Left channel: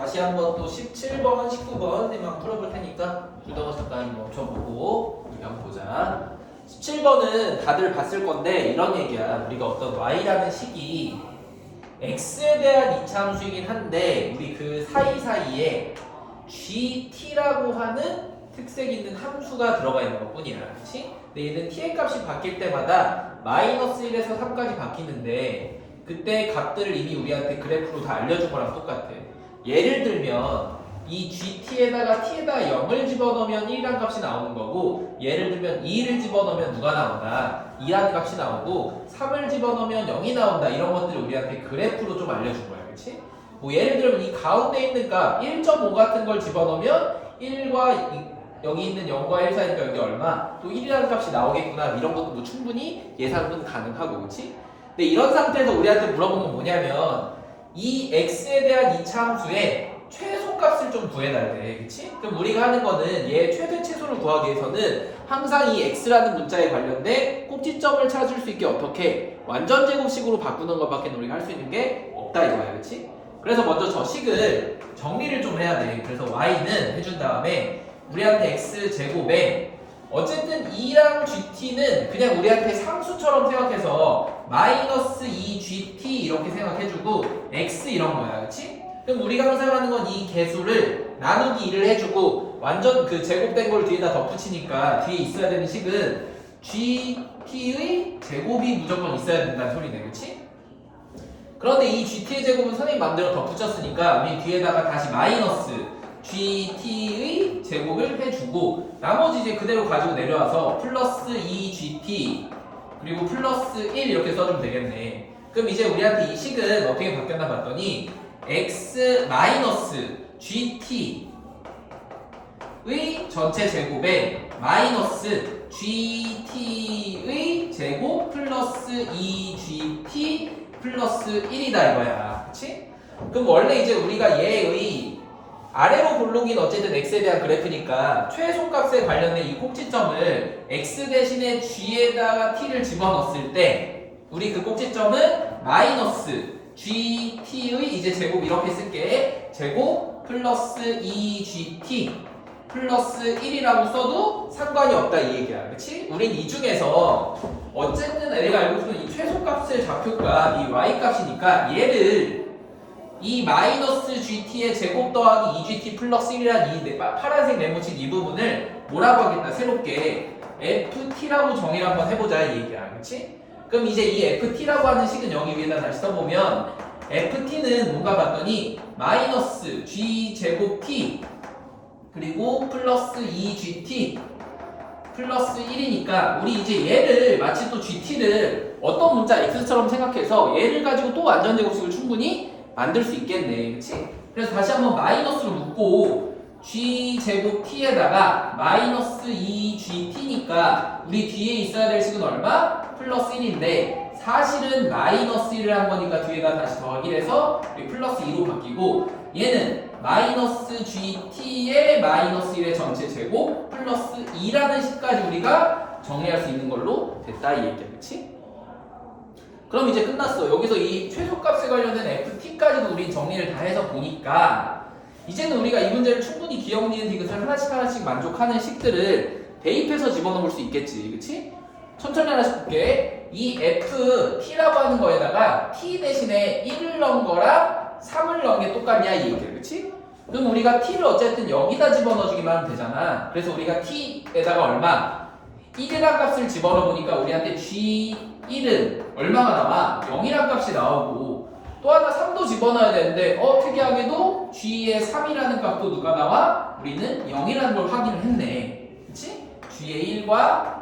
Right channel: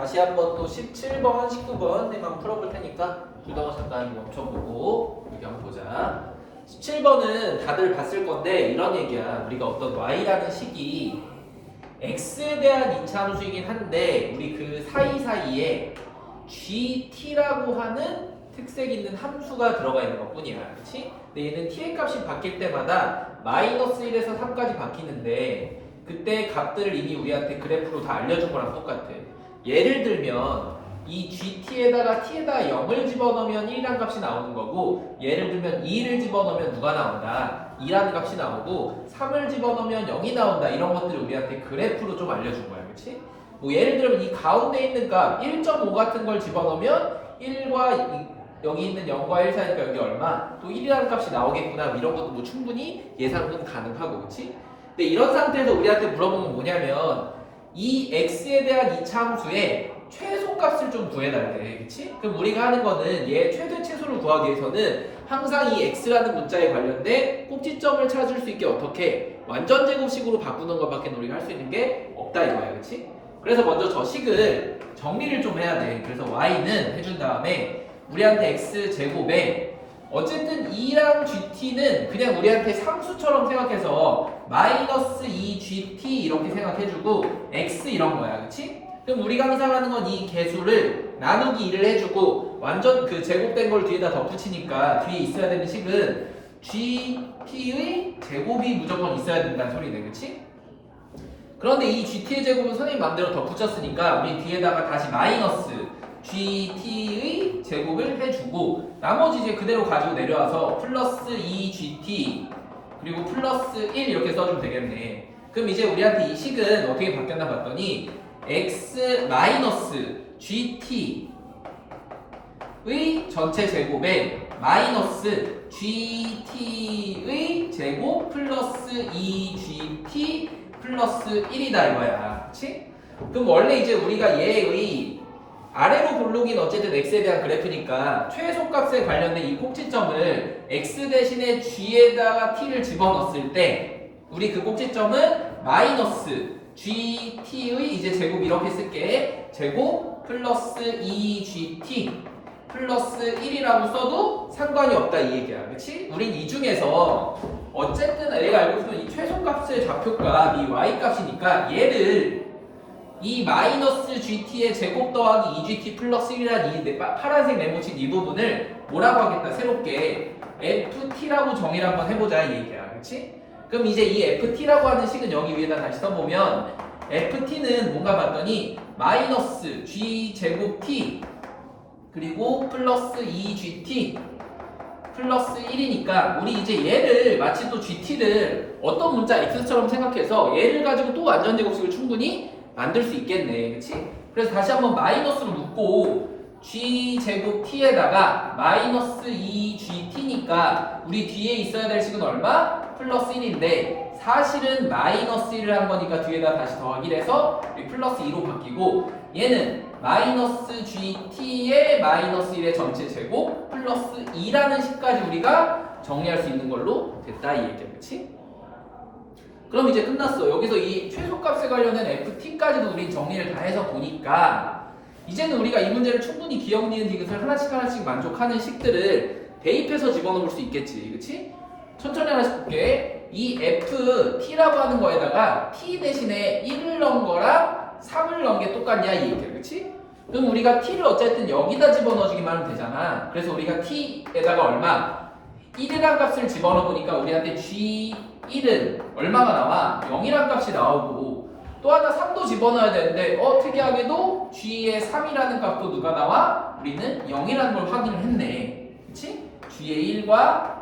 다시 한번 또 17번, 19번에만 풀어볼 테니까 불덩어 잠깐 멈춰보고 우리 한번 보자. 17번은 다들 봤을 건데 이런 얘기야. 우리가 어떤 y라는 식이 x에 대한 이차함수이긴 한데 우리 그 사이사이에 gt라고 하는 특색 있는 함수가 들어가 있는 것 뿐이야. 그치? 근데 얘는 t의 값이 바뀔 때마다 마이너스 1에서 3까지 바뀌는데 그때 값들을 이미 우리한테 그래프로 다 알려준 거랑 똑같아. 예를 들면 이 gt에다가 t에다 0을 집어넣으면 1이라는 값이 나오는 거고, 예를 들면 2를 집어넣으면 누가 나온다? 2라는 값이 나오고, 3을 집어넣으면 0이 나온다. 이런 것들을 우리한테 그래프로 좀 알려준 거야. 그치? 뭐 예를 들면 이 가운데 있는 값 1.5 같은 걸 집어넣으면 1과 여기 있는 0과 1 사이니까 여기 얼마? 또 1이라는 값이 나오겠구나. 이런 것도 뭐 충분히 예상은 가능하고, 그치? 근데 이런 상태에서 우리한테 물어보면 뭐냐면 이 x에 대한 이차함수의 최소값을 좀 구해달래. 그치? 그럼 우리가 하는 거는 얘 최대 최소를 구하기 위해서는 항상 이 x라는 문자에 관련된 꼭지점을 찾을 수 있게 어떻게 완전 제곱식으로 바꾸는 것밖에 우리가 할 수 있는 게 없다 이거야. 그치? 그래서 먼저 저 식을 정리를 좀 해야 돼. 그래서 y는 해준 다음에 우리한테 x제곱에 어쨌든 2랑 gt는 그냥 우리한테 상수처럼 생각해서 마이너스 2gt 이렇게 생각해주고 x 이런 거야. 그치? 그럼 우리가 항상 하는 건 이 개수를 나누기 2를 해주고 완전 그 제곱된 걸 뒤에다 덧붙이니까 뒤에 있어야 되는 식은 gt의 제곱이 무조건 있어야 된다는 소리네. 그치? 그런데 이 gt의 제곱은 선생님 맘대로 덧붙였으니까 우리 뒤에다가 다시 마이너스 gt의 제곱을 해주고 나머지 이제 그대로 가지고 내려와서 플러스 2gt 그리고 플러스 1 이렇게 써주면 되겠네. 그럼 이제 우리한테 이 식은 어떻게 바뀌었나 봤더니 x 마이너스 gt의 전체 제곱에 마이너스 gt의 제곱 플러스 2gt 플러스 1이다 이거야. 그치? 그럼 원래 이제 우리가 얘의 아래로 볼록인 어쨌든 x에 대한 그래프니까 최소값에 관련된 이 꼭지점을 x 대신에 g에다가 t를 집어넣었을 때 우리 그 꼭지점은 마이너스 gt의 이제 제곱 이렇게 쓸게. 제곱 플러스 2gt 플러스 1이라고 써도 상관이 없다 이 얘기야. 그치? 우린 이 중에서 어쨌든 내가 알고 있는 이 최소값의 좌표값 이 y값이니까 얘를 이 마이너스 gt의 제곱 더하기 2gt 플러스 1이라는 이 파란색 네모친 이 부분을 뭐라고 하겠다 새롭게 ft라고 정의를 한번 해보자 이 얘기야. 그치? 그럼 이제 이 ft라고 하는 식은 여기 위에다 다시 써보면 ft는 뭔가 봤더니 마이너스 g 제곱 t 그리고 플러스 2gt 플러스 1이니까 우리 이제 얘를 마치 또 gt를 어떤 문자 x처럼 생각해서 얘를 가지고 또 완전 제곱식을 충분히 만들 수 있겠네. 그치? 그래서 다시 한번 마이너스로 묶고 g 제곱 t에다가 마이너스 2gt니까 우리 뒤에 있어야 될 식은 얼마? 플러스 1인데 사실은 마이너스 1을 한 거니까 뒤에다 다시 더하기를 해서 플러스 2로 바뀌고 얘는 마이너스 gt의 마이너스 1의 전체 제곱 플러스 2라는 식까지 우리가 정리할 수 있는 걸로 됐다 이 얘기야. 그치? 그럼 이제 끝났어. 여기서 이 최소값에 관련된 ft까지도 우린 정리를 다 해서 보니까 이제는 우리가 이 문제를 충분히 기억, 니은, 디귿을 하나씩 만족하는 식들을 대입해서 집어넣을 수 있겠지. 그치? 천천히 하나씩 볼게. 이 ft라고 하는 거에다가 t 대신에 1을 넣은 거랑 3을 넣은 게 똑같냐 이 얘기야. 그치? 그럼 우리가 t를 어쨌든 여기다 집어넣어주기만 하면 되잖아. 그래서 우리가 t에다가 얼마? 1이란 값을 집어넣으니까 우리한테 g1은 얼마가 나와? 0이란 값이 나오고 또 하나 3도 집어넣어야 되는데 특이하게도 g의 3이라는 값도 누가 나와? 우리는 0이라는 걸 확인을 했네. 그치? g의 1과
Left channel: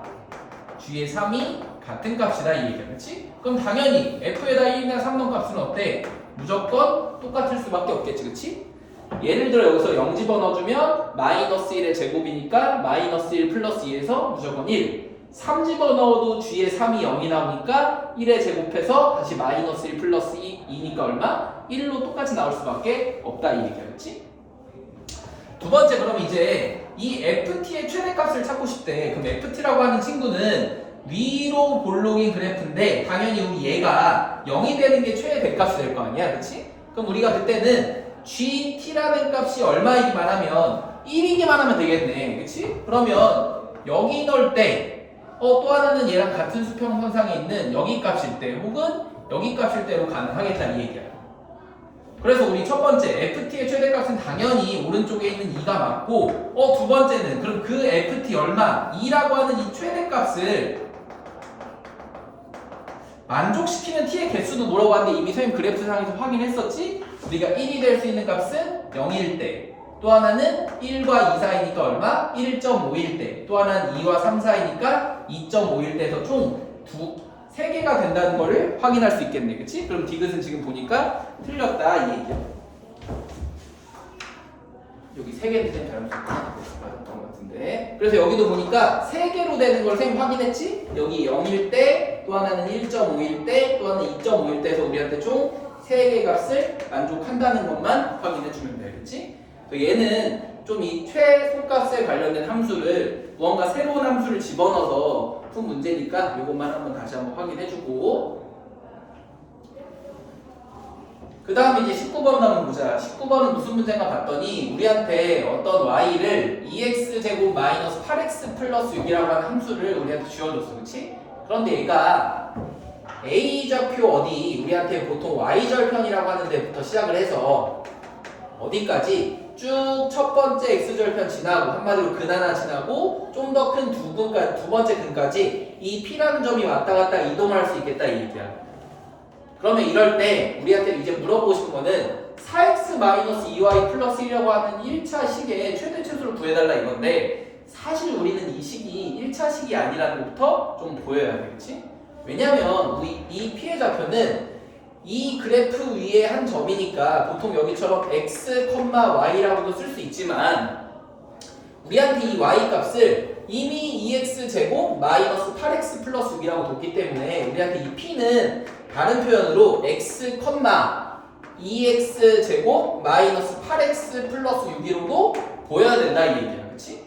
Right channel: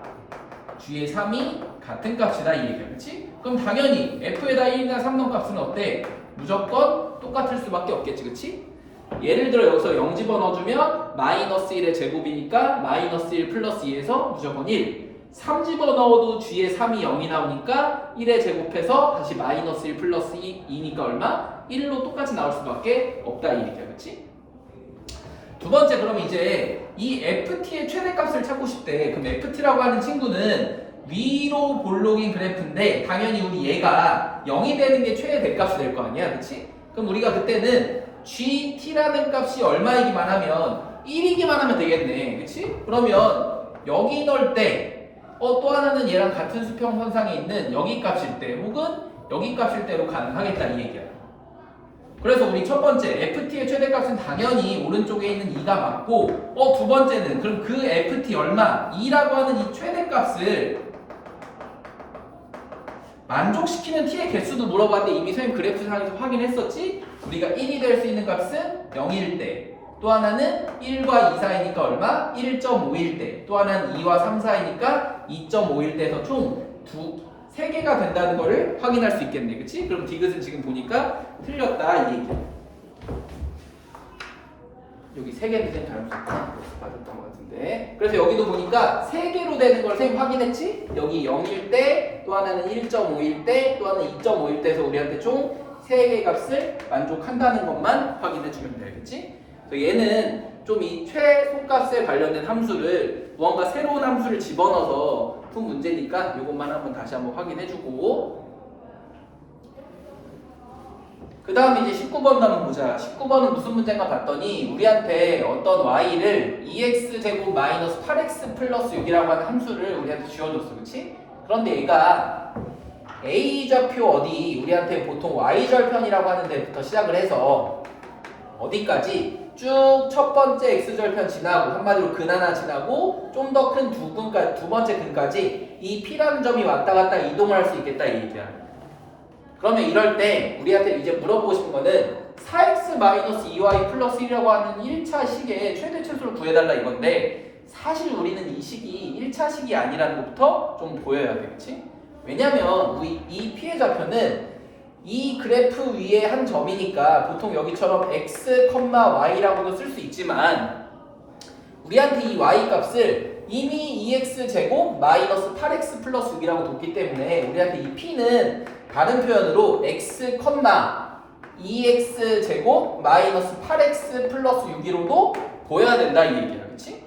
g의 3이 같은 값이다 이 얘기야. 그치? 그럼 당연히 f에다 1이나 3 넣은 값은 어때? 무조건 똑같을 수밖에 없겠지. 그치? 예를 들어 여기서 0 집어넣어주면 마이너스 1의 제곱이니까 마이너스 1 플러스 2에서 무조건 1 3 집어넣어도 g의 3이 0이 나오니까 1의 제곱해서 다시 마이너스 1 플러스 2니까 얼마? 1로 똑같이 나올 수밖에 없다 이 얘기야. 그치? 두 번째 그럼 이제 이 ft의 최대값을 찾고 싶대. 그럼 ft라고 하는 친구는 위로 볼록인 그래프인데 당연히 우리 얘가 0이 되는 게 최대값이 될 거 아니야. 그치? 그럼 우리가 그때는 GT라는 값이 얼마이기만 하면 1이기만 하면 되겠네. 그치? 그러면 여기 넣을 때 또 하나는 얘랑 같은 수평선상에 있는 여기 값일 때 혹은 여기 값일 때로 가능하겠다 이 얘기야. 그래서 우리 첫 번째 FT의 최대값은 당연히 오른쪽에 있는 2가 맞고 두 번째는 그럼 그 FT 얼마? 2라고 하는 이 최대값을 만족시키는 t의 개수도 물어봤는데 이미 선생님 그래프상에서 확인했었지? 우리가 1이 될 수 있는 값은 0일 때, 또 하나는 1과 2 사이니까 얼마? 1.5일 때, 또 하나는 2와 3 사이니까 2.5일 때에서 총 3개가 된다는 거를 확인할 수 있겠네. 그치? 그럼 디귿은 지금 보니까 틀렸다 이 얘기야. 여기 3개인데 좀 잘못했구나. 맞았던 것 같은데. 그래서 여기도 보니까 3개로 되는 걸 선생님 확인했지? 여기 0일 때, 또 하나는 1.5일 때, 또 하나는 2.5일 때에서 우리한테 총 3개 값을 만족한다는 것만 확인해주면 돼. 그치? 얘는 좀 이 최소값에 관련된 함수를 무언가 새로운 함수를 집어넣어서 푼 문제니까 이것만 한번 다시 한번 확인해주고 그 다음에 이제 19번 한번 보자. 19번은 무슨 문제인가 봤더니 우리한테 어떤 y를 2x제곱 마이너스 8x 플러스 6이라고 하는 함수를 우리한테 지어줬어. 그치? 그런데 얘가 A좌표 어디 우리한테 보통 Y절편이라고 하는 데부터 시작을 해서 어디까지 쭉 첫 번째 X절편 지나고 한마디로 근 하나 지나고 좀 더 큰 두 번째 근까지 이 P라는 점이 왔다 갔다 이동을 할 수 있겠다 이 얘기야. 그러면 이럴 때 우리한테 이제 물어보고 싶은 거는 4x-2y 플러스 1이라고 하는 1차 식의 최대 최소를 구해달라 이건데 사실 우리는 이 식이 1차 식이 아니라는 것부터 좀 보여야 돼. 그치? 왜냐면 우리 이 피해 좌표는 이 그래프 위에 한 점이니까 보통 여기처럼 x, y라고도 쓸 수 있지만 우리한테 이 y 값을 이미 2x제곱 마이너스 8x 플러스 6이라고 뒀기 때문에 우리한테 이 p는 다른 표현으로 x, 2x제곱 마이너스 8x 플러스 6이로도 보여야 된다 이 얘기야. 그치?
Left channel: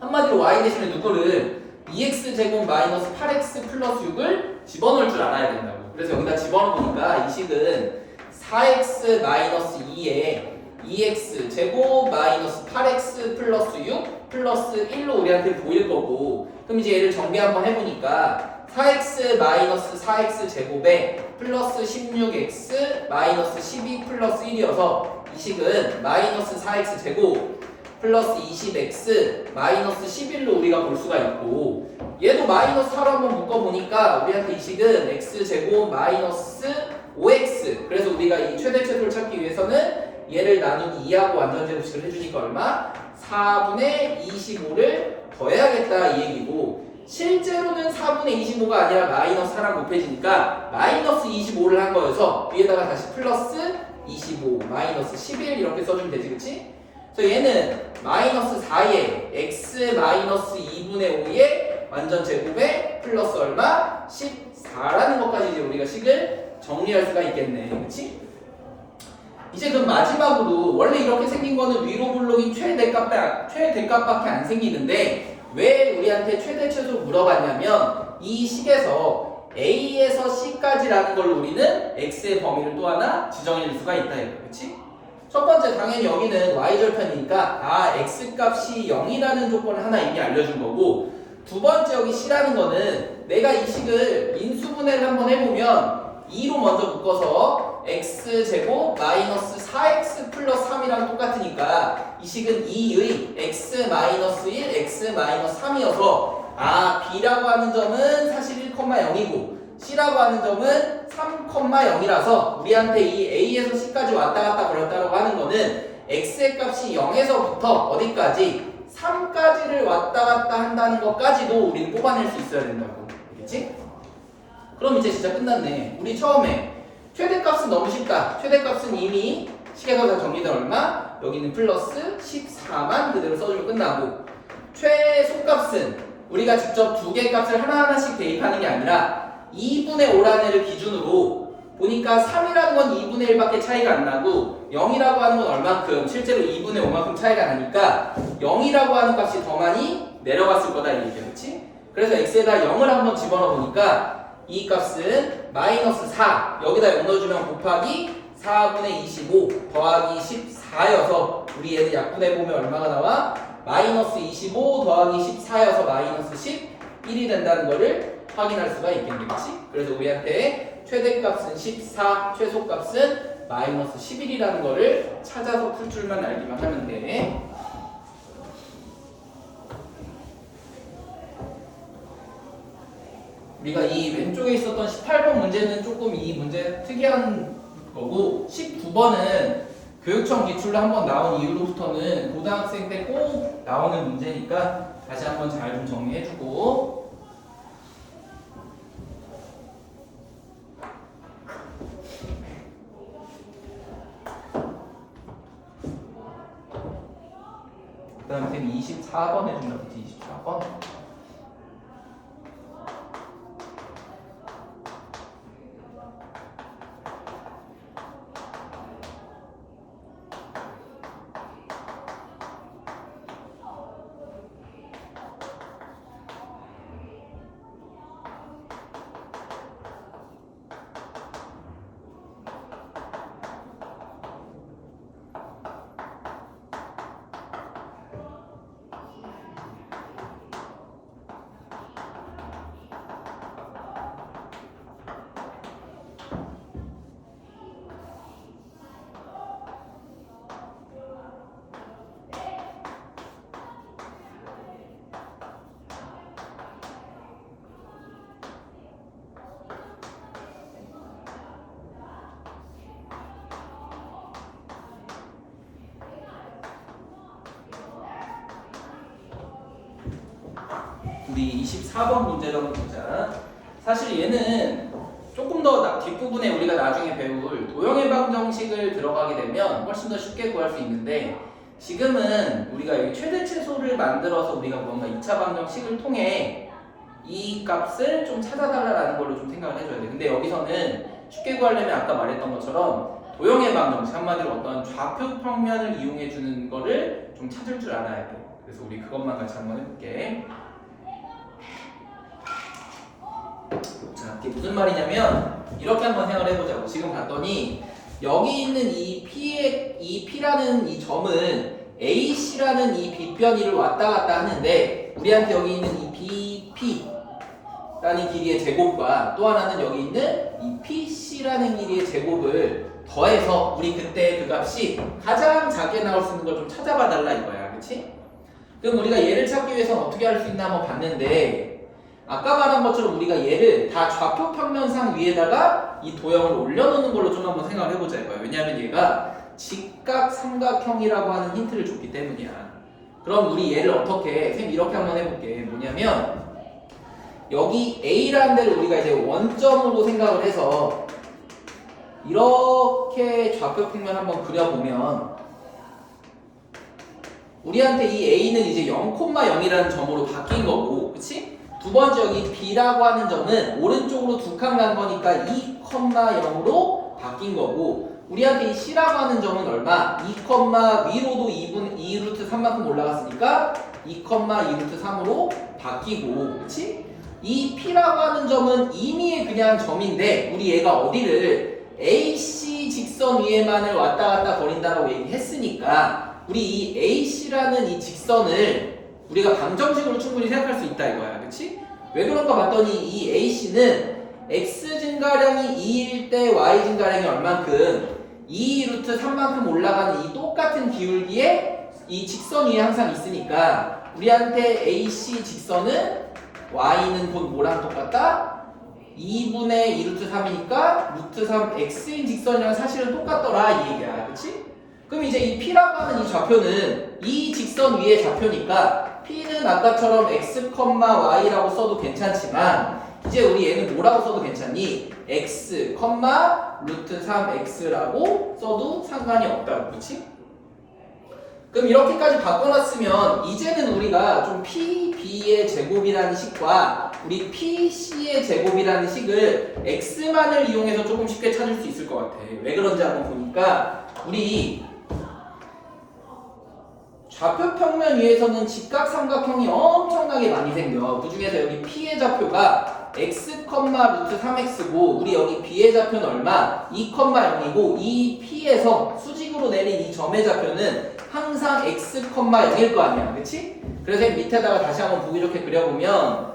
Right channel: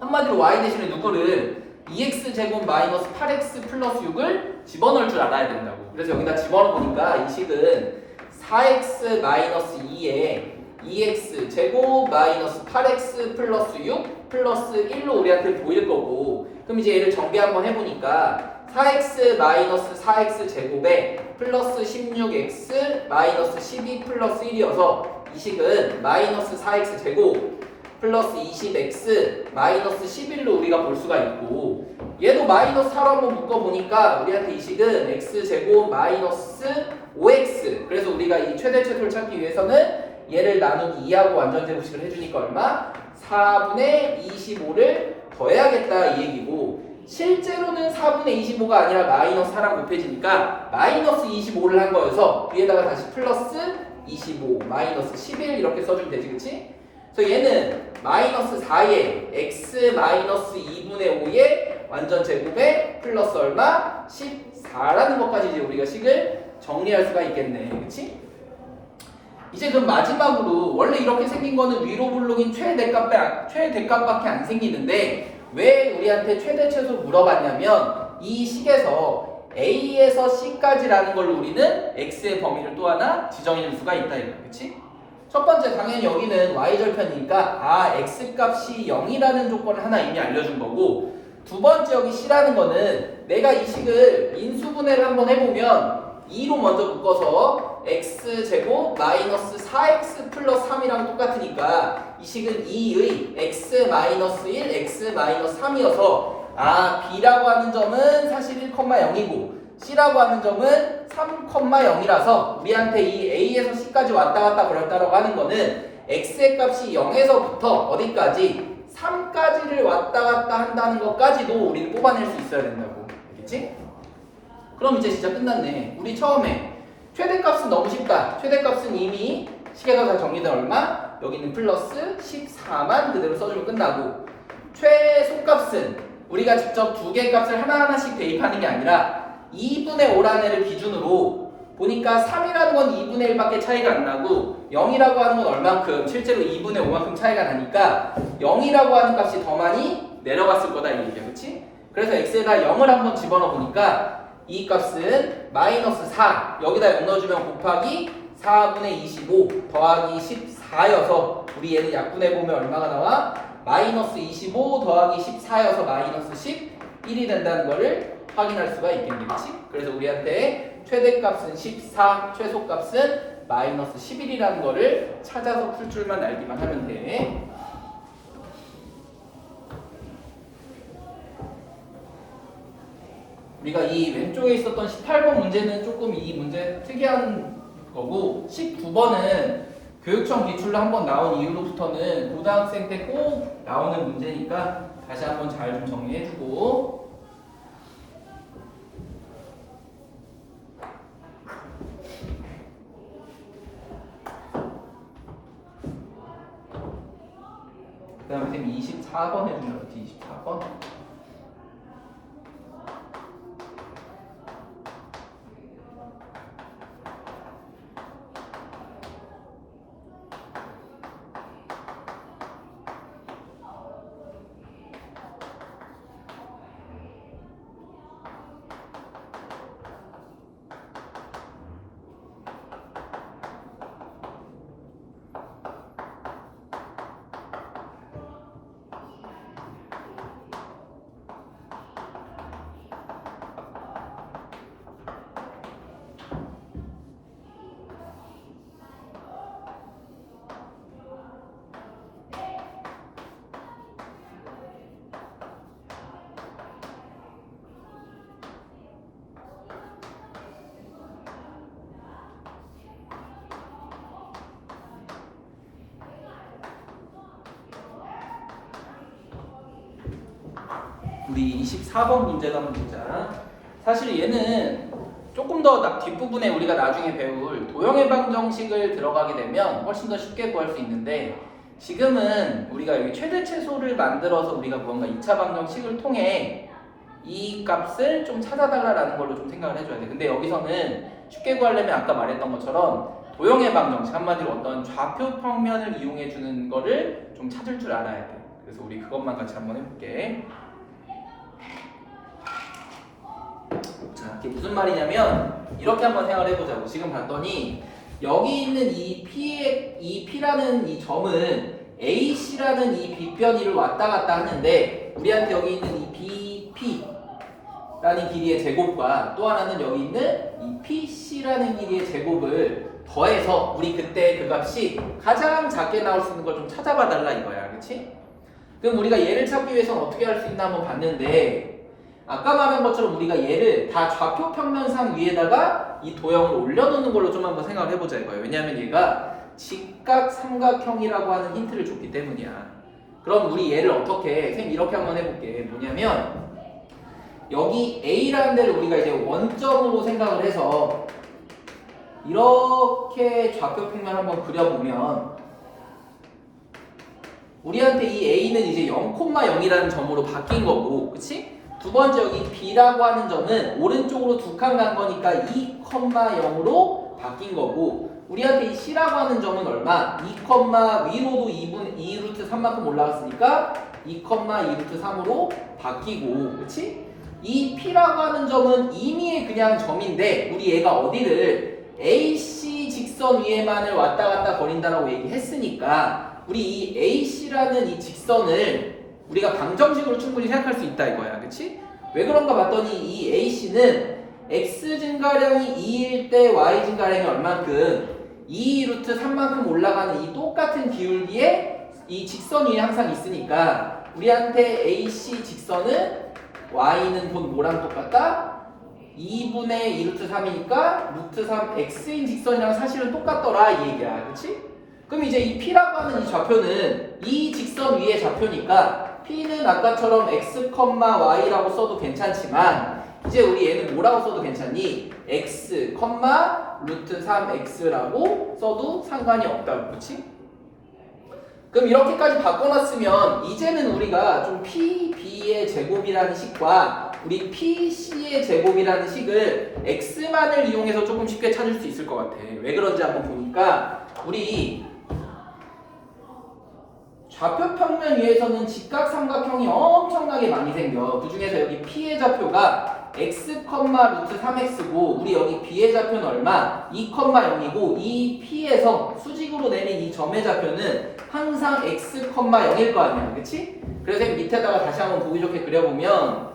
한마디로 y 대신에 누구를 2x제곱 마이너스 8x 플러스 6을 집어넣을 줄 알아야 된다고. 그래서 여기다 집어넣으니까 이 식은 4x 마이너스 2에 2x제곱 마이너스 8x 플러스 6 플러스 1로 우리한테 보일 거고 그럼 이제 얘를 정비 한번 해보니까 4x 마이너스 4x 제곱에 플러스 16x 마이너스 12 플러스 1이어서 이 식은 마이너스 4x 제곱 플러스 20x 마이너스 11로 우리가 볼 수가 있고 얘도 마이너스 4로 한번 묶어보니까 우리한테 이 식은 x제곱 마이너스 5x 그래서 우리가 이 최대 최소를 찾기 위해서는 얘를 나누기 2하고 완전제곱식을 해주니까 얼마? 4분의 25를 더해야겠다 이 얘기고 실제로는 4분의 25가 아니라 마이너스 4랑 곱해지니까 마이너스 25를 한 거여서 위에다가 다시 플러스 25 마이너스 11 이렇게 써주면 되지 그치? 그래서 얘는 마이너스 4에 x 마이너스 2분의 5에 완전 제곱에 플러스 얼마? 14라는 것까지 이제 우리가 식을 정리할 수가 있겠네. 그치? 이제 그럼 마지막으로 원래 이렇게 생긴 거는 위로 볼록인 최대값밖에 안 생기는데 왜 우리한테 최대 최소를 물어봤냐면 이 식에서 A에서 C까지라는 걸 우리는 X의 범위를 또 하나 지정해줄 수가 있다 이거 그치? 첫 번째 당연히 여기는 Y절편이니까 X값이 0이라는 조건을 하나 이미 알려준 거고 두 번째 여기 C라는 거는 내가 이 식을 인수분해를 한번 해보면 2로 먼저 묶어서 x제곱 마이너스 4x 플러스 3이랑 똑같으니까 이 식은 2의 x 마이너스 1, x 마이너스 3이어서 b라고 하는 점은 사실 1,0이고 c라고 하는 점은 3,0이라서 우리한테 이 a에서 c까지 왔다 갔다 그랬다라고 하는 거는 x의 값이 0에서부터 어디까지 3까지를 왔다 갔다 한다는 것까지도 우리는 뽑아낼 수 있어야 된다고. 알겠지? 그럼 이제 진짜 끝났네. 우리 처음에 최대값은 너무 쉽다. 최대값은 이미 식에서 다 정리된 얼마? 여기는 플러스 14만 그대로 써주면 끝나고 최소값은 우리가 직접 두 개의 값을 하나하나씩 대입하는 게 아니라 2분의 5라는 애를 기준으로 보니까 3이라는 건 2분의 1밖에 차이가 안 나고 0이라고 하는 건 얼만큼 실제로 2분의 5만큼 차이가 나니까 0이라고 하는 값이 더 많이 내려갔을 거다 이렇게 그렇지? 그래서 x에다 0을 한번 집어넣어 보니까 이 값은 마이너스 4 여기다 0 넣어주면 곱하기 4분의 25 더하기 14여서 우리 얘는 약분해보면 얼마가 나와? 마이너스 25 더하기 14여서 마이너스 11이 된다는 거를 확인할 수가 있겠네, 그치? 그래서 우리한테 최대값은 14, 최소값은 마이너스 11이라는 거를 찾아서 풀 줄만 알기만 하면 돼. 우리가 이 왼쪽에 있었던 18번 문제는 조금 이 문제 특이한 거고 19번은 교육청 기출로 한번 나온 이후로부터는 고등학생 때 꼭 나오는 문제니까 다시 한번 잘 좀 정리해주고 그 다음에 쌤이 24번 해준다 그치? 24번 우리 24번 문제를 한번 보자. 사실 얘는 조금 더 뒷부분에 우리가 나중에 배울 도형의 방정식을 들어가게 되면 훨씬 더 쉽게 구할 수 있는데 지금은 우리가 여기 최대 최소를 만들어서 우리가 뭔가 2차 방정식을 통해 이 값을 좀 찾아달라는 걸로 좀 생각을 해줘야 돼. 근데 여기서는 쉽게 구하려면 아까 말했던 것처럼 도형의 방정식 한마디로 어떤 좌표 평면을 이용해 주는 거를 좀 찾을 줄 알아야 돼. 그래서 우리 그것만 같이 한번 해볼게. 자, 이게 무슨 말이냐면 이렇게 한번 생각을 해보자고. 지금 봤더니 여기 있는 이 P라는 이 점은 AC라는 이 빗변이를 왔다 갔다 하는데 우리한테 여기 있는 이 BP라는 길이의 제곱과 또 하나는 여기 있는 이 PC라는 길이의 제곱을 더해서 우리 그때 그 값이 가장 작게 나올 수 있는 걸 좀 찾아봐 달라 이거야. 그치? 그럼 우리가 얘를 찾기 위해서는 어떻게 할 수 있나 한번 봤는데 아까 말한 것처럼 우리가 얘를 다 좌표 평면상 위에다가 이 도형을 올려놓는 걸로 좀 한번 생각을 해보자 이거예요. 왜냐하면 얘가 직각 삼각형이라고 하는 힌트를 줬기 때문이야. 그럼 우리 얘를 어떻게 쌤 이렇게 한번 해볼게. 뭐냐면 여기 A라는 데를 우리가 이제 원점으로 생각을 해서 이렇게 좌표 평면 한번 그려보면 우리한테 이 A는 이제 0,0이라는 점으로 바뀐 거고, 그치? 두 번째 여기 B라고 하는 점은 오른쪽으로 두 칸 간 거니까 2,0으로 바뀐 거고 우리한테 이 C라고 하는 점은 얼마? 2, 위로도 2루트 3만큼 올라갔으니까 2,2루트 3으로 바뀌고 그치? 이 P라고 하는 점은 임의의 그냥 점인데 우리 얘가 어디를 AC 직선 위에만을 왔다 갔다 거린다라고 얘기했으니까 우리 이 AC라는 이 직선을 우리가 방정식으로 충분히 생각할 수 있다 이거야. 그치? 왜 그런가 봤더니 이 AC는 X 증가량이 2일 때 Y 증가량이 얼만큼 2루트 3만큼 올라가는 이 똑같은 기울기에 이 직선 위에 항상 있으니까 우리한테 AC 직선은 Y는 곧 뭐랑 똑같다? 2분의 2루트 3이니까 루트 3 X인 직선이랑 사실은 똑같더라 이 얘기야. 그치? 그럼 이제 이 P라고 하는 이 좌표는 이 직선 위의 좌표니까 P는 아까처럼 x, y라고 써도 괜찮지만 이제 우리 얘는 뭐라고 써도 괜찮니? x, 루트 3x라고 써도 상관이 없다고. 그치? 그럼 이렇게까지 바꿔놨으면 이제는 우리가 좀 PB의 제곱이라는 식과 우리 PC의 제곱이라는 식을 x만을 이용해서 조금 쉽게 찾을 수 있을 것 같아. 왜 그런지 한번 보니까 우리 좌표 평면 위에서는 직각 삼각형이 엄청나게 많이 생겨. 그 중에서 여기 P의 좌표가 x, 루트 3x고 우리 여기 b의 좌표는 얼마? 2,0이고 이 p에서 수직으로 내린 이 점의 좌표는 항상 x, 0일 거 아니야. 그치? 그래서 밑에다가 다시 한번 보기 좋게 그려보면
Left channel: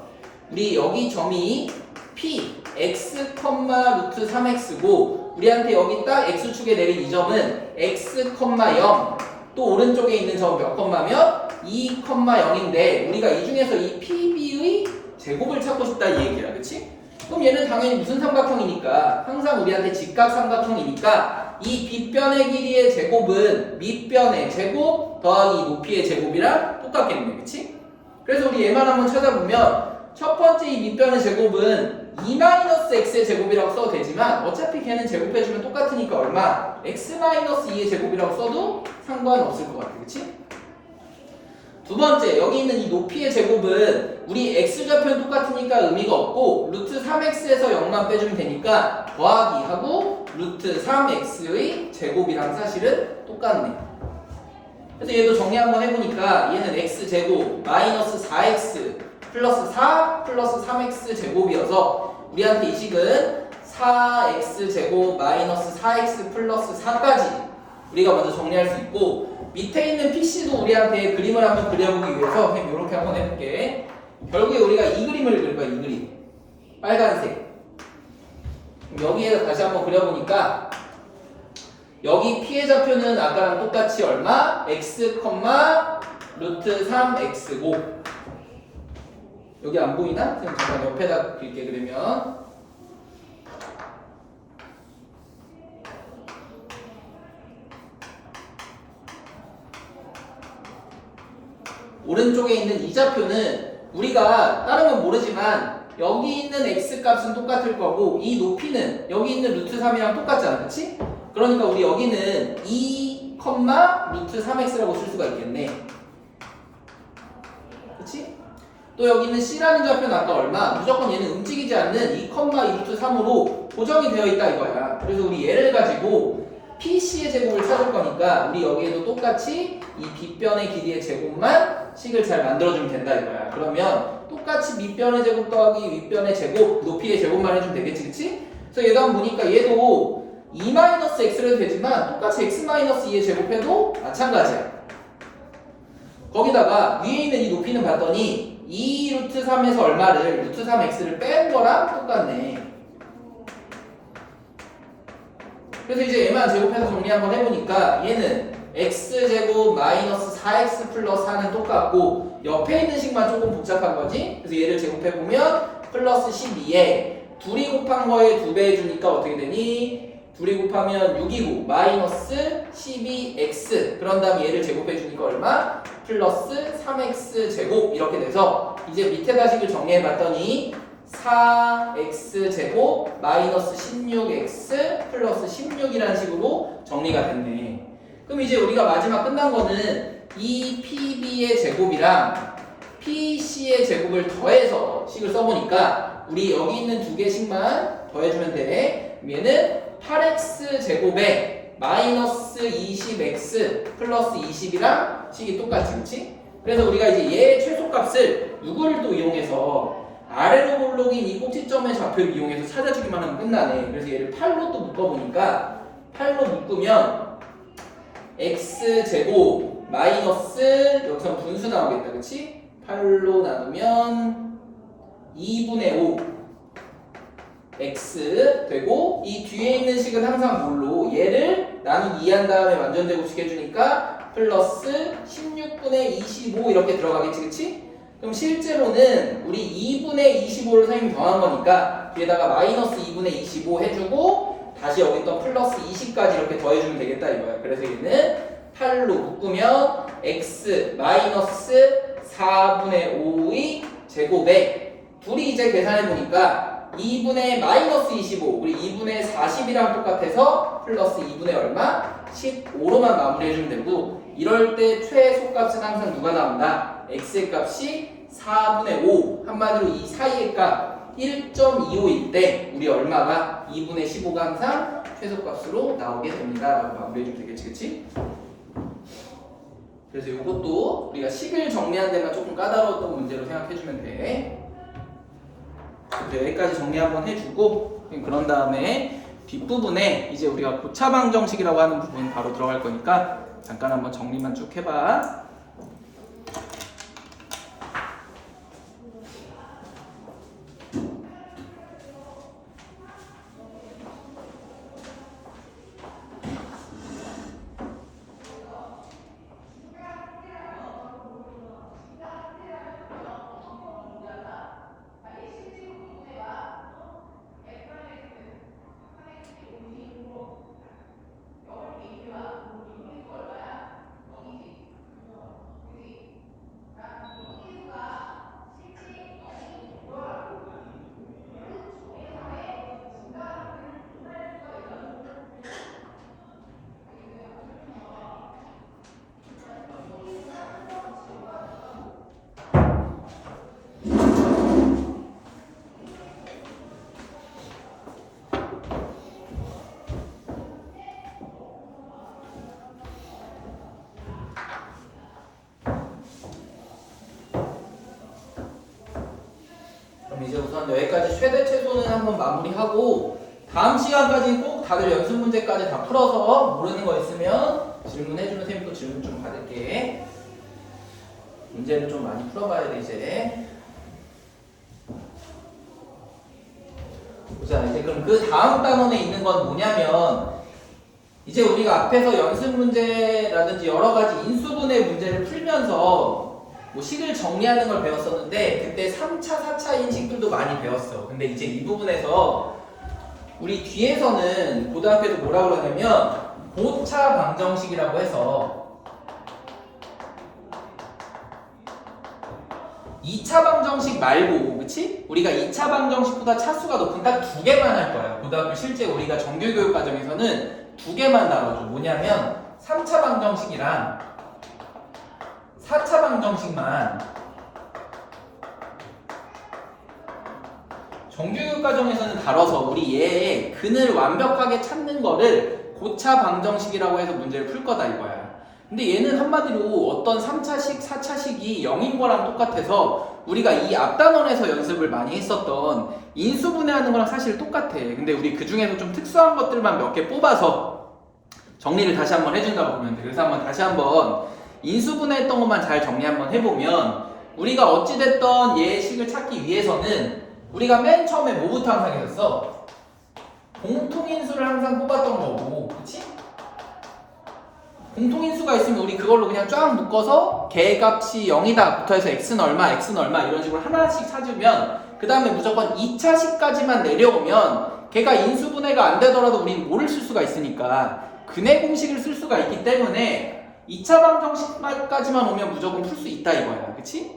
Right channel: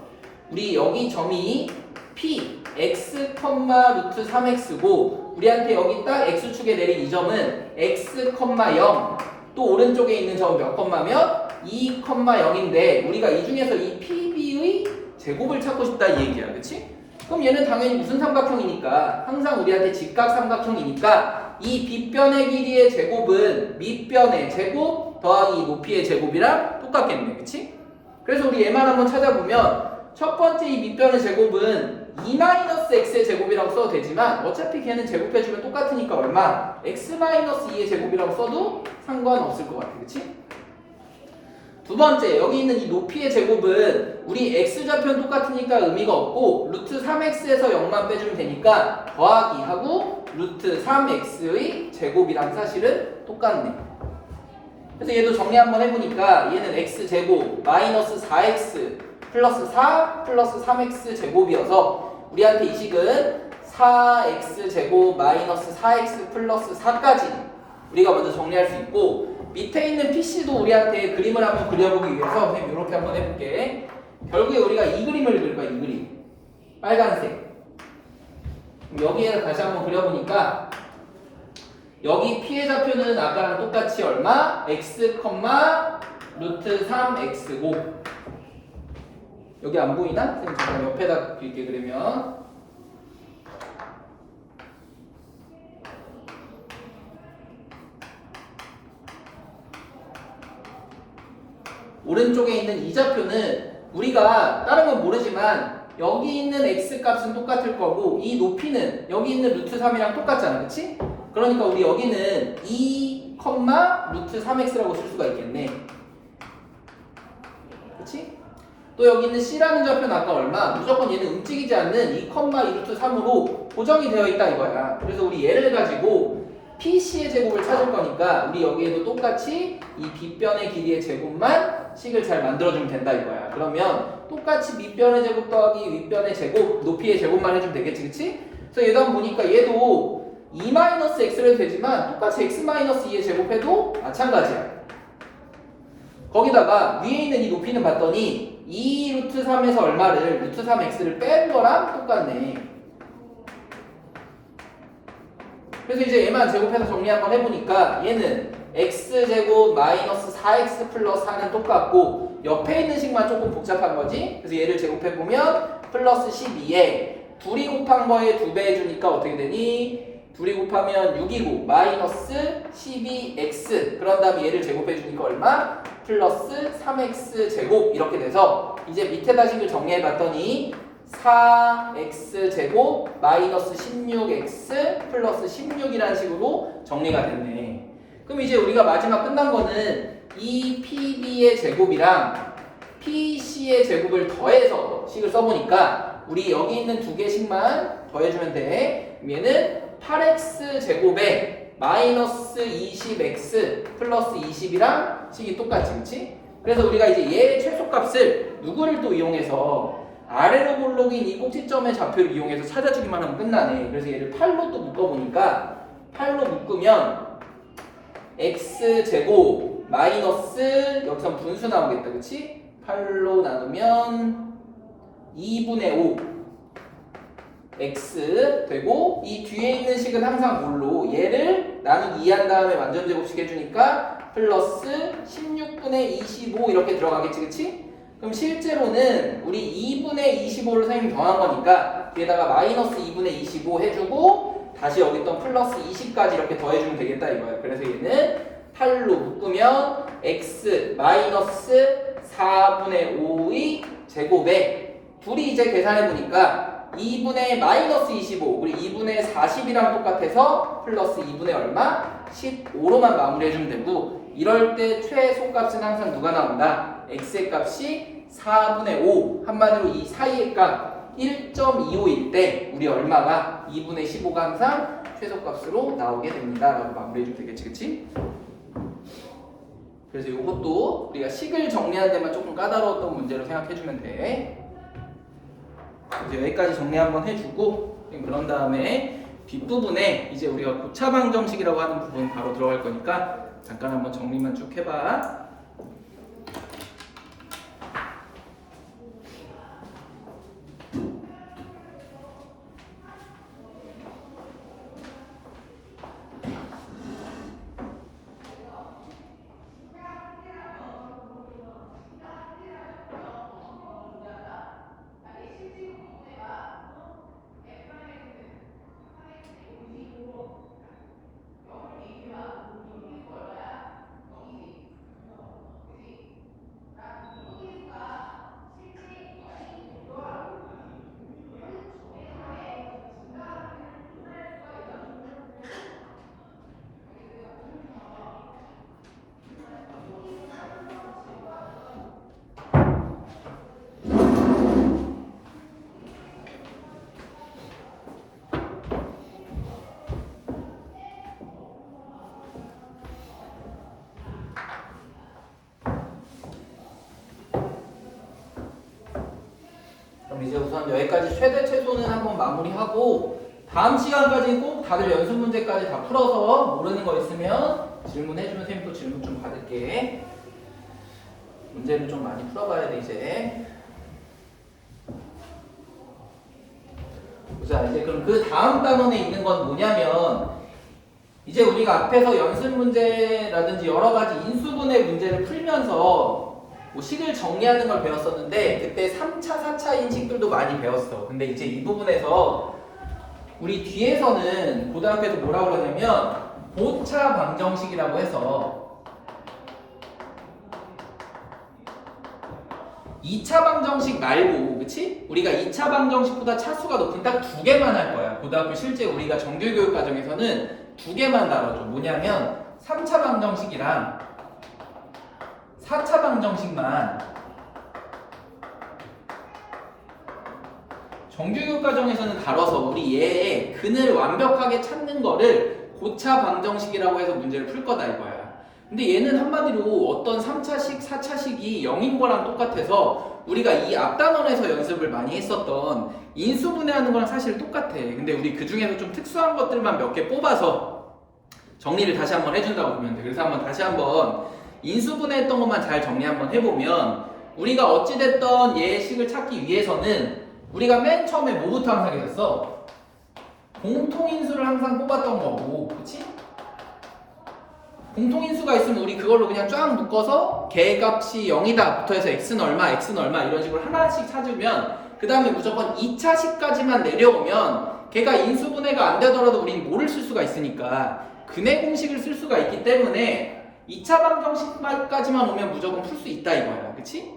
우리 여기 점이 p, x, 루트 3x고 우리한테 여기 딱 x축에 내린 이 점은 x, 0 또 오른쪽에 있는 점은 몇 컴마면 2, 0인데 우리가 이 중에서 이 PB의 제곱을 찾고 싶다 이 얘기야. 그치? 그럼 얘는 당연히 무슨 삼각형이니까 항상 우리한테 직각 삼각형이니까 이 빗변의 길이의 제곱은 밑변의 제곱 더하기 높이의 제곱이랑 똑같겠네. 그치? 그래서 우리 얘만 한번 찾아보면 첫 번째 이 밑변의 제곱은 2-x의 제곱이라고 써도 되지만 어차피 걔는 제곱해주면 똑같으니까 얼마? x-2의 제곱이라고 써도 상관없을 것 같아. 그치? 두 번째 여기 있는 이 높이의 제곱은 우리 x좌표는 똑같으니까 의미가 없고 루트 3x에서 0만 빼주면 되니까 더하기 하고 루트 3x의 제곱이랑 사실은 똑같네. 그래서 얘도 정리 한번 해보니까 얘는 x제곱 마이너스 4x 플러스 4 플러스 3x 제곱이어서 우리한테 이 식은 4x제곱 마이너스 4x 플러스 4까지 우리가 먼저 정리할 수 있고 밑에 있는 PC도 우리한테 그림을 한번 그려보기 위해서 이렇게 한번 해볼게. 결국에 우리가 이 그림을 그릴 거야. 이 그림 빨간색. 여기에 다시 한번 그려보니까 여기 P의 좌표는 아까랑 똑같이 얼마? x, 루트 3x고 여기 안 보이나? 그럼 잠깐 옆에다 그릴게. 그러면 오른쪽에 있는 이 좌표는 우리가 다른 건 모르지만 여기 있는 x 값은 똑같을 거고 이 높이는 여기 있는 루트 3이랑 똑같잖아. 그치? 그러니까 우리 여기는 2, 루트 3x라고 쓸 수가 있겠네. 그치? 또 여기 있는 c라는 좌표는 아까 얼마? 무조건 얘는 움직이지 않는 2, 2 루트 3으로 고정이 되어 있다 이거야. 그래서 우리 얘를 가지고 PC의 제곱을 찾을 거니까 우리 여기에도 똑같이 이 빗변의 길이의 제곱만 식을 잘 만들어주면 된다 이거야. 그러면 똑같이 밑변의 제곱 더하기 윗변의 제곱, 높이의 제곱만 해주면 되겠지, 그치? 그래서 얘도 한번 보니까 얘도 2-x를 해도 되지만 똑같이 x-2의 제곱해도 마찬가지야. 거기다가 위에 있는 이 높이는 봤더니 2 루트 3에서 얼마를 루트 3x를 뺀 거랑 똑같네. 그래서 이제 얘만 제곱해서 정리 한번 해보니까 얘는 x제곱 마이너스 4x 플러스 4는 똑같고 옆에 있는 식만 조금 복잡한 거지. 그래서 얘를 제곱해보면 플러스 12에 둘이 곱한 거에 2배 해주니까 어떻게 되니? 둘이 곱하면 6이고 마이너스 12x 그런 다음에 얘를 제곱해주니까 얼마? 플러스 3x 제곱 이렇게 돼서 이제 밑에다 식을 정리해봤더니 4x제곱 마이너스 16x 플러스 16이라는 식으로 정리가 됐네. 그럼 이제 우리가 마지막 끝난 거는 이 PB의 제곱이랑 PC의 제곱을 더해서 식을 써보니까 우리 여기 있는 두 개씩만 더해주면 돼. 얘는 8x제곱에 마이너스 20x 플러스 20이랑 식이 똑같지, 그치? 그래서 우리가 이제 얘의 최소값을 누구를 또 이용해서 아래로 볼록인 이 꼭지점의 좌표를 이용해서 찾아주기만 하면 끝나네. 그래서 얘를 8로 또 묶어보니까 8로 묶으면 x제곱 마이너스 여기서 분수 나오겠다. 그치? 8로 나누면 2분의 5 x 되고 이 뒤에 있는 식은 항상 뭘로? 얘를 나누기 2한 다음에 완전제곱식 해주니까 플러스 16분의 25 이렇게 들어가겠지. 그치? 그럼 실제로는 우리 2분의 25를 선생님이 더한 거니까 뒤에다가 마이너스 2분의 25 해주고 다시 여기 있던 플러스 20까지 이렇게 더해주면 되겠다 이거야. 그래서 얘는 8로 묶으면 x 마이너스 4분의 5의 제곱에 둘이 이제 계산해보니까 2분의 마이너스 25 우리 2분의 40이랑 똑같아서 플러스 2분의 얼마? 15로만 마무리해주면 되고 이럴 때 최소값은 항상 누가 나온다? x의 값이 4분의 5 한마디로 이 사이의 값 1.25일 때 우리 얼마가 2분의 15가 항상 최소값으로 나오게 됩니다 라고 마무리해주면 되겠지. 그치? 그래서 이것도 우리가 식을 정리하는 데만 조금 까다로웠던 문제로 생각해주면 돼. 여기까지 정리 한번 해주고 그런 다음에 뒷부분에 이제 우리가 고차 방정식이라고 하는 부분 바로 들어갈 거니까 잠깐 한번 정리만 쭉 해봐. 그럼 이제 우선 여기까지 최대 최소는 한번 마무리하고 다음 시간까지 꼭 다들 연습 문제까지 다 풀어서 모르는 거 있으면 질문해주면 쌤이 또 질문 좀 받을게. 문제를 좀 많이 풀어봐야 돼 이제. 보자. 이제 그럼 그 다음 단원에 있는 건 뭐냐면 이제 우리가 앞에서 연습 문제라든지 여러 가지 인수분해 문제를 풀면서 뭐 식을 정리하는 걸 배웠었는데 그때 3차, 4차인 식들도 많이 배웠어. 근데 이제 이 부분에서 우리 뒤에서는 고등학교에서 뭐라고 그러냐면 고차 방정식이라고 해서 2차 방정식 말고, 그치? 우리가 2차 방정식보다 차수가 높은 딱 두 개만 할 거야. 고등학교 실제 우리가 정규교육 과정에서는 두 개만 다뤄줘. 뭐냐면 3차 방정식이랑 4차 방정식만 정규교육 과정에서는 다뤄서 우리 얘의 근을 완벽하게 찾는 거를 고차 방정식이라고 해서 문제를 풀 거다 이거야. 근데 얘는 한마디로 어떤 3차식, 4차식이 0인 거랑 똑같아서 우리가 이 앞단원에서 연습을 많이 했었던 인수분해하는 거랑 사실 똑같아. 근데 우리 그 중에서 좀 특수한 것들만 몇 개 뽑아서 정리를 다시 한번 해준다고 보면 돼. 그래서 한번 다시 한번 인수분해했던 것만 잘 정리 한번 해보면 우리가 어찌됐던 얘의 식을 찾기 위해서는 우리가 맨 처음에 뭐부터 항상 했었어? 공통인수를 항상 뽑았던 거고, 그치? 공통인수가 있으면 우리 그걸로 그냥 쫙 묶어서 걔값이 0이다 부터 해서 x는 얼마, x는 얼마 이런 식으로 하나씩 찾으면 그 다음에 무조건 2차식까지만 내려오면 걔가 인수분해가 안 되더라도 우리는 뭐를 쓸 수가 있으니까 근해 공식을 쓸 수가 있기 때문에 2차 방정식까지만 오면 무조건 풀 수 있다 이거야. 그치?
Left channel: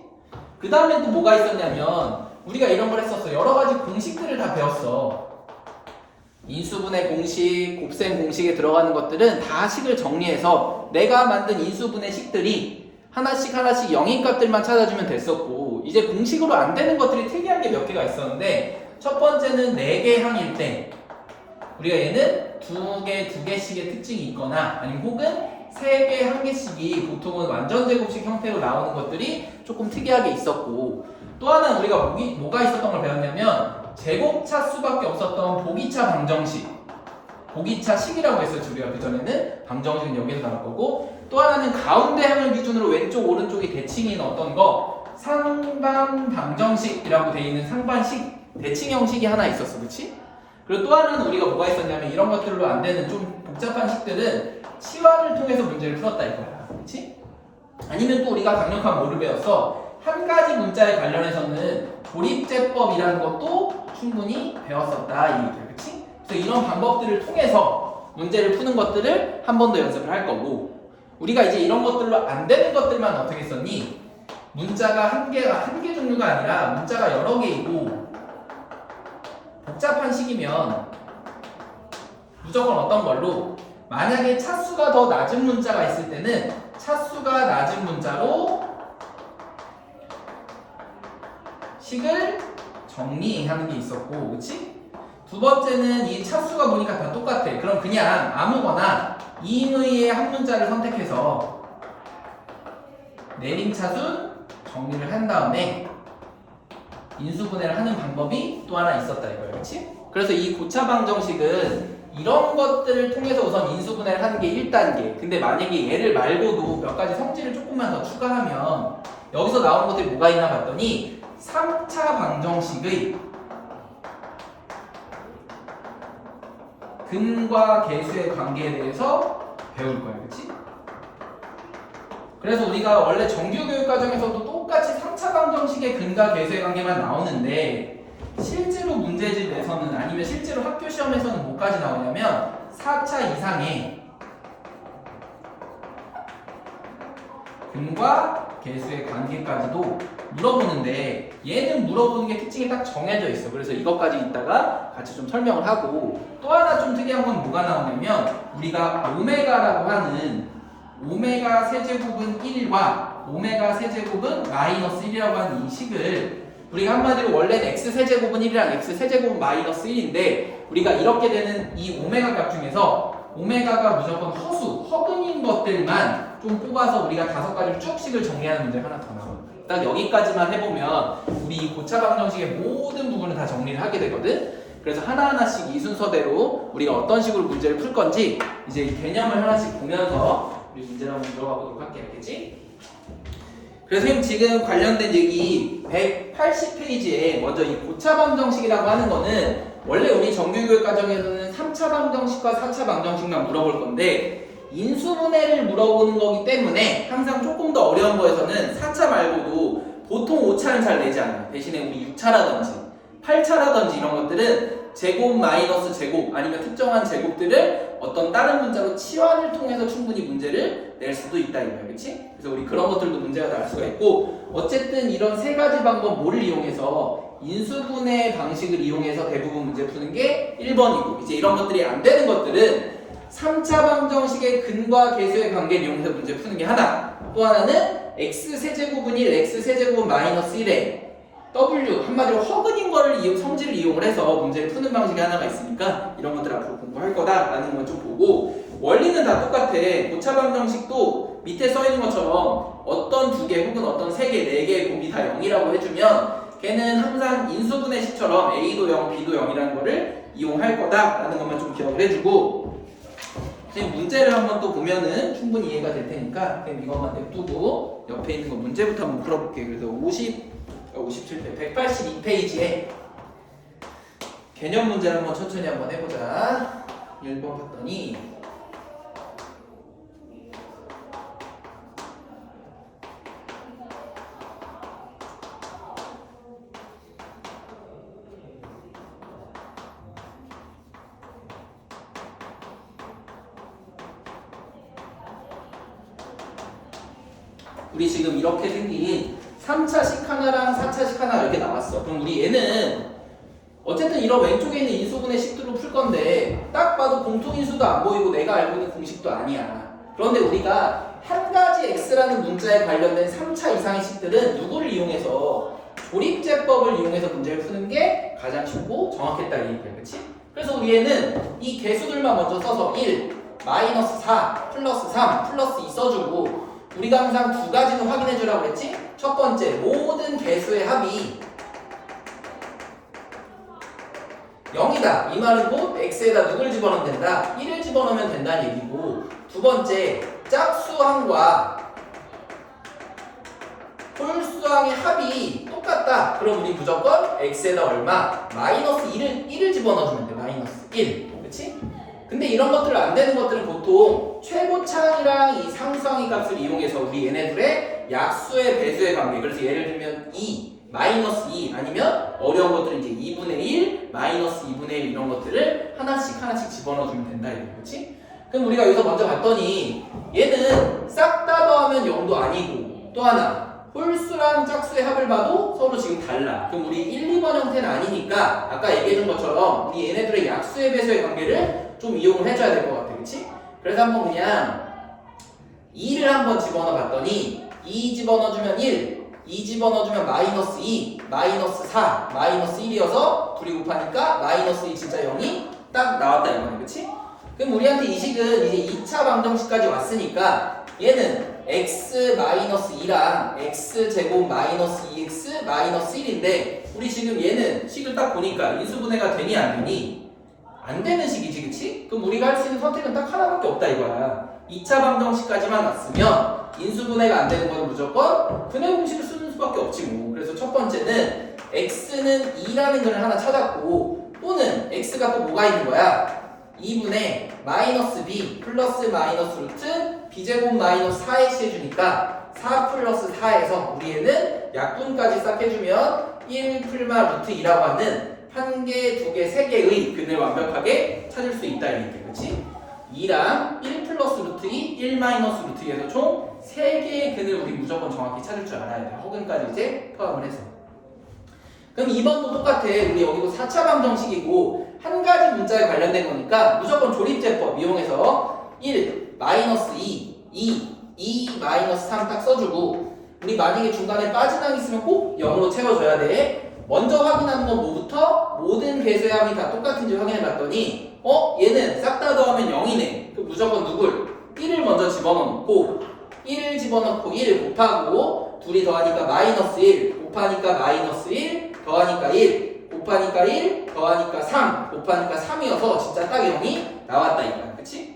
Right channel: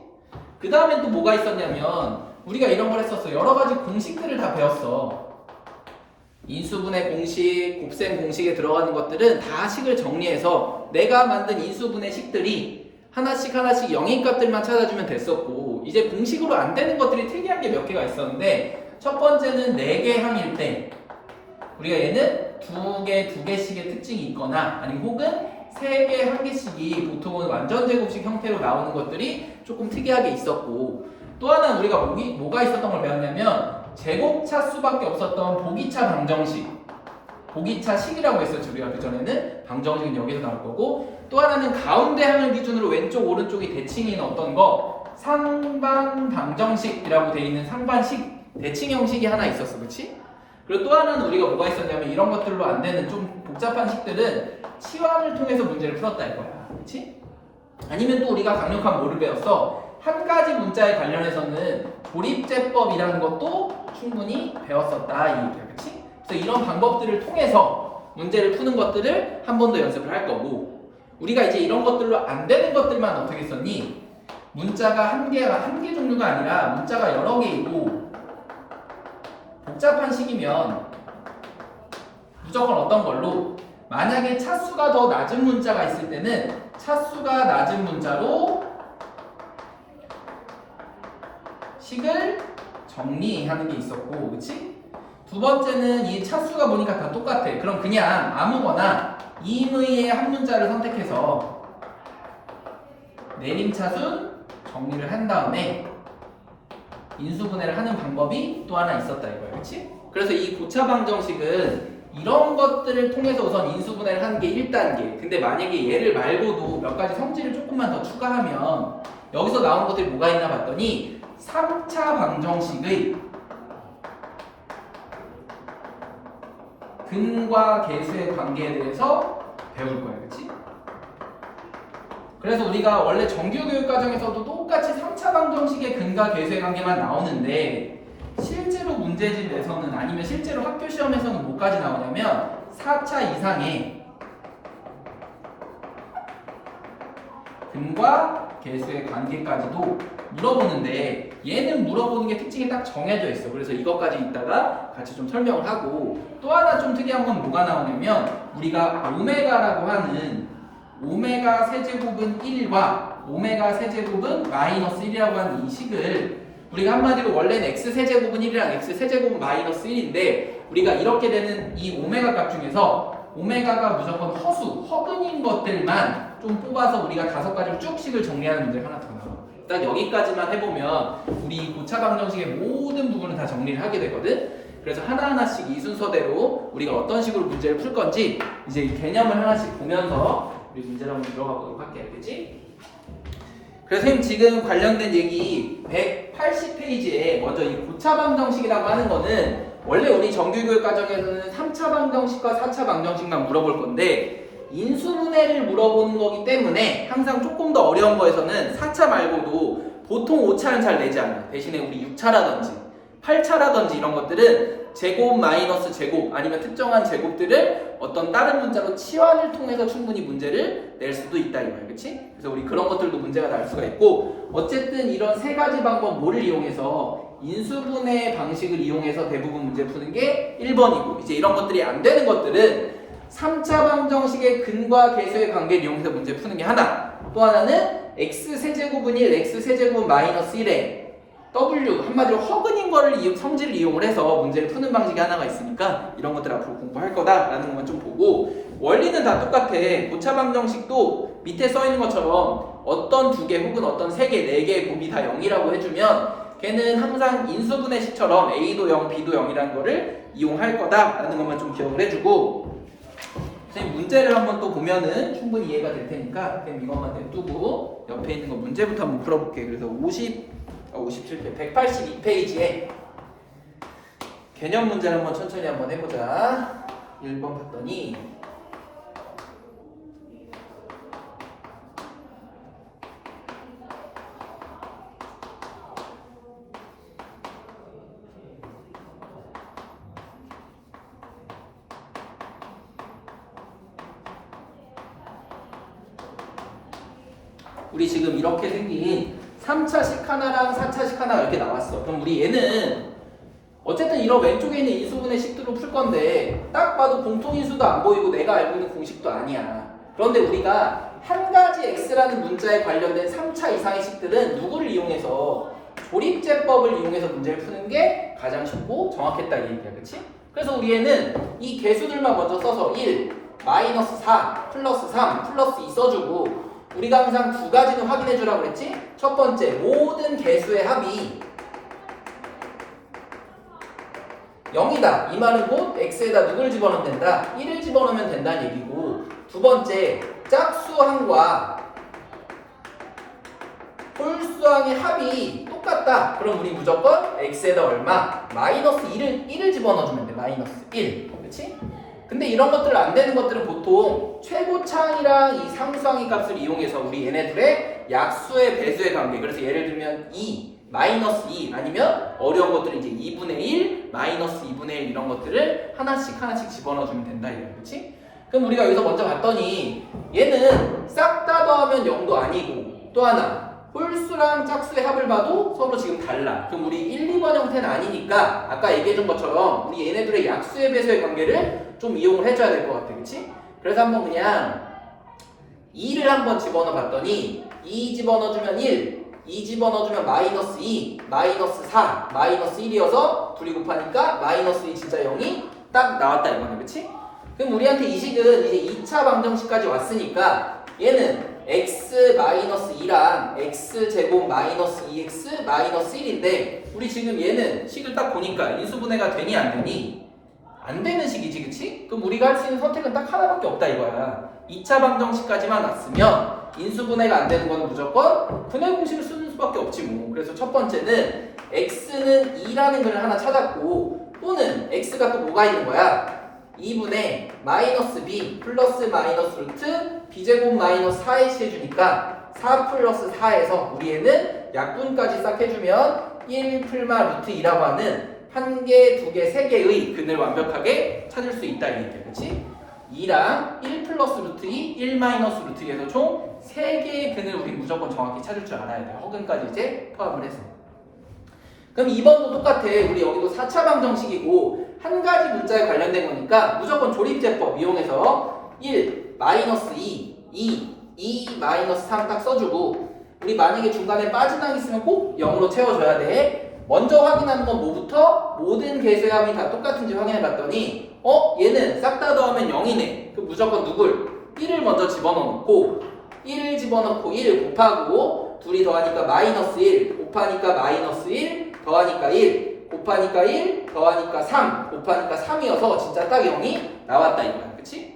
그 다음에 또 뭐가 있었냐면 우리가 이런 걸 했었어. 여러 가지 공식들을 다 배웠어. 인수분해 공식, 곱셈 공식에 들어가는 것들은 다 식을 정리해서 내가 만든 인수분해 식들이 하나씩 하나씩 영인 값들만 찾아주면 됐었고 이제 공식으로 안 되는 것들이 특이한 게 몇 개가 있었는데 첫 번째는 4개 항일 때 우리가 얘는 두 개씩의 특징이 있거나 아니면 혹은 3개, 1개씩이 보통은 완전 제곱식 형태로 나오는 것들이 조금 특이하게 있었고 또 하나는 우리가 뭐가 있었던 걸 배웠냐면 제곱차 수밖에 없었던 보기차 방정식 보기차식이라고 했었죠. 우리가 그전에는 방정식은 여기서 나올 거고 또 하나는 가운데 항을 기준으로 왼쪽 오른쪽이 대칭인 어떤 거 상반 방정식이라고 되어 있는 상반식 대칭 형식이 하나 있었어. 그렇지? 그리고 또 하나는 우리가 뭐가 있었냐면 이런 것들로 안 되는 좀 복잡한 식들은 치환을 통해서 문제를 풀었다 이거야. 그렇지? 아니면 또 우리가 강력한 뭐를 배웠어? 한 가지 문자에 관련해서는 조립제법이라는 것도 충분히 배웠었다 이 얘기야. 그치? 그래서 이런 방법들을 통해서 문제를 푸는 것들을 한 번 더 연습을 할 거고 우리가 이제 이런 것들로 안 되는 것들만 어떻게 썼니? 문자가 한 개 종류가 아니라 문자가 여러 개이고 복잡한 식이면 무조건 어떤 걸로 만약에 차수가 더 낮은 문자가 있을 때는 차수가 낮은 문자로 식을 정리하는 게 있었고, 그치? 두 번째는 이 차수가 보니까 다 똑같아. 그럼 그냥 아무거나 임의의 한 문자를 선택해서 내림차순 정리를 한 다음에 인수분해를 하는 방법이 또 하나 있었다 이거야, 그렇지? 그래서 이 고차 방정식은 이런 것들을 통해서 우선 인수분해를 하는 게 1단계. 근데 만약에 얘를 말고도 몇 가지 성질을 조금만 더 추가하면 여기서 나오는 것들이 뭐가 있나 봤더니 3차 방정식의 근과 계수의 관계에 대해서 배울 거야, 그렇지? 그래서 우리가 원래 정규교육 과정에서도 똑같이 3차 방정식의 근과 계수의 관계만 나오는데 실제로 문제집에서는 아니면 실제로 학교 시험에서는 뭐까지 나오냐면 4차 이상의 근과 계수의 관계까지도 물어보는데 얘는 물어보는 게 특징이 딱 정해져 있어. 그래서 이것까지 이따가 같이 좀 설명을 하고 또 하나 좀 특이한 건 뭐가 나오냐면 우리가 오메가라고 하는 오메가 세제곱은 1과 오메가 세제곱은 마이너스 1이라고 하는 이 식을 우리가 한마디로 원래는 x 세제곱은 1이랑 x 세제곱은 마이너스 1인데 우리가 이렇게 되는 이 오메가 값 중에서 오메가가 무조건 허근인 것들만 좀 뽑아서 우리가 5가지로 쭉씩을 정리하는 문제가 하나 더 나와요. 딱 여기까지만 해보면 우리 이 고차 방정식의 모든 부분을 다 정리를 하게 되거든. 그래서 하나하나씩 이 순서대로 우리가 어떤 식으로 문제를 풀 건지 이제 이 개념을 하나씩 보면서 우리 문제를 한번 들어가 보도록 할게요. 알겠지? 그래서 선생님 지금 관련된 얘기 180페이지에 먼저 이 고차 방정식이라고 하는 거는 원래 우리 정규교육 과정에서는 3차 방정식과 4차 방정식만 물어볼 건데 인수분해를 물어보는 거기 때문에 항상 조금 더 어려운 거에서는 4차 말고도 보통 5차는 잘 내지 않아요. 대신에 우리 6차라든지 8차라든지 이런 것들은 제곱 마이너스 제곱 아니면 특정한 제곱들을 어떤 다른 문자로 치환을 통해서 충분히 문제를 낼 수도 있다 이거예요. 그렇지? 그래서 우리 그런 것들도 문제가 날 수가 있고 어쨌든 이런 세 가지 방법 뭐를 이용해서 인수분해 방식을 이용해서 대부분 문제 푸는 게 1번이고 이제 이런 것들이 안 되는 것들은 3차 방정식의 근과 계수의 관계를 이용해서 문제 푸는 게 하나 또 하나는 x세제곱은 1, x세제곱은 마이너스 1에 W 한마디로 허근인 거를 성질을 이용을 해서 문제를 푸는 방식이 하나가 있으니까 이런 것들 앞으로 공부할 거다라는 걸 좀 보고 원리는 다 똑같아. 고차 방정식도 밑에 써 있는 것처럼 어떤 2개 혹은 어떤 3개, 4개의 곱이 다 0이라고 해주면 걔는 항상 인수분해식처럼 A도 0, B도 0이라는 거를 이용할 거다라는 것만 좀 기억을 해주고 선생님 문제를 한번 또 보면은 충분히 이해가 될 테니까 그럼 이것만 냅두고 옆에 있는 거 문제부터 한번 풀어볼게요. 그래서 57페이지, 182페이지에 개념 문제를 한번 천천히 한번 해보자. 1번 봤더니 우리 지금 이렇게 생긴 3차식 하나랑 4차식 하나가 이렇게 나왔어. 그럼 우리 얘는 어쨌든 이런 왼쪽에 있는 인수분해 식들로 풀 건데 딱 봐도 공통인수도 안 보이고 내가 알고 있는 공식도 아니야. 그런데 우리가 한 가지 x라는 문자에 관련된 3차 이상의 식들은 누구를 이용해서 조립제법을 이용해서 문제를 푸는 게 가장 쉽고 정확했다 이 얘기야. 그렇지? 그래서 우리 얘는 이 개수들만 먼저 써서 1, 마이너스 4, 플러스 3, 플러스 2 써주고 우리가 항상 2가지는 확인해 주라고 했지? 첫 번째, 모든 개수의 합이 0이다. 이 말은 곧 x에다 누굴 집어넣으면 된다? 1을 집어넣으면 된다는 얘기고 두 번째, 짝수항과 홀수항의 합이 똑같다. 그럼 우리 무조건 x에다 얼마? 마이너스 1을 집어넣어주면 돼. 마이너스 1. 그렇지? 근데 이런 것들 안 되는 것들은 보통 최고차항이랑 이 상수항의 값을 이용해서 우리 얘네들의 약수의 배수의 관계 그래서 예를 들면 2, 마이너스 2 아니면 어려운 것들은 이제 2분의 1, 마이너스 2분의 1 이런 것들을 하나씩 집어넣어주면 된다 이거 그렇지? 그럼 우리가 여기서 먼저 봤더니 얘는 싹 다 더하면 0도 아니고 또 하나 홀수랑 짝수의 합을 봐도 서로 지금 달라. 그럼 우리 1, 2번 형태는 아니니까 아까 얘기해준 것처럼 우리 얘네들의 약수의 배수의 관계를 좀 이용을 해줘야 될 것 같아. 그치? 그래서 한번 그냥 2를 한번 집어넣어 봤더니 2 집어넣어주면 1, 2 집어넣어주면 마이너스 2, 마이너스 4, 마이너스 1이어서 둘이 곱하니까 마이너스 2 진짜 0이 딱 나왔다 이거는 그치? 그럼 우리한테 이 식은 이제 2차 방정식까지 왔으니까 얘는 x-2랑 x제곱 마이너스 2x 마이너스 1인데 우리 지금 얘는 식을 딱 보니까 인수분해가 되니 안 되니? 안 되는 식이지, 그치? 그럼 우리가 할 수 있는 선택은 딱 하나밖에 없다 이거야. 2차 방정식까지만 왔으면 인수분해가 안 되는 건 무조건 분해 공식을 쓰는 수밖에 없지 뭐. 그래서 첫 번째는 x는 2라는 글을 하나 찾았고 또는 x가 또 뭐가 있는 거야? 2분의 마이너스 b 플러스 마이너스 루트 b제곱 마이너스 4ac 해주니까 4 플러스 4에서 우리 얘는 약분까지 싹 해주면 1 풀마 루트 2라고 하는 한 개, 두 개, 세 개의 근을 완벽하게 찾을 수 있다 이 얘기야, 그렇지? 2랑 1 플러스 루트 2, 1 마이너스 루트 2에서 총 3개의 근을 우리 무조건 정확히 찾을 줄 알아야 돼. 허근까지 이제 포함을 해서. 그럼 2번도 똑같아. 우리 여기도 4차 방정식이고 한 가지 문자에 관련된 거니까 무조건 조립제법 이용해서 1, 마이너스 2 마이너스 3 딱 써주고 우리 만약에 중간에 빠진 항이 있으면 꼭 0으로 채워줘야 돼. 먼저 확인하는 건 뭐부터? 모든 개수의 합이 다 똑같은지 확인해 봤더니 얘는 싹 다 더하면 0이네. 그럼 무조건 누굴? 1을 먼저 집어넣고 1을 집어넣고 1 곱하고 둘이 더하니까 마이너스 1 곱하니까 마이너스 1 더하니까 1 곱하니까 1 더하니까 3 곱하니까 3이어서 진짜 딱 0이 나왔다 이거야. 그치?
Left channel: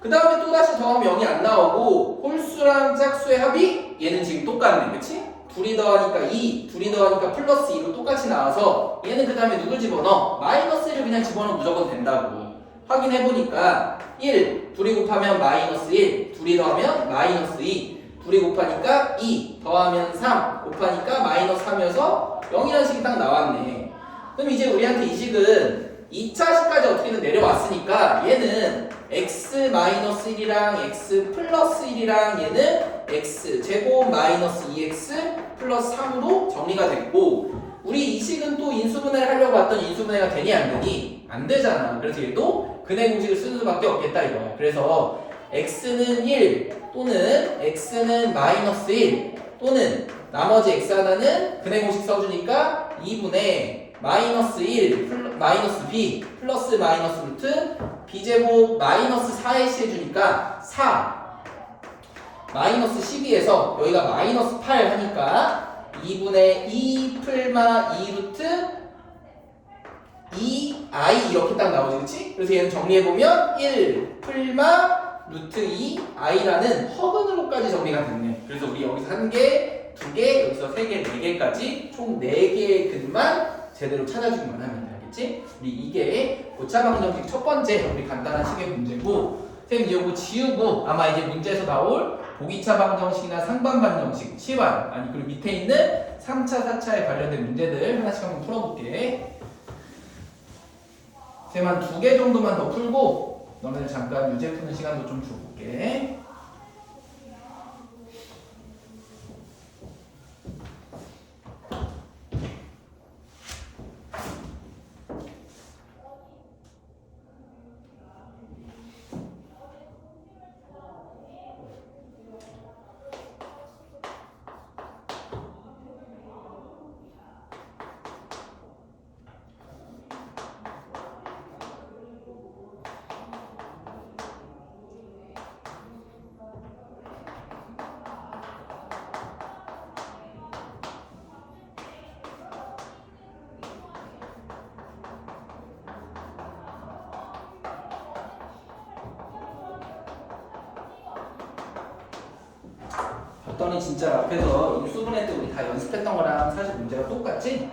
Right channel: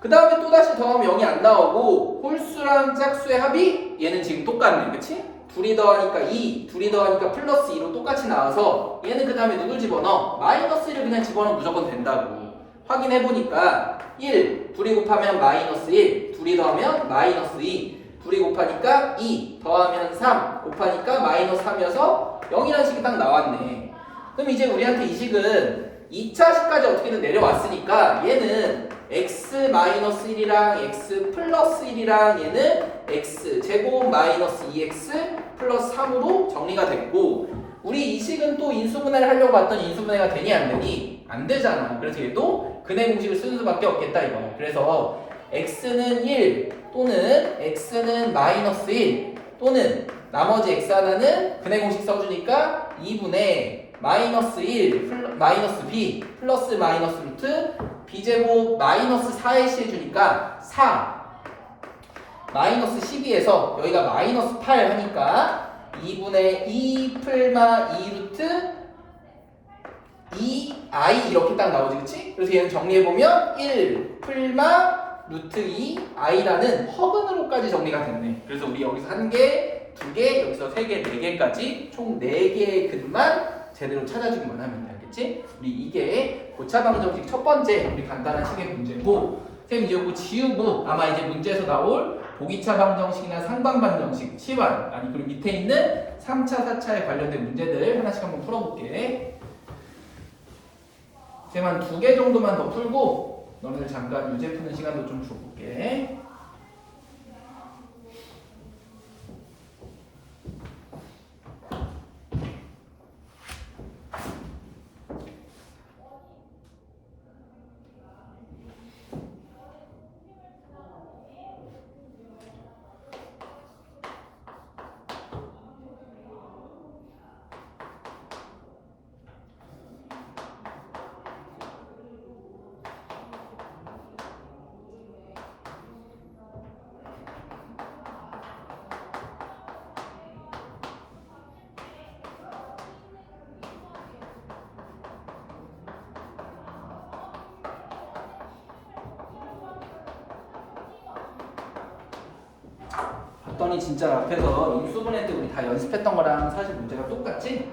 그 다음에 또다시 더하면 0이 안 나오고 홀수랑 짝수의 합이 얘는 지금 똑같네. 그치? 둘이 더하니까 2 둘이 더하니까 플러스 2로 똑같이 나와서 얘는 그 다음에 누굴 집어넣어? 마이너스 1을 그냥 집어넣으면 무조건 된다고. 확인해보니까 1 둘이 곱하면 마이너스 1 둘이 더하면 마이너스 2 둘이 곱하니까 2 더하면 3 곱하니까 마이너스 3이어서 0이라는 식이 딱 나왔네. 그럼 이제 우리한테 이 식은 2차식까지 어떻게든 내려왔으니까 얘는 x-1이랑 x 플러스 1이랑 얘는 x 제곱 마이너스 2x 플러스 3으로 정리가 됐고 우리 이 식은 또 인수분해를 하려고 봤더니 인수분해가 되니 안 되니? 안 되잖아. 그래서 얘도 근해 공식을 쓰는 수밖에 없겠다 이거야. 그래서 x는 1 또는 x는 마이너스 1 또는 나머지 x 하나는 근해 공식 써주니까 2분의 마이너스 1 마이너스 b 플러스 마이너스 루트 b제곱 마이너스 4ac 해주니까 4 마이너스 12에서 여기가 마이너스 8 하니까 2분의 2 풀마 2 루트 2i 이렇게 딱 나오지, 그치? 그래서 얘는 정리해보면 1 풀마 루트 2i라는 허근으로까지 정리가 됐네. 그래서 우리 여기서 1개, 2개, 여기서 3개, 4개까지 총 4개의 근만 제대로 찾아주기만 하면 돼. 알겠지? 우리 이게 고차방정식 첫 번째 우리 간단한 식의 문제고 쌤 이거 지우고 아마 이제 문제에서 나올 보기차 방정식이나 상반 방정식, 치환 아니 그리고 밑에 있는 3차, 4차에 관련된 문제들 하나씩 한번 풀어볼게. 쌤 한 2개 정도만 더 풀고 너네들 잠깐 유제 푸는 시간도 좀 줘볼게. 봤더니 진짜 앞에서 인수분해 때 우리 다 연습했던 거랑 사실 문제가 똑같지?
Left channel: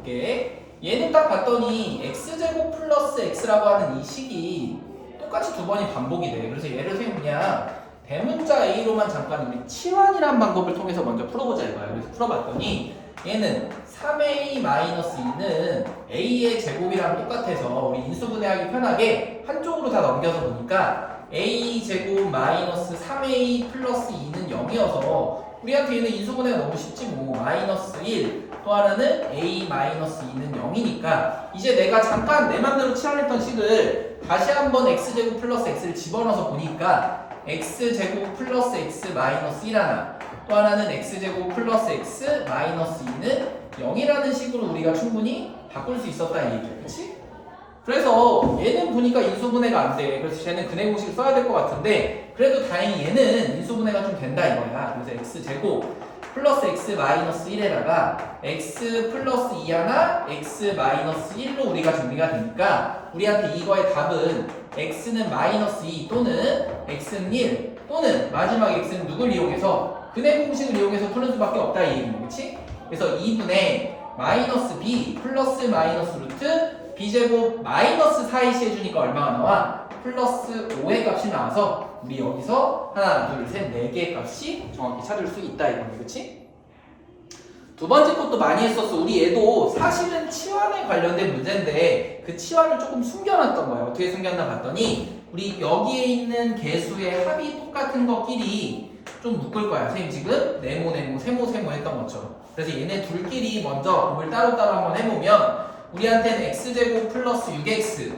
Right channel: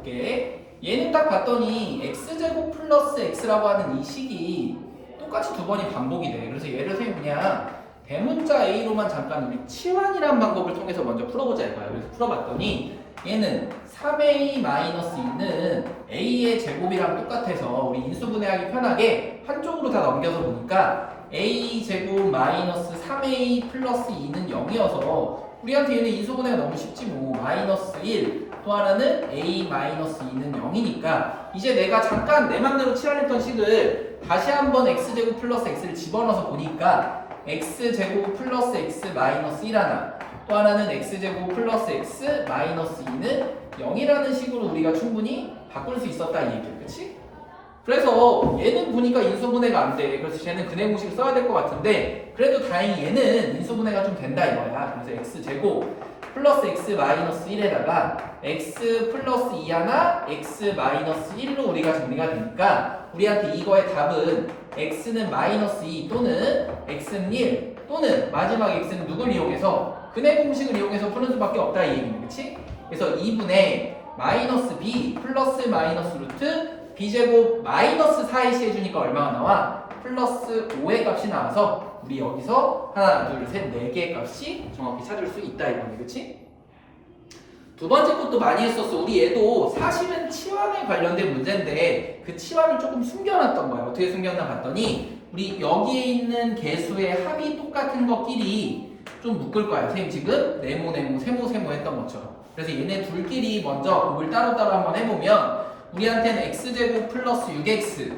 이게 얘는 딱 봤더니 x제곱 플러스 x라고 하는 이 식이 똑같이 두 번이 반복이 돼. 그래서 얘를 선생님 그냥 대문자 a로만 잠깐 우리 치환이라는 방법을 통해서 먼저 풀어보자 이거야. 그래서 풀어봤더니 얘는 3a-2는 a의 제곱이랑 똑같아서 우리 인수분해하기 편하게 한쪽으로 다 넘겨서 보니까 a 제곱 마이너스 3a 플러스 2는 0이어서 우리한테 얘는 인수분해가 너무 쉽지 뭐. 마이너스 1 또 하나는 a 마이너스 2는 0이니까 이제 내가 잠깐 내 맘대로 치환했던 식을 다시 한번 x제곱 플러스 x를 집어넣어서 보니까 x제곱 플러스 x 마이너스 1 하나 또 하나는 x제곱 플러스 x 마이너스 2는 0이라는 식으로 우리가 충분히 바꿀 수 있었다 이 얘기야. 그치? 그래서 얘는 보니까 인수분해가 안 돼. 그래서 쟤는 근해 공식을 써야 될 것 같은데 그래도 다행히 얘는 인수분해가 좀 된다 이거야. 그래서 x제곱 플러스 x 마이너스 1에다가 x 플러스 2 하나 x 마이너스 1로 우리가 정리가 되니까 우리한테 이거의 답은 x는 마이너스 2 또는 x는 1 또는 마지막 x는 누굴 이용해서 근해 공식을 이용해서 푸는 수밖에 없다 이 얘기네. 그치? 그래서 2분의 마이너스 b 플러스 마이너스 루트 b제곱 마이너스 4이시 해주니까 얼마가 나와? 플러스 5의 값이 나와서 우리 여기서 하나, 둘, 셋, 4개의 값이 정확히 찾을 수 있다 이거네. 그치? 두 번째 것도 많이 했었어. 우리 얘도 사실은 치환에 관련된 문제인데 그 치환을 조금 숨겨놨던 거야. 어떻게 숨겼나 봤더니 우리 여기에 있는 개수의 합이 똑같은 것끼리 좀 묶을 거야. 선생님 지금 네모, 세모 했던 것처럼. 그래서 얘네 둘끼리 먼저 곱을 따로따로 한번 해보면 우리한테는 x제곱 플러스 6x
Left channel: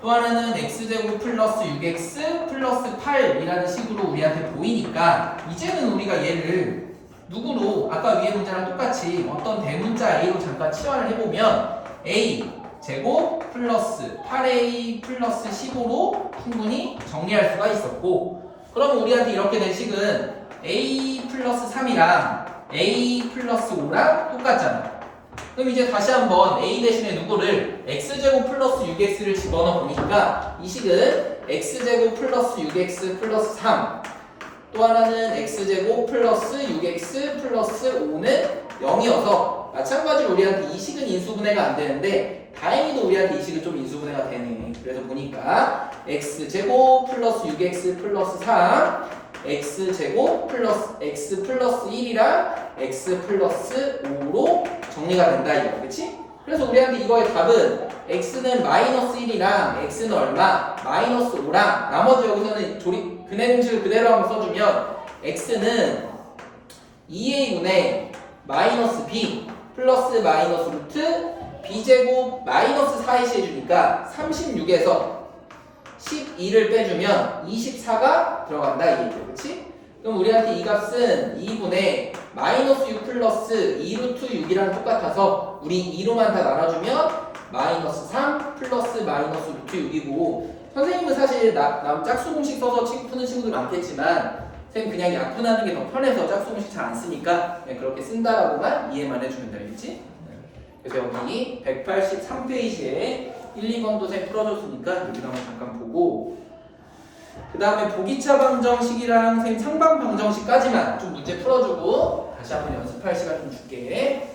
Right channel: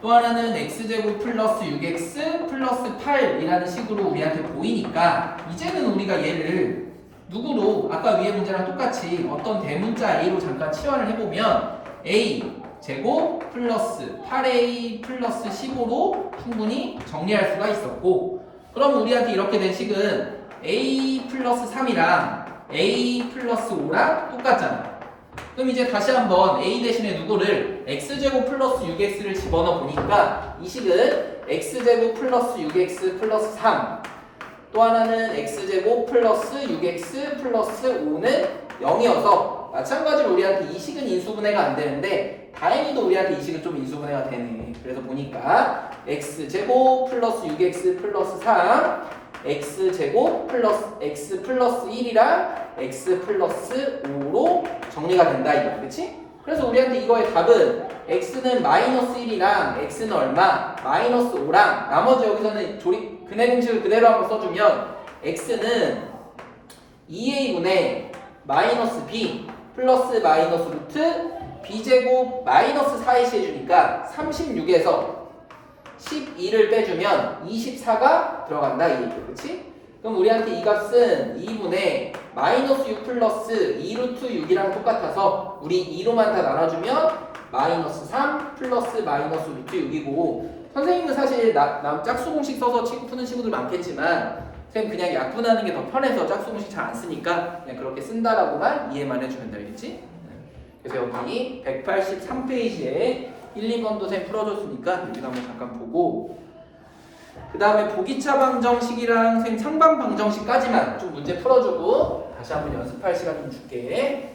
또 하나는 x제곱 플러스 6x 플러스 8이라는 식으로 우리한테 보이니까 이제는 우리가 얘를 누구로 아까 위에 문제랑 똑같이 어떤 대문자 a로 잠깐 치환을 해보면 a 제곱 플러스 8a 플러스 15로 충분히 정리할 수가 있었고 그럼 우리한테 이렇게 된 식은 a 플러스 3이랑 a 플러스 5랑 똑같잖아. 그럼 이제 다시 한번 a 대신에 누구를 x제곱 플러스 6x를 집어넣어 보니까 이 식은 x제곱 플러스 6x 플러스 3 또 하나는 x제곱 플러스 6x 플러스 5는 0이어서 마찬가지로 우리한테 이 식은 인수분해가 안 되는데 다행히도 우리한테 이 식은 좀 인수분해가 되네. 그래서 보니까 x제곱 플러스 6x 플러스 3 x제곱 플러스 x 플러스 1이랑 x 플러스 5로 정리가 된다 이거 그렇지? 그래서 우리한테 이거의 답은 x는 마이너스 1이랑 x는 얼마? 마이너스 5랑 나머지 여기서는 근해 공식을 그대로 한번 써주면 x는 2a분의 마이너스 b 플러스 마이너스 루트 b제곱 마이너스 4이시 해주니까 36에서 12를 빼주면 24가 들어간다 이 얘기죠. 그치? 그럼 우리한테 이 값은 2분의 마이너스 6 플러스 2루트 6이랑 똑같아서 우리 2로만 다 나눠주면 마이너스 3 플러스 마이너스 루트 6이고 선생님은 사실 남 짝수 공식 써서 푸는 친구들 많겠지만 선생님 그냥 약분하는 게 더 편해서 짝수 공식 잘 안 쓰니까 그냥 그렇게 쓴다라고만 이해만 해주면 되겠지? 그래서 여기 183페이지에 1, 2번도 선생님 풀어줬으니까 여기 한번 잠깐 보고 그 다음에 보기차 방정식이랑 선생님 상방 방정식까지만 좀 문제 풀어주고 다시 한번 연습할 시간 좀 줄게.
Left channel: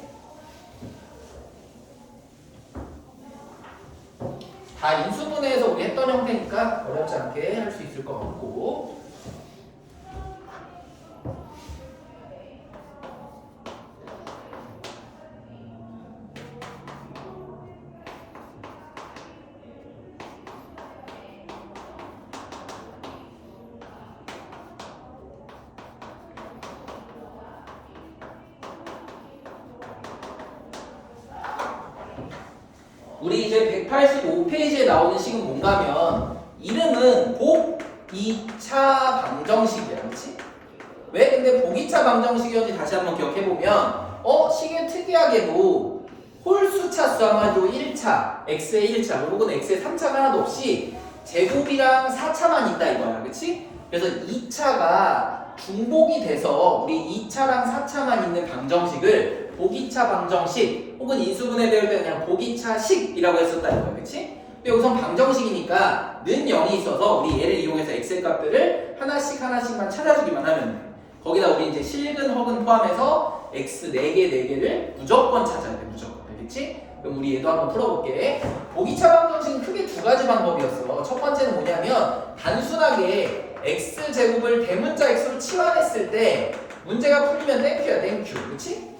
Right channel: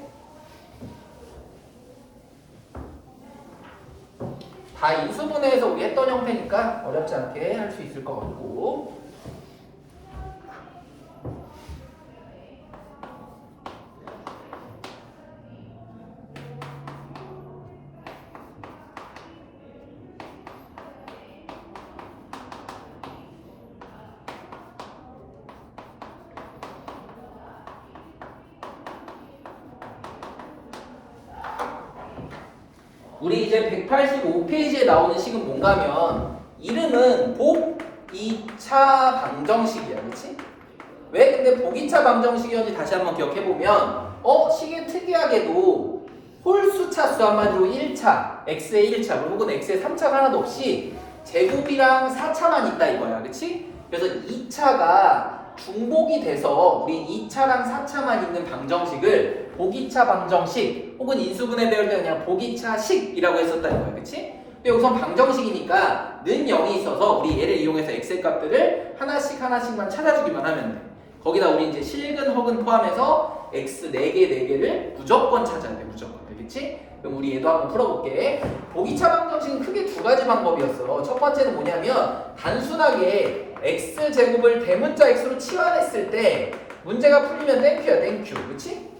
다 인수분해해서 우리 했던 형태니까 어렵지 않게 할 수 있을 것 같고 우리 이제 185페이지에 나오는 식은 뭔가 하면 이름은 복 2차 방정식이야. 그렇지? 왜 근데 복 2차 방정식이었는지 다시 한번 기억해보면 식은 특이하게도 홀수 차수 한마디로 1차 x의 1차 혹은 x의 3차가 하나도 없이 제곱이랑 4차만 있다 이거야. 그렇지? 그래서 2차가 중복이 돼서 우리 2차랑 4차만 있는 방정식을 보기차 방정식 혹은 인수분해 배울 때 그냥 보기차식이라고 했었다 이거야. 그치? 근데 여기선 방정식이니까 는 0이 있어서 우리 얘를 이용해서 x의 값들을 하나씩만 찾아주기만 하면 돼. 거기다 우리 이제 실근 혹은 포함해서 x 4개를 무조건 찾아야 돼. 무조건. 알겠지? 그럼 우리 얘도 한번 풀어볼게. 보기차 방정식은 크게 두 가지 방법이었어. 첫 번째는 뭐냐면 단순하게 x제곱을 대문자 x로 치환했을 때 문제가 풀리면 땡큐야 땡큐. 그치?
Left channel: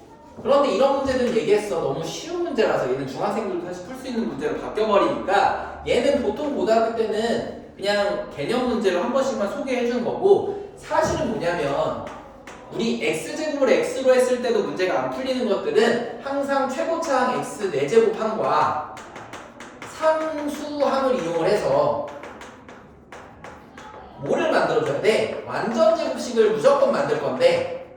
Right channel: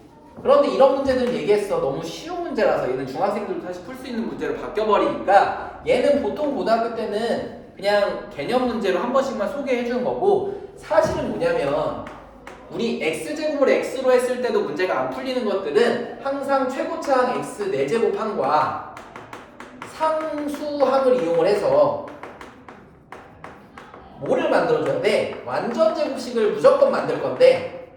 그런데 이런 문제들은 얘기했어. 너무 쉬운 문제라서 얘는 중학생들도 사실 풀 수 있는 문제로 바뀌어버리니까 얘는 보통 고등학교 때는 그냥 개념 문제로 한 번씩만 소개해 주는 거고 사실은 뭐냐면 우리 x제곱을 x로 했을 때도 문제가 안 풀리는 것들은 항상 최고차항 x 4제곱항과 상수항을 이용을 해서 뭐를 만들어줘야 돼? 완전 제곱식을 무조건 만들 건데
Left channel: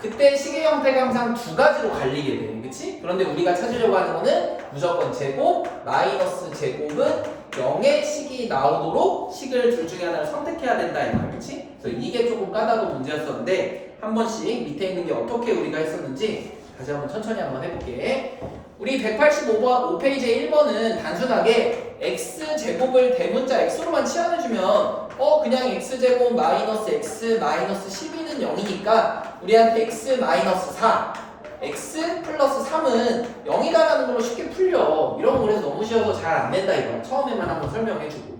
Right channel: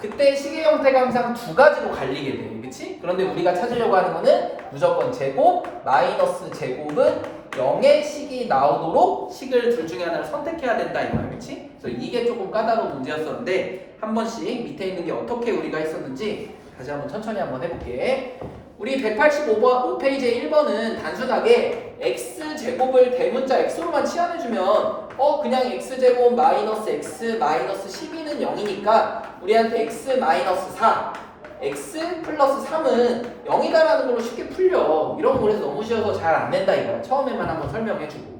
그때 식의 형태가 항상 두 가지로 갈리게 돼. 그치? 그런데 우리가 찾으려고 하는 거는 무조건 제곱 마이너스 제곱은 0의 식이 나오도록 식을 둘 중에 하나를 선택해야 된다 이거야. 그치? 그래서 이게 조금 까다로운 문제였었는데 한 번씩 밑에 있는 게 어떻게 우리가 했었는지 다시 한번 천천히 한번 해볼게. 우리 185페이지의 1번은 단순하게 x제곱을 대문자 x로만 치환해주면 그냥 x제곱 마이너스 x 마이너스 12는 0이니까 우리한테 x 마이너스 4 x 플러스 3은 0이다라는 걸로 쉽게 풀려. 이런 거에서 너무 쉬워서 잘 안 된다 이거. 처음에만 한번 설명해주고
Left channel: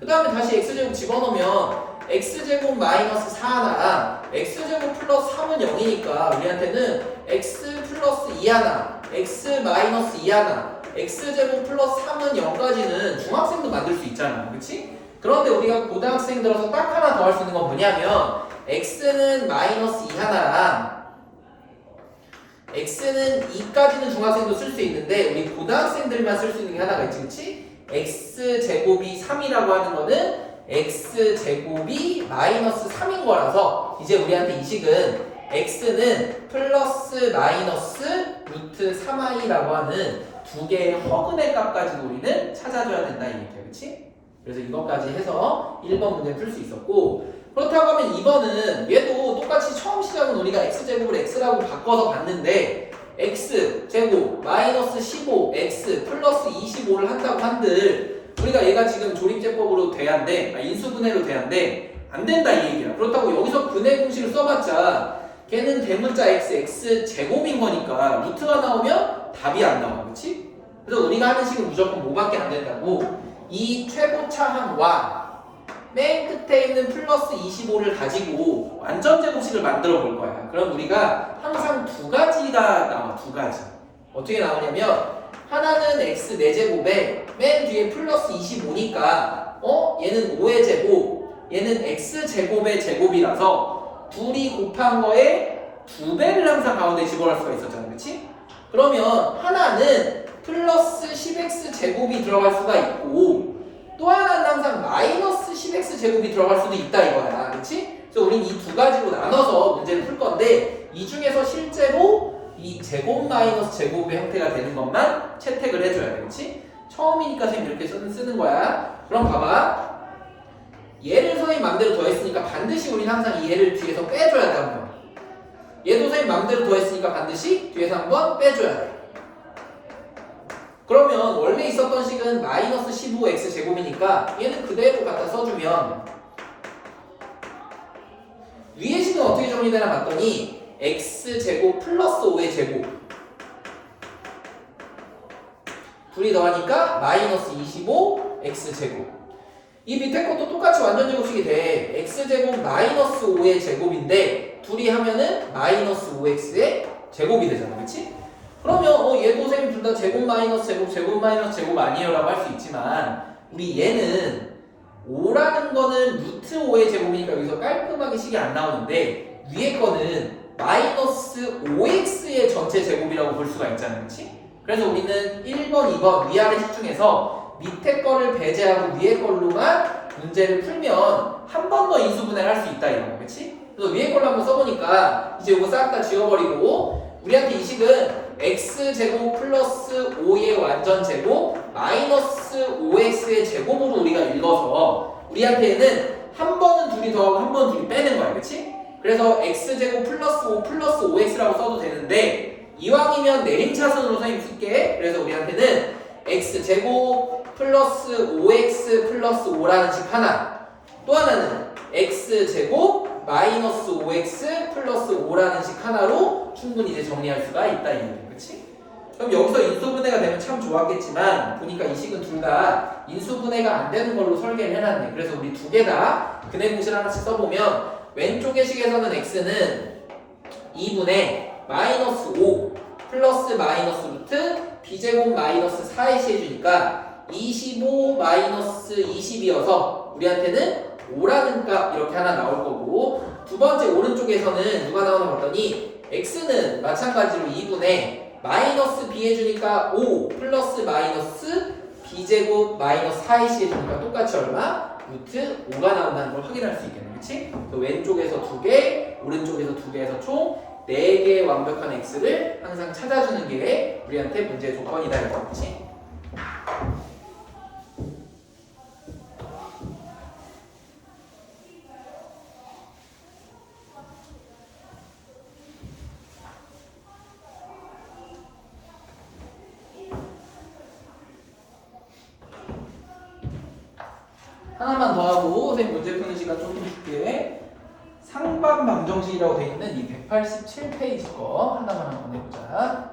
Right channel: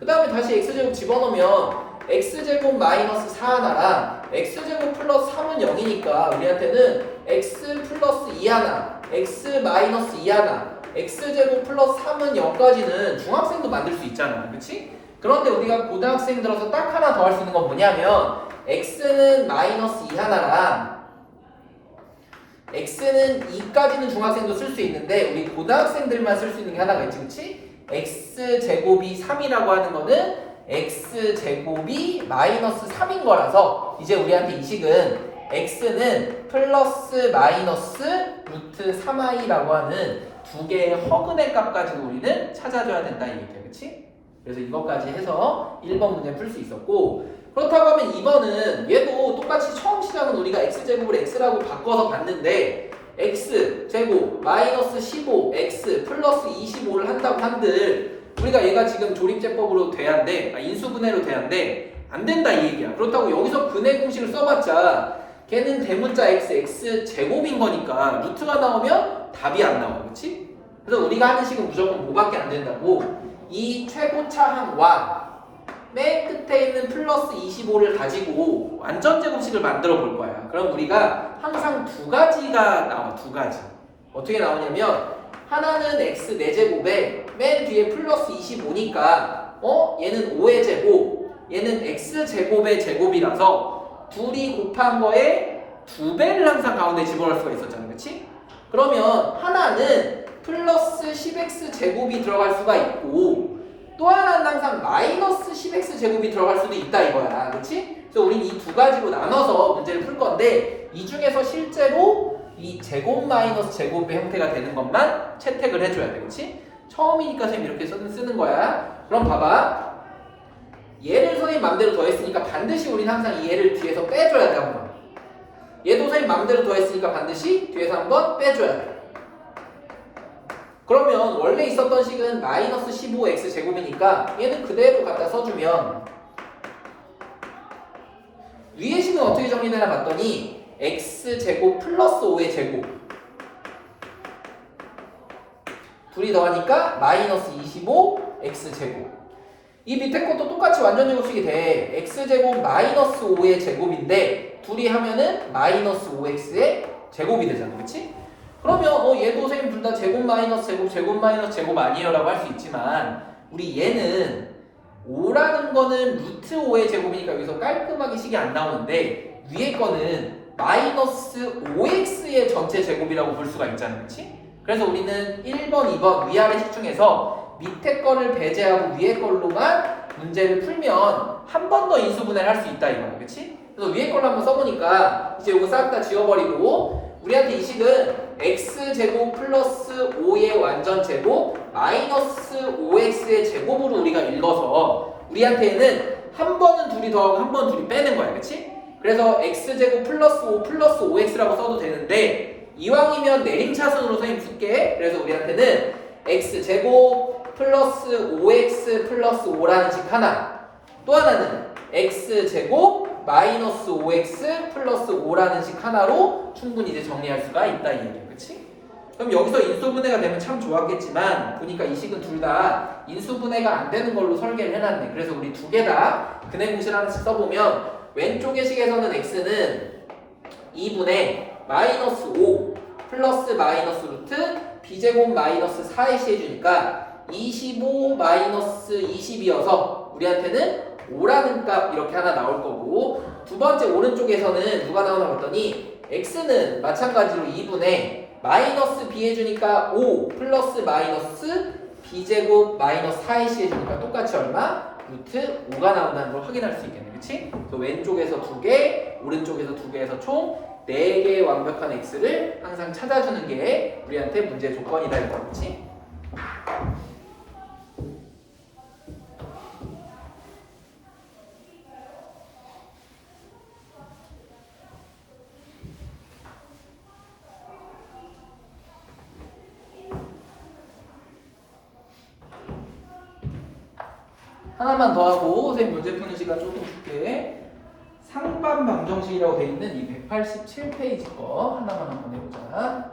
그 다음에 다시 x제곱 집어넣으면 x제곱 마이너스 4 하나랑 x제곱 플러스 3은 0이니까 우리한테는 x 플러스 2 하나 x 마이너스 2 하나 x제곱 플러스 3은 0까지는 중학생도 만들 수 있잖아. 그치? 그런데 우리가 고등학생 들어서 딱 하나 더 할 수 있는 건 뭐냐면 x는 마이너스 2 하나랑 x는 2까지는 중학생도 쓸 수 있는데 우리 고등학생들만 쓸 수 있는 게 하나가 있지. 그치? x제곱이 3이라고 하는 거는 x제곱이 마이너스 3인 거라서 이제 우리한테 이 식은 x는 플러스 마이너스 루트 3i라고 하는 두 개의 허근의 값 가지고 우리는 찾아줘야 된다 이 얘기야. 그치? 그래서 이것까지 해서 1번 문제 풀 수 있었고 그렇다고 하면 2번은 얘도 똑같이 처음 시작은 우리가 x제곱을 x라고 바꿔서 봤는데 x제곱 마이너스 15 x 플러스 25를 한다고 한들 우리가 얘가 지금 조립제법으로 돼야 돼. 인수분해로 돼야 돼. 안 된다 이 얘기야. 그렇다고 여기서 분해 공식을 써봤자 걔는 대문자 x 제곱인 거니까 루트가 나오면 답이 안 나와. 그렇지? 그래서 우리가 하는 식은 무조건 뭐밖에 안 된다고 이 최고차항과 맨 끝에 있는 플러스 25를 가지고 완전 제곱식을 만들어 볼 거야. 그럼 우리가 항상 두 가지가 나와. 두 가지. 어떻게 나오냐면 하나는 x 4제곱에 맨 뒤에 플러스 25니까 얘는 5의 제곱 얘는 x제곱의 제곱이라서 둘이 곱한 거에 2배를 항상 가운데 집어넣을 수가 있었잖아. 그치? 그러면 하나는 플러스 10x 제곱이 들어갈 수가 있고 또 하나는 항상 마이너스 10x 제곱이 들어갈 수도 있다 이거야. 그치? 그래서 우린 이 두 가지로 나눠서 문제를 풀 건데 이 중에서 실제로 이 제곱 마이너스 제곱의 형태가 되는 것만 채택을 해줘야 돼. 그치? 처음이니까 지금 이렇게 쓰는 거야. 그럼 봐봐. 얘를 선생님 맘대로 더했으니까 반드시 우린 항상 이 얘를 뒤에서 빼줘야 돼. 한번. 얘도 선생님 맘대로 더했으니까 반드시 뒤에서 한번 빼줘야 돼. 그러면 원래 있었던 식은 마이너스 15x 제곱이니까 얘는 그대로 갖다 써주면 위의 식은 어떻게 정리되나 봤더니 x제곱 플러스 5의 제곱 둘이 더하니까 마이너스 25x제곱 이 밑에 것도 똑같이 완전 제곱식이 돼. x제곱 마이너스 5의 제곱인데 둘이 하면은 마이너스 5x의 제곱이 되잖아. 그치? 그러면 얘도 쌤 둘 다 제곱 마이너스 제곱 제곱 마이너스 제곱 아니에요 라고 할 수 있지만 우리 얘는 5라는 거는 루트 5의 제곱이니까 여기서 깔끔하게 식이 안 나오는데 위에 거는 마이너스 5x의 전체 제곱이라고 볼 수가 있잖아. 그치? 그래서 우리는 1번, 2번 위아래 식 중에서 밑에 거를 배제하고 위에 걸로만 문제를 풀면 한 번 더 인수분해를 할 수 있다 이거야. 그치? 그래서 위에 걸로 한번 써보니까 이제 이거 싹 다 지워버리고 우리한테 이 식은 x제곱 플러스 5의 완전 제곱 마이너스 5x의 제곱으로 우리가 읽어서 우리한테는 한 번은 둘이 더하고 한 번은 둘이 빼는 거야. 그치? 그래서 x제곱 플러스 5 플러스 5x라고 써도 되는데 이왕이면 내림차순으로 선생님 쓸게. 그래서 우리한테는 x제곱 플러스 5x 플러스 5라는 식 하나 또 하나는 x제곱 마이너스 5x 플러스 5라는 식 하나로 충분히 이제 정리할 수가 있다 이 얘기야. 그치? 그럼 여기서 인수분해가 되면 참 좋았겠지만 보니까 이 식은 둘 다 인수분해가 안 되는 걸로 설계를 해놨네. 그래서 우리 두 개 다 근해 공式하나씩 써보면 왼쪽의 식에서는 x는 2분의 마이너스 5 플러스 마이너스 루트 b제곱 마이너스 4의 시 해주니까 25 마이너스 20이어서 우리한테는 5라는 값 이렇게 하나 나올 거고 두 번째 오른쪽에서는 누가 나오나 봤더니 x는 마찬가지로 2분의 마이너스 b 해주니까 5 플러스 마이너스 b제곱 마이너스 4의 시 해주니까 똑같이 얼마? 루트 5가 나온다는 걸 확인할 수 있겠네. 그치? 왼쪽에서 2개 오른쪽에서 2개 해서 총 4개의 완벽한 x를 항상 찾아주는 게 우리한테 문제의 조건이다 이거 그렇지? 하나만 더 하고 선생님 문제 푸는 시간 조금 줄게. 상반 방정식이라고 돼 있는 이 187페이지 거 하나만 한번 해보자.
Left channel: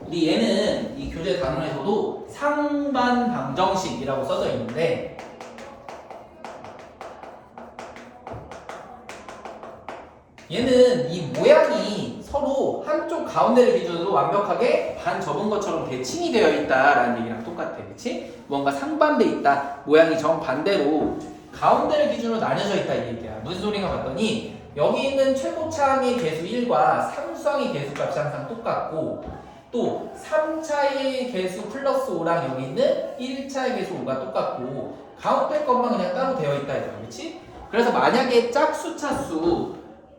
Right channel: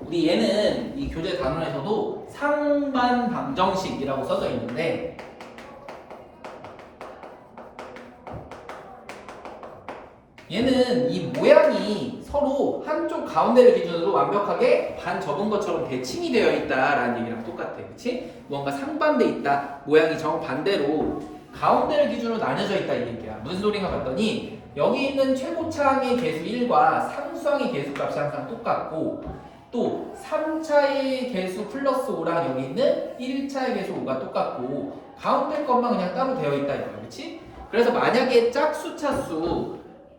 우리 얘는 이 교재 단원에서도 상반 방정식이라고 써져 있는데 얘는 이 모양이 서로 한쪽 가운데를 기준으로 완벽하게 반 접은 것처럼 대칭이 되어 있다라는 얘기랑 똑같아. 그치? 뭔가 상반돼 있다. 모양이 정반대로 가운데를 기준으로 나뉘어져 있다 이 얘기야. 무슨 소린가 봤더니 여기 있는 최고차항의 개수 1과 상수항의 개수값이 항상 똑같고 또 3차의 개수 플러스 5랑 여기 있는 1차의 개수 5가 똑같고 가운데 것만 그냥 따로 되어 있다 이거야. 그렇지? 그래서 만약에 짝수 차수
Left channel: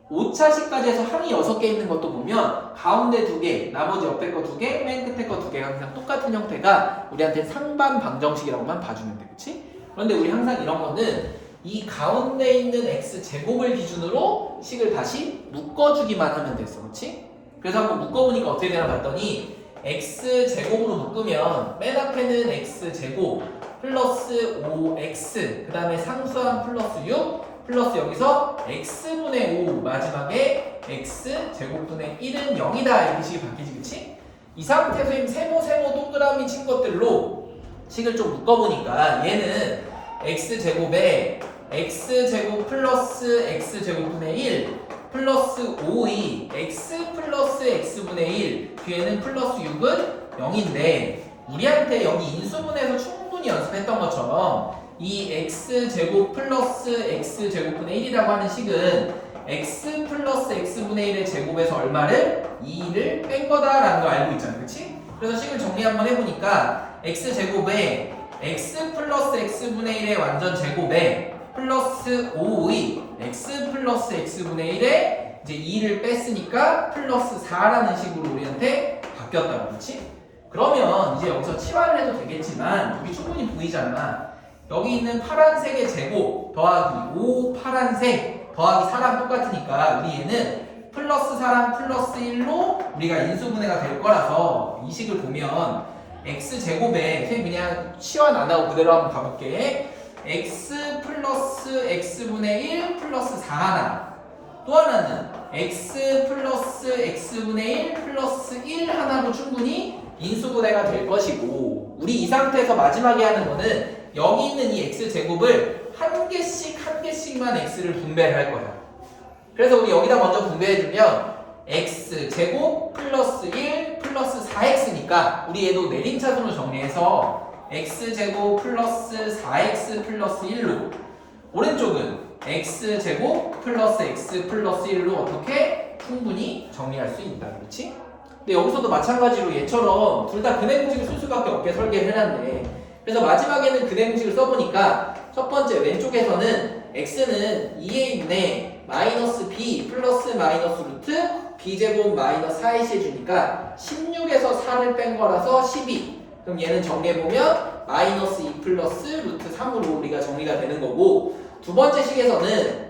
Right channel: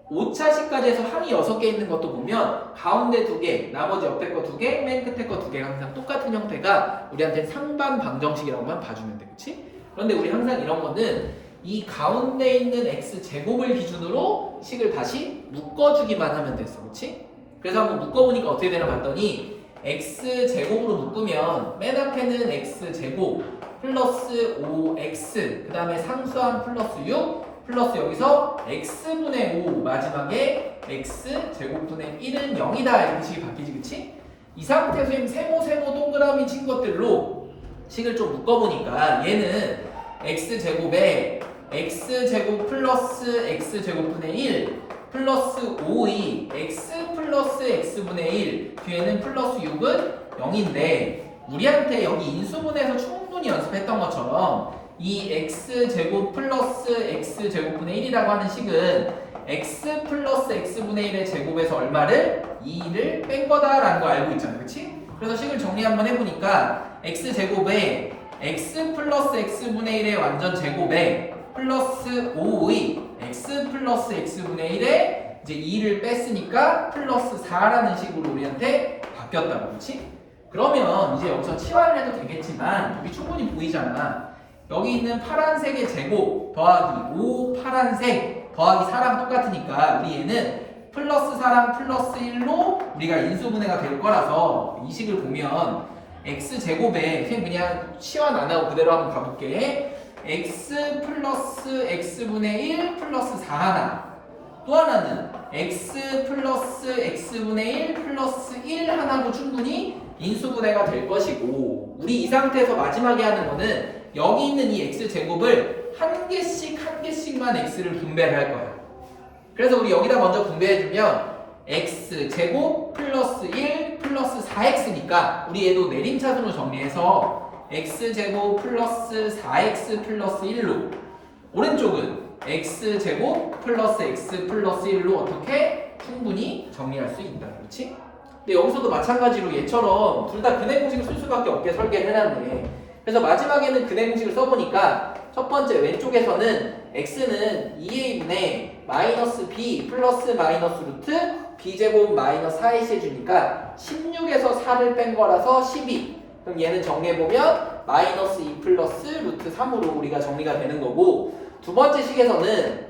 5차식까지 해서 항이 6개 있는 것도 보면 가운데 2개, 나머지 옆에 거 2개, 맨 끝에 거 2개가 항상 똑같은 형태가 우리한테는 상반 방정식이라고만 봐주면 돼. 그렇지? 그런데 우리 항상 이런 거는 이 가운데 있는 x제곱을 기준으로 식을 다시 묶어주기만 하면 됐어. 그렇지? 그래서 한번 묶어보니까 어떻게 되나 봤더니 x제곱으로 묶으면 맨 앞에는 x제곱 플러스 5x 그 다음에 상수항 플러스 6 플러스 여기서 x분의 5 마지막에 x제곱분의 1은 0이다 이렇게 식이 바뀌지 그치? 이 상태에서 세모 동그라미 친 것들로 식을 좀 묶어보니까 얘는 x제곱에 x제곱 플러스 x제곱분의 1 플러스 5이 x 플러스 x분의 1 뒤에는 플러스 6은 0인데 우리한테 여기 인수분해에서 충분히 연습했던 것처럼 이 x제곱 플러스 x제곱분의 1이라고 하는 식은 x 플러스 x분의 1의 제곱에서 얼마를? 2를 뺀 거다라는 거 알고 있잖아 그치? 그래서 식을 정리 한번 해보니까 x제곱에 x 플러스 x분의 1의 완전 제곱에 플러스 5의 x 플러스 x분의 1에 이제 2를 뺐으니까 플러스 4라는 식으로 우리한테 바뀌었다 그렇지? 그러면 이제 여기서 치환을 해도 되겠지만 여기 충분히 보이잖아. 여기 있는 파란색의 제곱 더하기 5 파란색 더하기 4랑 똑같으니까 우리 얘는 플러스 4랑 플러스 1로 우리가 인수분해가 될 거라서 이 식을 보면 x제곱에 그냥 치환 안 하고 그대로 한번 가볼게. x 플러스 x분의 1 플러스 4 하나 또 하나는 x 플러스 x분의 1 플러스 1 하나로 충분히 인수분해가 될 것이고 우리 이 상태에서 마지막에 하는 거는 여기 있는 이 x제곱을 한 개씩만 x를 분배를 할 거야. 그래서 우리 여기다 먼저 분배해주면 x제곱 플러스 1 플러스 4x니까 우리 얘도 내림차순으로 정리해서 x제곱 플러스 4x 플러스 1로 오른쪽은 x제곱 플러스 x 플러스 1로 어떻게 충분히 정리할 수 있다. 그렇지? 근데 여기서도 마찬가지로 얘처럼 둘 다 근해 공식을 쓸 수밖에 없게 설계를 해놨네. 그래서 마지막에는 근해 공식을 써보니까 첫 번째 왼쪽에서는 x는 2a분의 마이너스 b 플러스 마이너스 루트 b제곱 마이너스 4ac 해주니까 16에서 4를 뺀 거라서 12. 그럼 얘는 정리해보면 마이너스 2 플러스 루트 3으로 우리가 정리가 되는 거고 두 번째 식에서는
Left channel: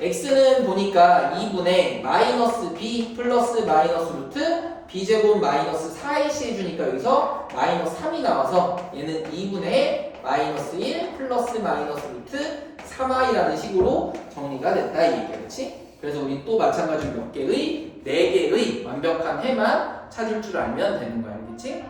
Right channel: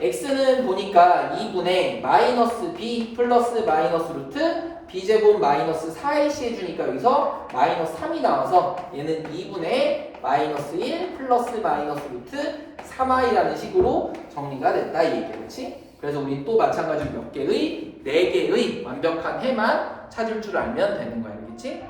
x는 보니까 2분의 마이너스 b 플러스 마이너스 루트 b제곱 마이너스 4ac 해주니까 여기서 마이너스 3이 나와서 얘는 2분의 마이너스 1 플러스 마이너스 루트 3i라는 식으로 정리가 됐다 이 얘기야. 그렇지? 그래서 우리 또 마찬가지로 몇 개의 4개의 완벽한 해만 찾을 줄 알면 되는 거야. 알겠지?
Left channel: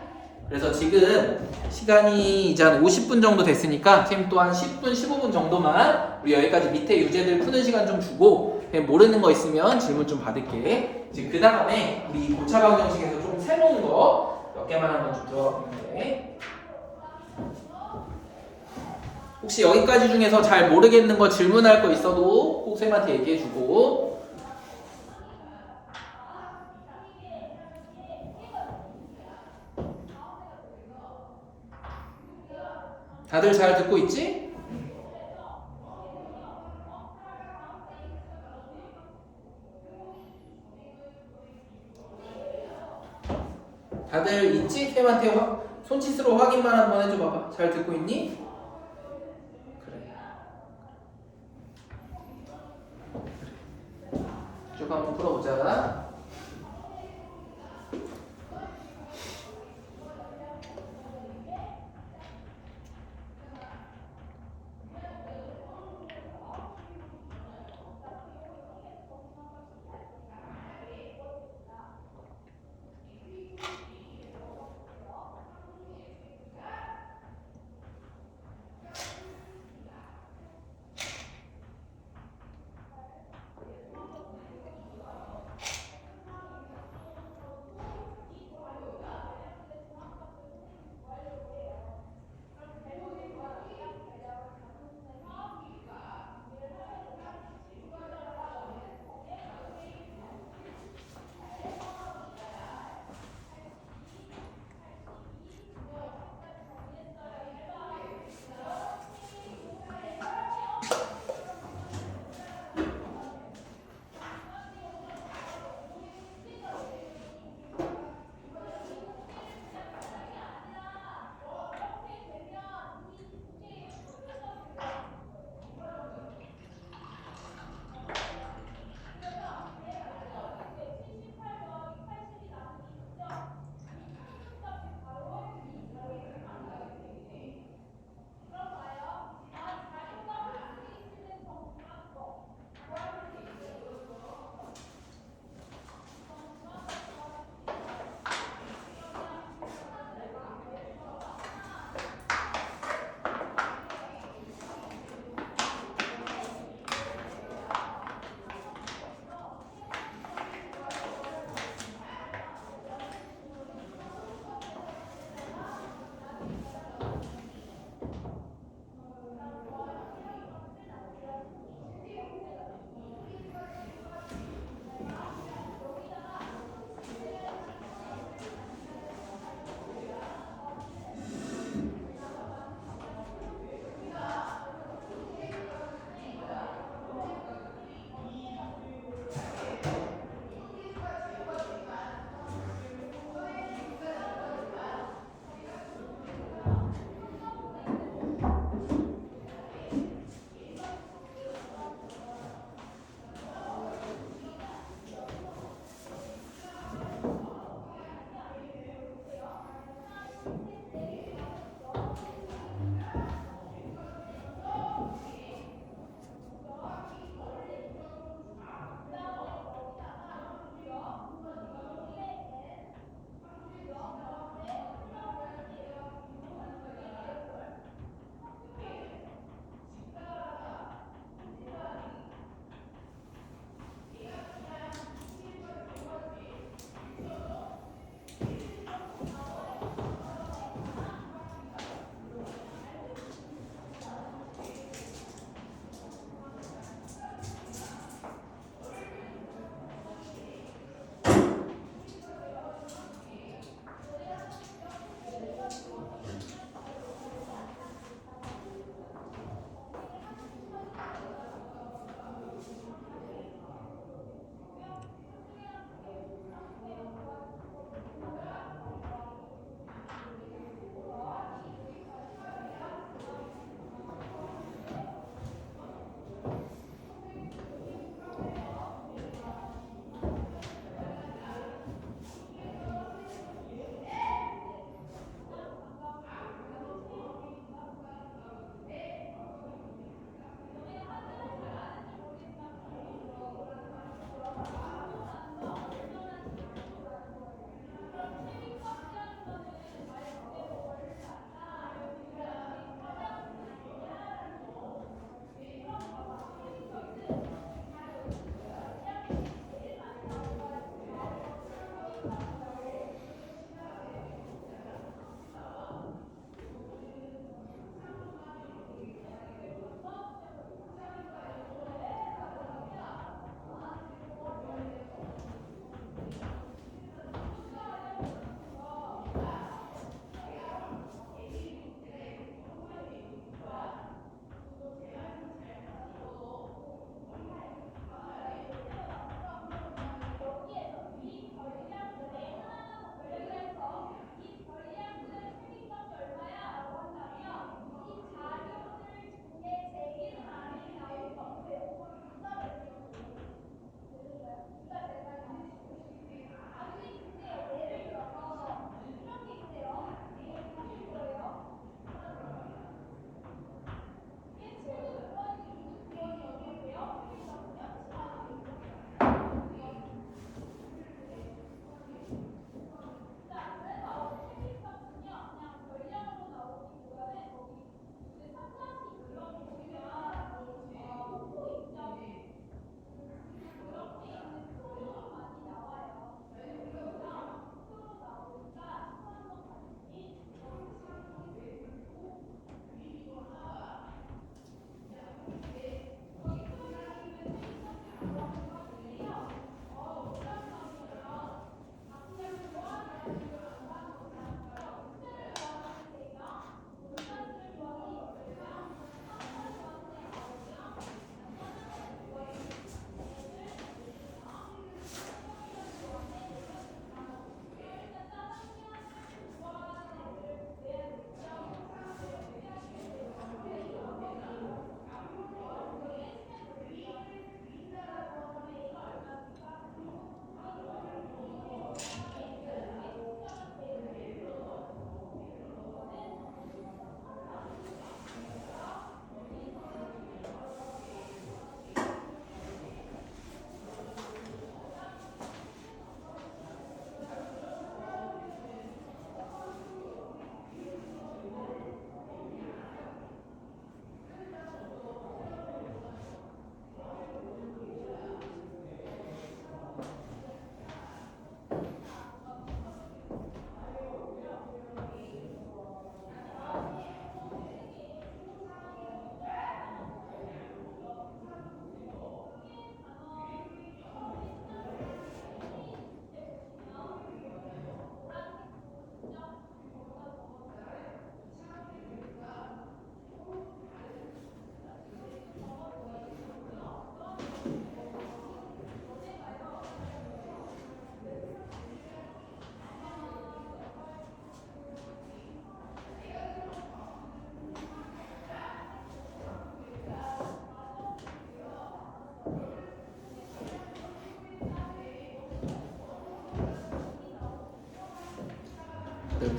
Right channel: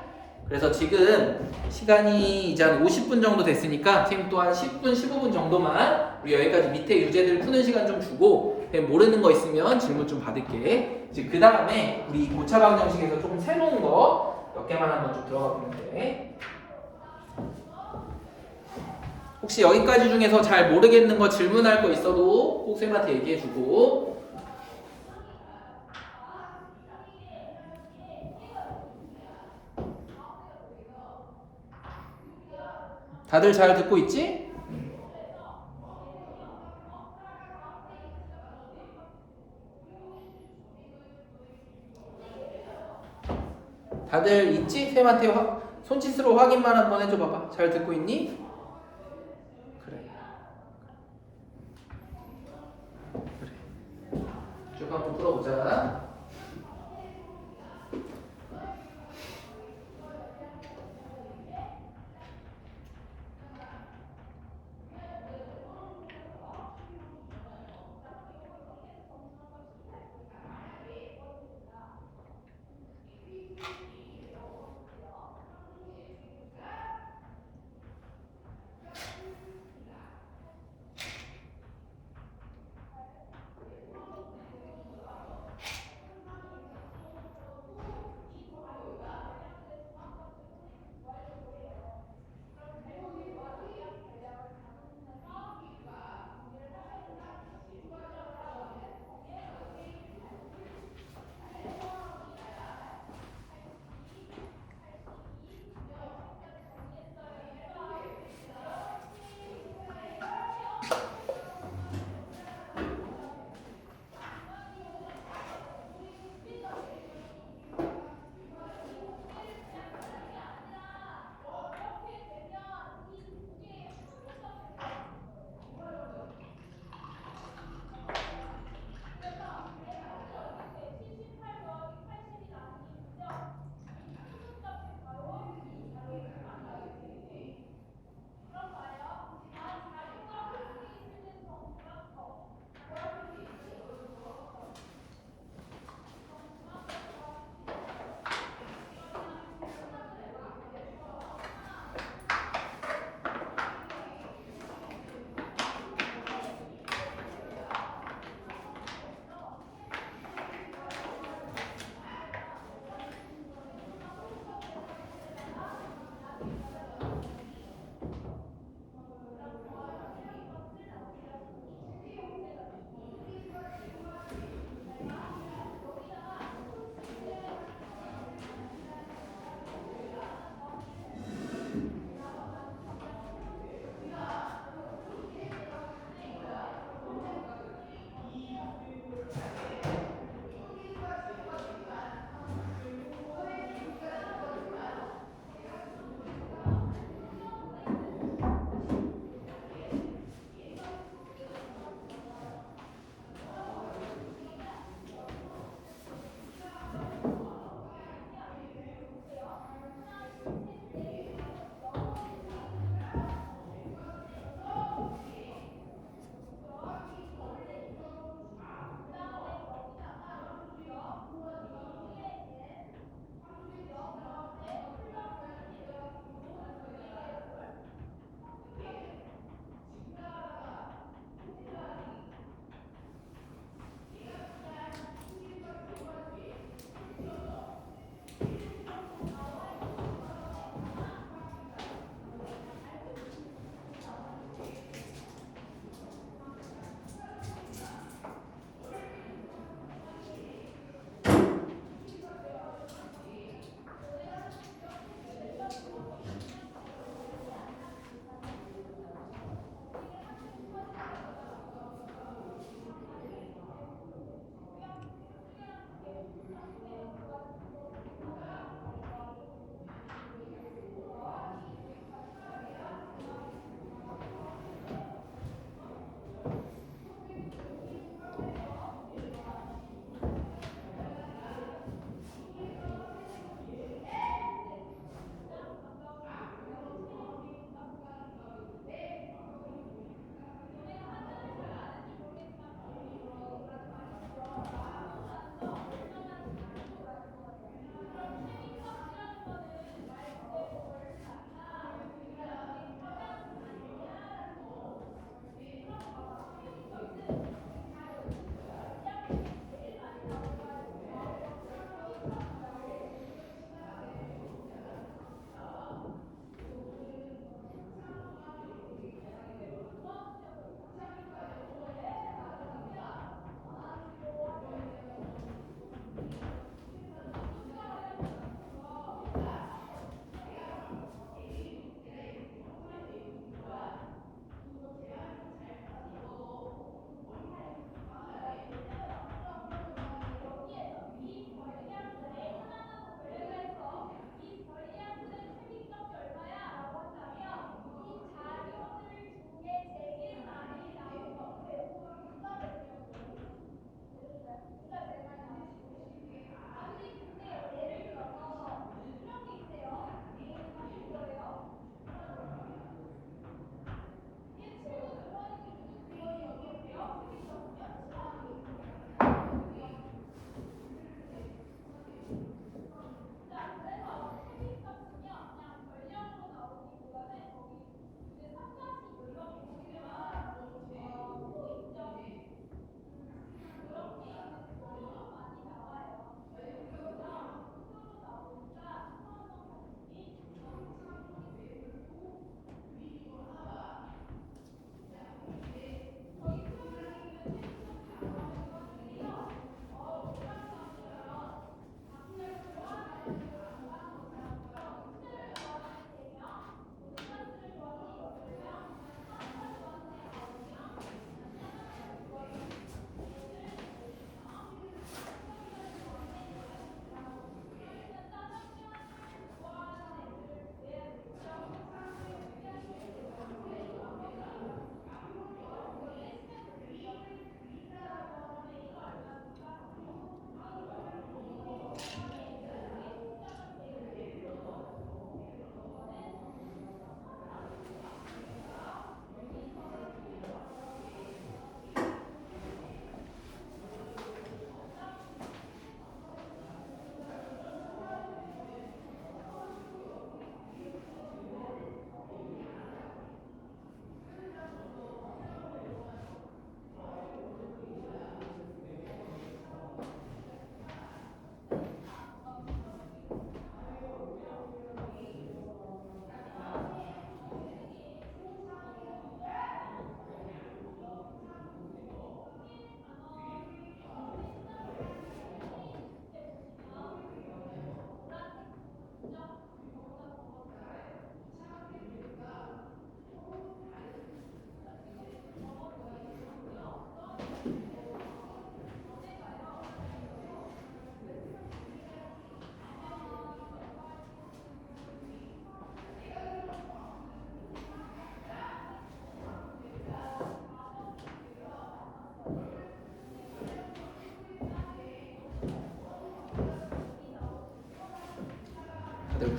그래서 지금 시간이 이제 한 50분 정도 됐으니까 지금 또 한 10분, 15분 정도만 우리 여기까지 밑에 유제들 푸는 시간 좀 주고 그냥 모르는 거 있으면 질문 좀 받을게. 이제 그 다음에 우리 고차 방정식에서 조금 새로운 거 몇 개만 한번 좀 들어가 보면 돼. 혹시 여기까지 중에서 잘 모르겠는 거 질문할 거 있어도 꼭 쌤한테 얘기해주고. 다들 잘 듣고 있지? 다들 있지? 쌤한테 손짓으로 확인만 한번 해줘 봐봐. 잘 듣고 있니? 그래. 쭉 한번 풀어보자.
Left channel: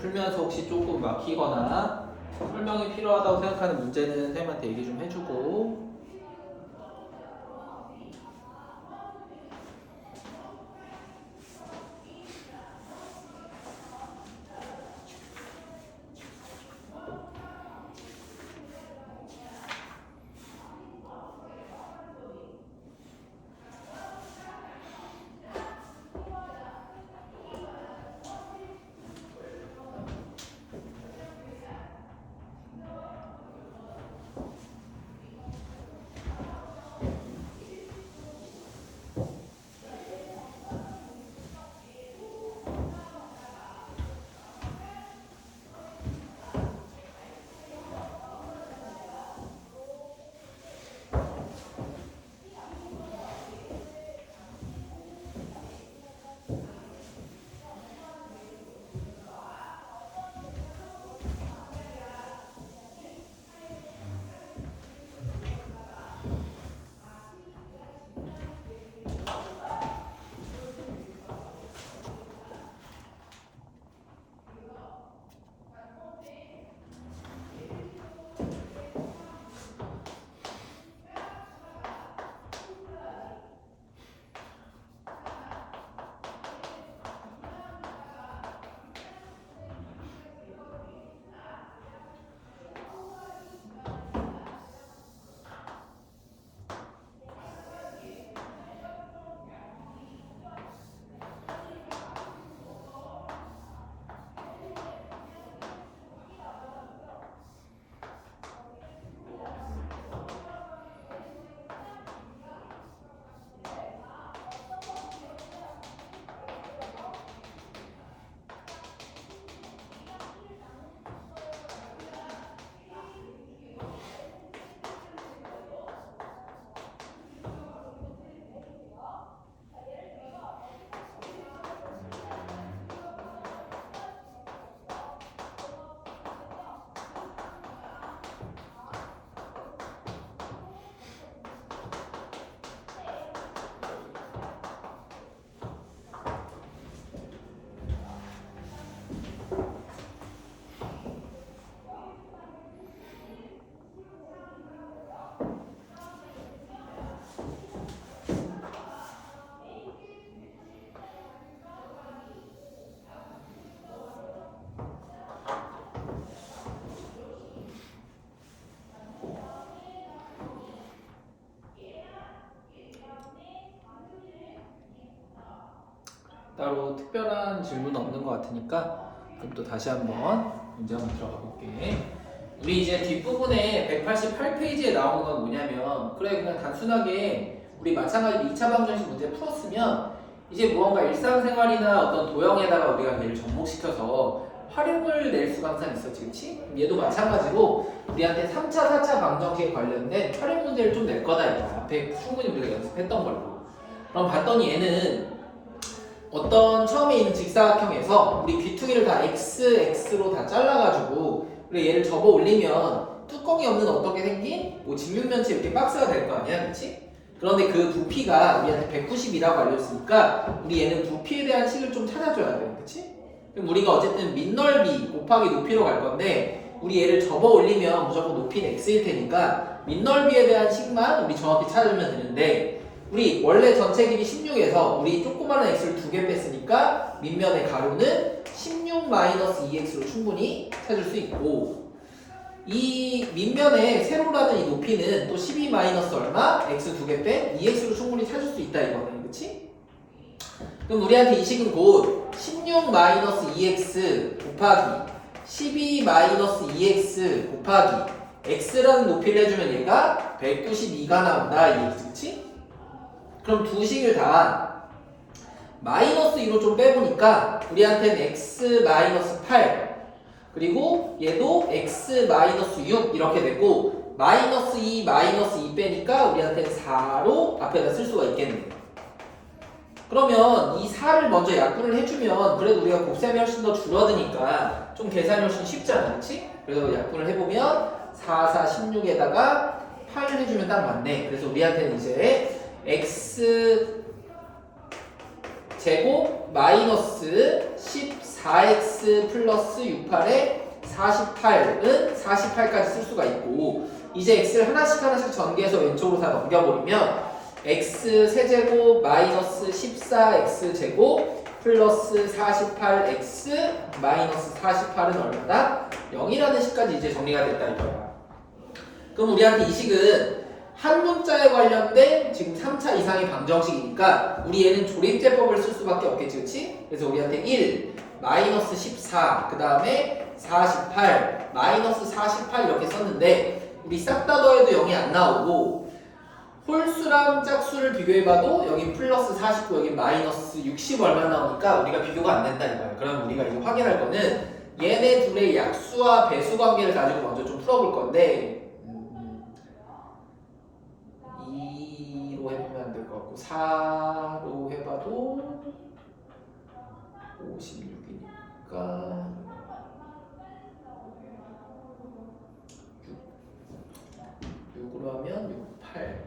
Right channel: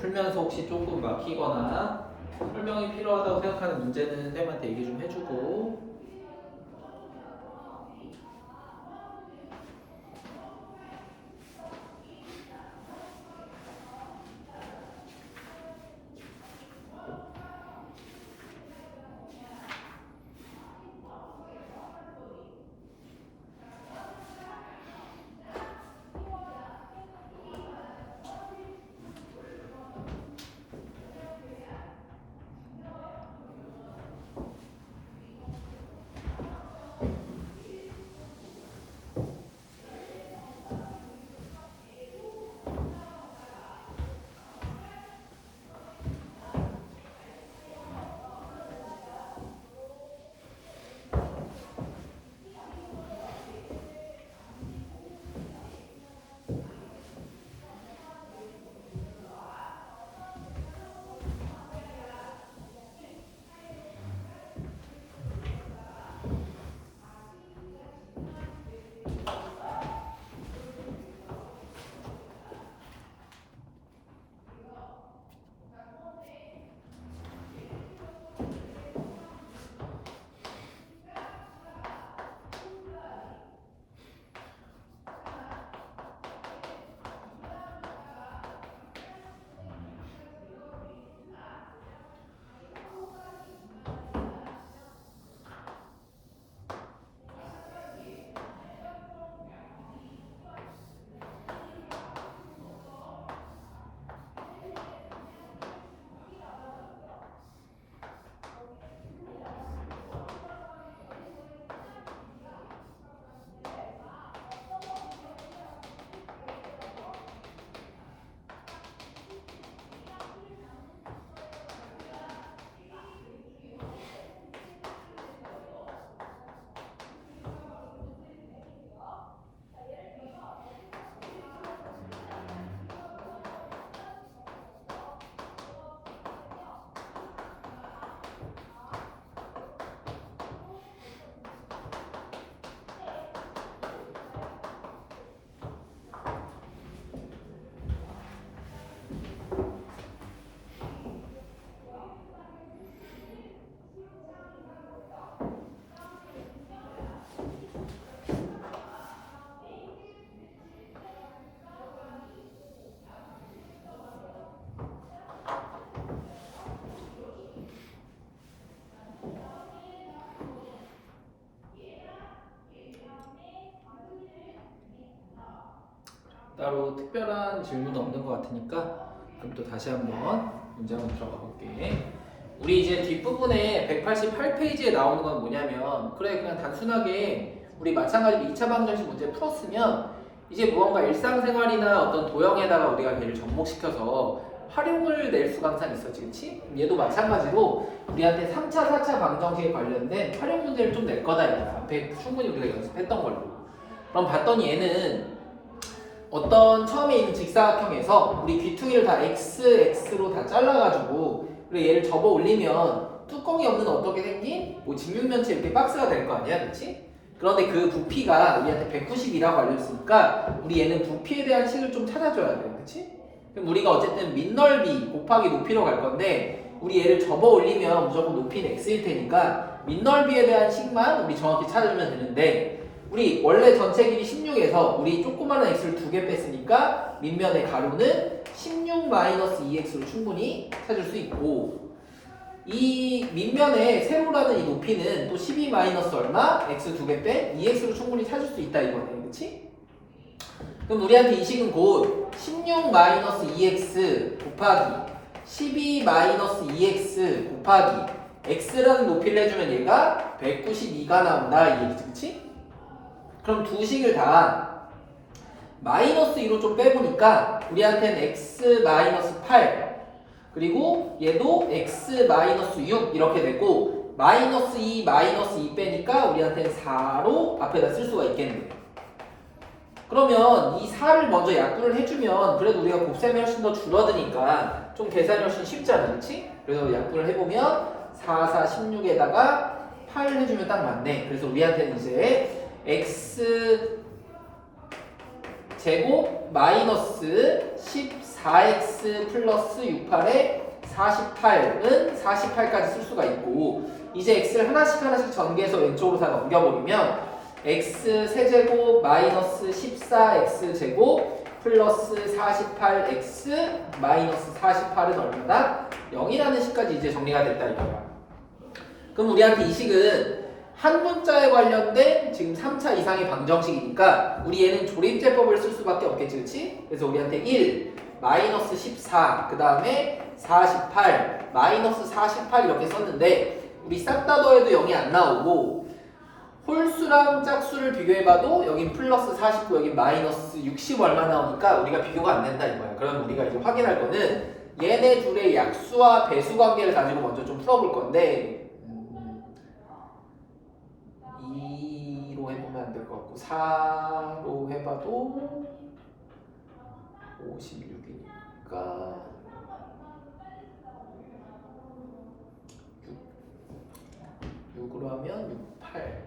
풀면서 혹시 조금 막히거나 설명이 필요하다고 생각하는 문제는 쌤한테 얘기 좀 해주고. 따로 특별한 질문은 없는 것 같으니까 그럼 또 다시 한번 문제 한번 들어가 볼게. 우리 이제 뒷부분에 188페이지에 나오는 건 뭐냐면, 그래 그냥 단순하게 우리 마찬가지로 2차 방정식 문제 풀었으면 이제 무언가 일상생활이나 어떤 도형에다가 우리가 얘를 접목시켜서 활용을 낼 수가 항상 있었지, 그치? 얘도 마찬가지로 우리한테 3차, 4차 방정식에 관련된 활용 문제를 좀 낼 거다 이거야. 앞에 충분히 우리가 연습했던 걸로. 그럼 봤더니 얘는 어떤 처음에 있는 직사각형에서 우리 귀퉁이를 다 x로 다 잘라가지고 우리 얘를 접어 올리면 뚜껑이 없는 어떻게 생긴 뭐 직육면체 이렇게 박스가 될 거 아니야, 그렇지? 그런데 그 부피가 우리한테 190이라고 알려줬으니까 우리 얘는 부피에 대한 식을 좀 찾아줘야 돼요, 그렇지? 그럼 우리가 어쨌든 밑넓이 곱하기 높이로 갈 건데 우리 얘를 접어 올리면 무조건 높이는 x일 테니까 밑넓이에 대한 식만 우리 정확히 찾아주면 되는데, 우리 원래 전체 길이 16에서 우리 조그마한 x를 2개 뺐으니까 밑면의 가로는 16-2x로 충분히 찾을 수 있고, 이 밑면에 세로라는 이 높이는 또 12 마이너스 얼마? x 2개 뺀 2x로 충분히 찾을 수 있다 이거네, 그치? 그럼 우리한테 이 식은 곧 16-2x 곱하기 12-2x 곱하기 x라는 높이를 해주면 얘가 192가 나온다, 이 얘기지, 그치? 그럼 두 식을 다 마이너스 2로 좀 빼보니까 우리한테는 x 마이너스 8 그리고 얘도 x 마이너스 6 이렇게 되고, 마이너스 2 마이너스 2 빼니까 우리한테는 4로 앞에다 쓸 수가 있겠네. 그러면 이 4를 먼저 약분을 해주면 그래도 우리가 곱셈이 훨씬 더 줄어드니까 좀 계산이 훨씬 쉽잖아, 그렇지? 그래서 약분을 해보면 4, 4, 16에다가 8 해주면 딱 맞네. 그래서 우리한테는 이제 x 제곱 마이너스 14x 플러스 68에 48은 48까지 쓸 수가 있고 이제 x를 하나씩 전개해서 왼쪽으로 다 넘겨버리면 x 세제곱 마이너스 14x 제곱 플러스 48x 마이너스 48은 얼마다? 0이라는 식까지 이제 정리가 됐다 이거야. 그럼 우리한테 이 식은 한 문자에 관련된 지금 3차 이상의 방정식이니까 우리 얘는 조립제법을 쓸 수밖에 없겠지, 그치? 그래서 우리한테 1, 마이너스 14, 그 다음에 48, 마이너스 48 이렇게 썼는데 우리 싹 다 더해도 0이 안 나오고 홀수랑 짝수를 비교해봐도 여긴 플러스 49, 여긴 마이너스 60 얼마 나오니까 우리가 비교가 안 된다 이거야. 그럼 우리가 이제 확인할 거는 얘네 둘의 약수와 배수 관계를 가지고 먼저 좀 풀어볼 건데 2로 해보면 안 될 것 같고 4로 해봐도 56이니까 6으로 하면 68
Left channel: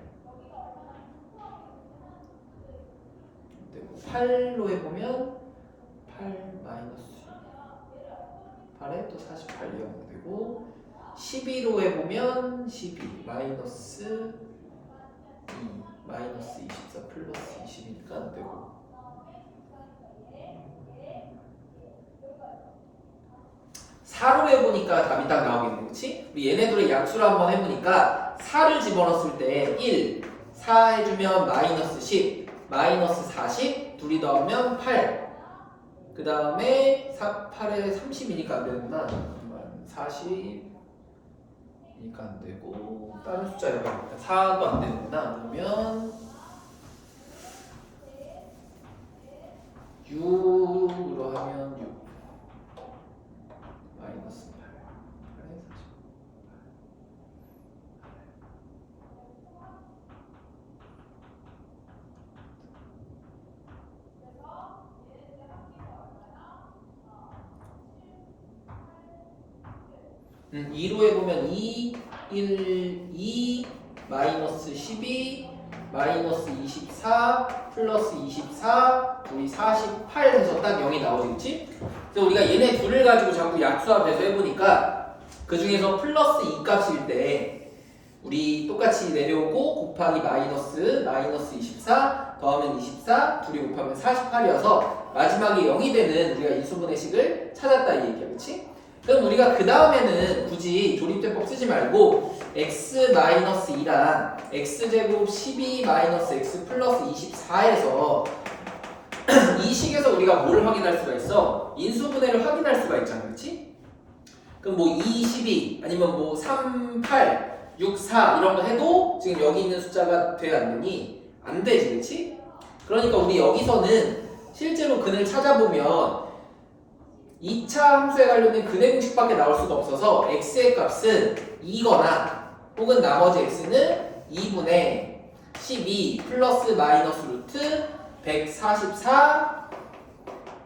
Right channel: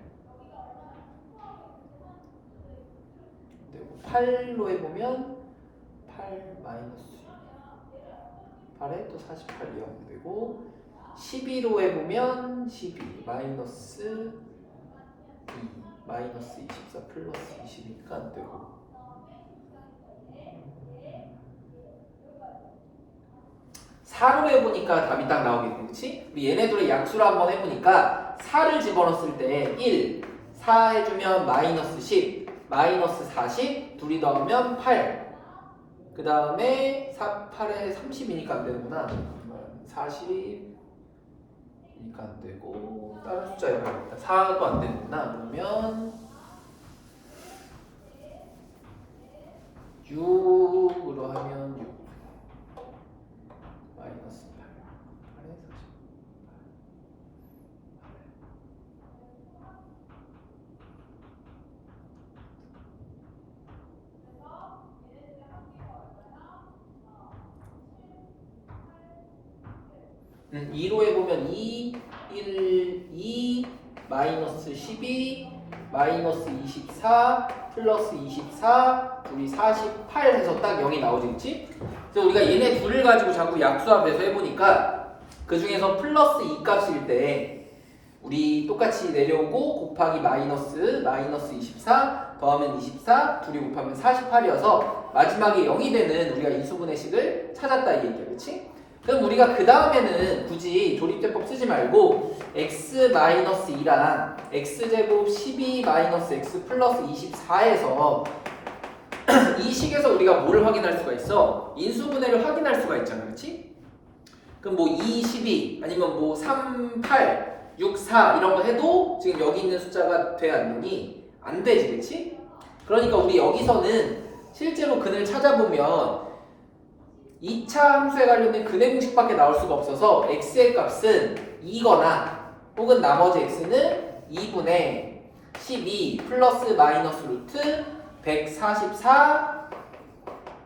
8로 해보면 8 마이너스 8에 또 48 이하면 되고 12로 해보면 12 마이너스 2 마이너스 24 플러스 20이니까 안 되고 4로 해보니까 답이 딱 나오겠네, 그치? 우리 얘네들의 약수를 한번 해보니까 4를 집어넣었을 때 1, 4 해주면 마이너스 10, 마이너스 40, 둘이 더하면 8. 그 다음에 8에 30이니까 안 되는구나. 40이니까 안 되고 다른 숫자 해봐야겠다. 4도 안 되는구나. 그러면 6으로 하면 6 마이너스 8 8에 40 2로 해보면 2, 1, 2, 마이너스 12, 마이너스 24, 플러스 24, 우리 48 해서 딱 0이 나오지, 그치? 그래서 우리가 얘네 둘을 가지고 자꾸 약수와 배수 해보니까 그 중에서 플러스 2 값일 때 우리 똑같이 내려오고 곱하기 마이너스 24 더하면 24 둘이 곱하면 48이어서 마지막에 0이 되는 우리가 이수분해 식을 찾았다 이 얘기야, 그치? 그럼 우리가 그 다음에는 굳이 조립제법 쓰지 말고 x-2랑 x제곱 12 x 플러스 24에서 이 식에서 우리가 뭘 확인할 수가 있어? 인수분해를 확인할 수가 있잖아, 그렇지? 그럼 뭐 2, 12 아니면 뭐 3, 8, 6, 4 이런 거 해도 지금 여기 있는 숫자가 돼 안 되니? 안 되지, 그렇지? 그러니까 우리 여기서는 실제로 근을 찾아보면 2차 함수에 관련된 근의 공식밖에 나올 수가 없어서 x의 값은 2거나 혹은 나머지 x는 2분의 12 플러스 마이너스 루트 144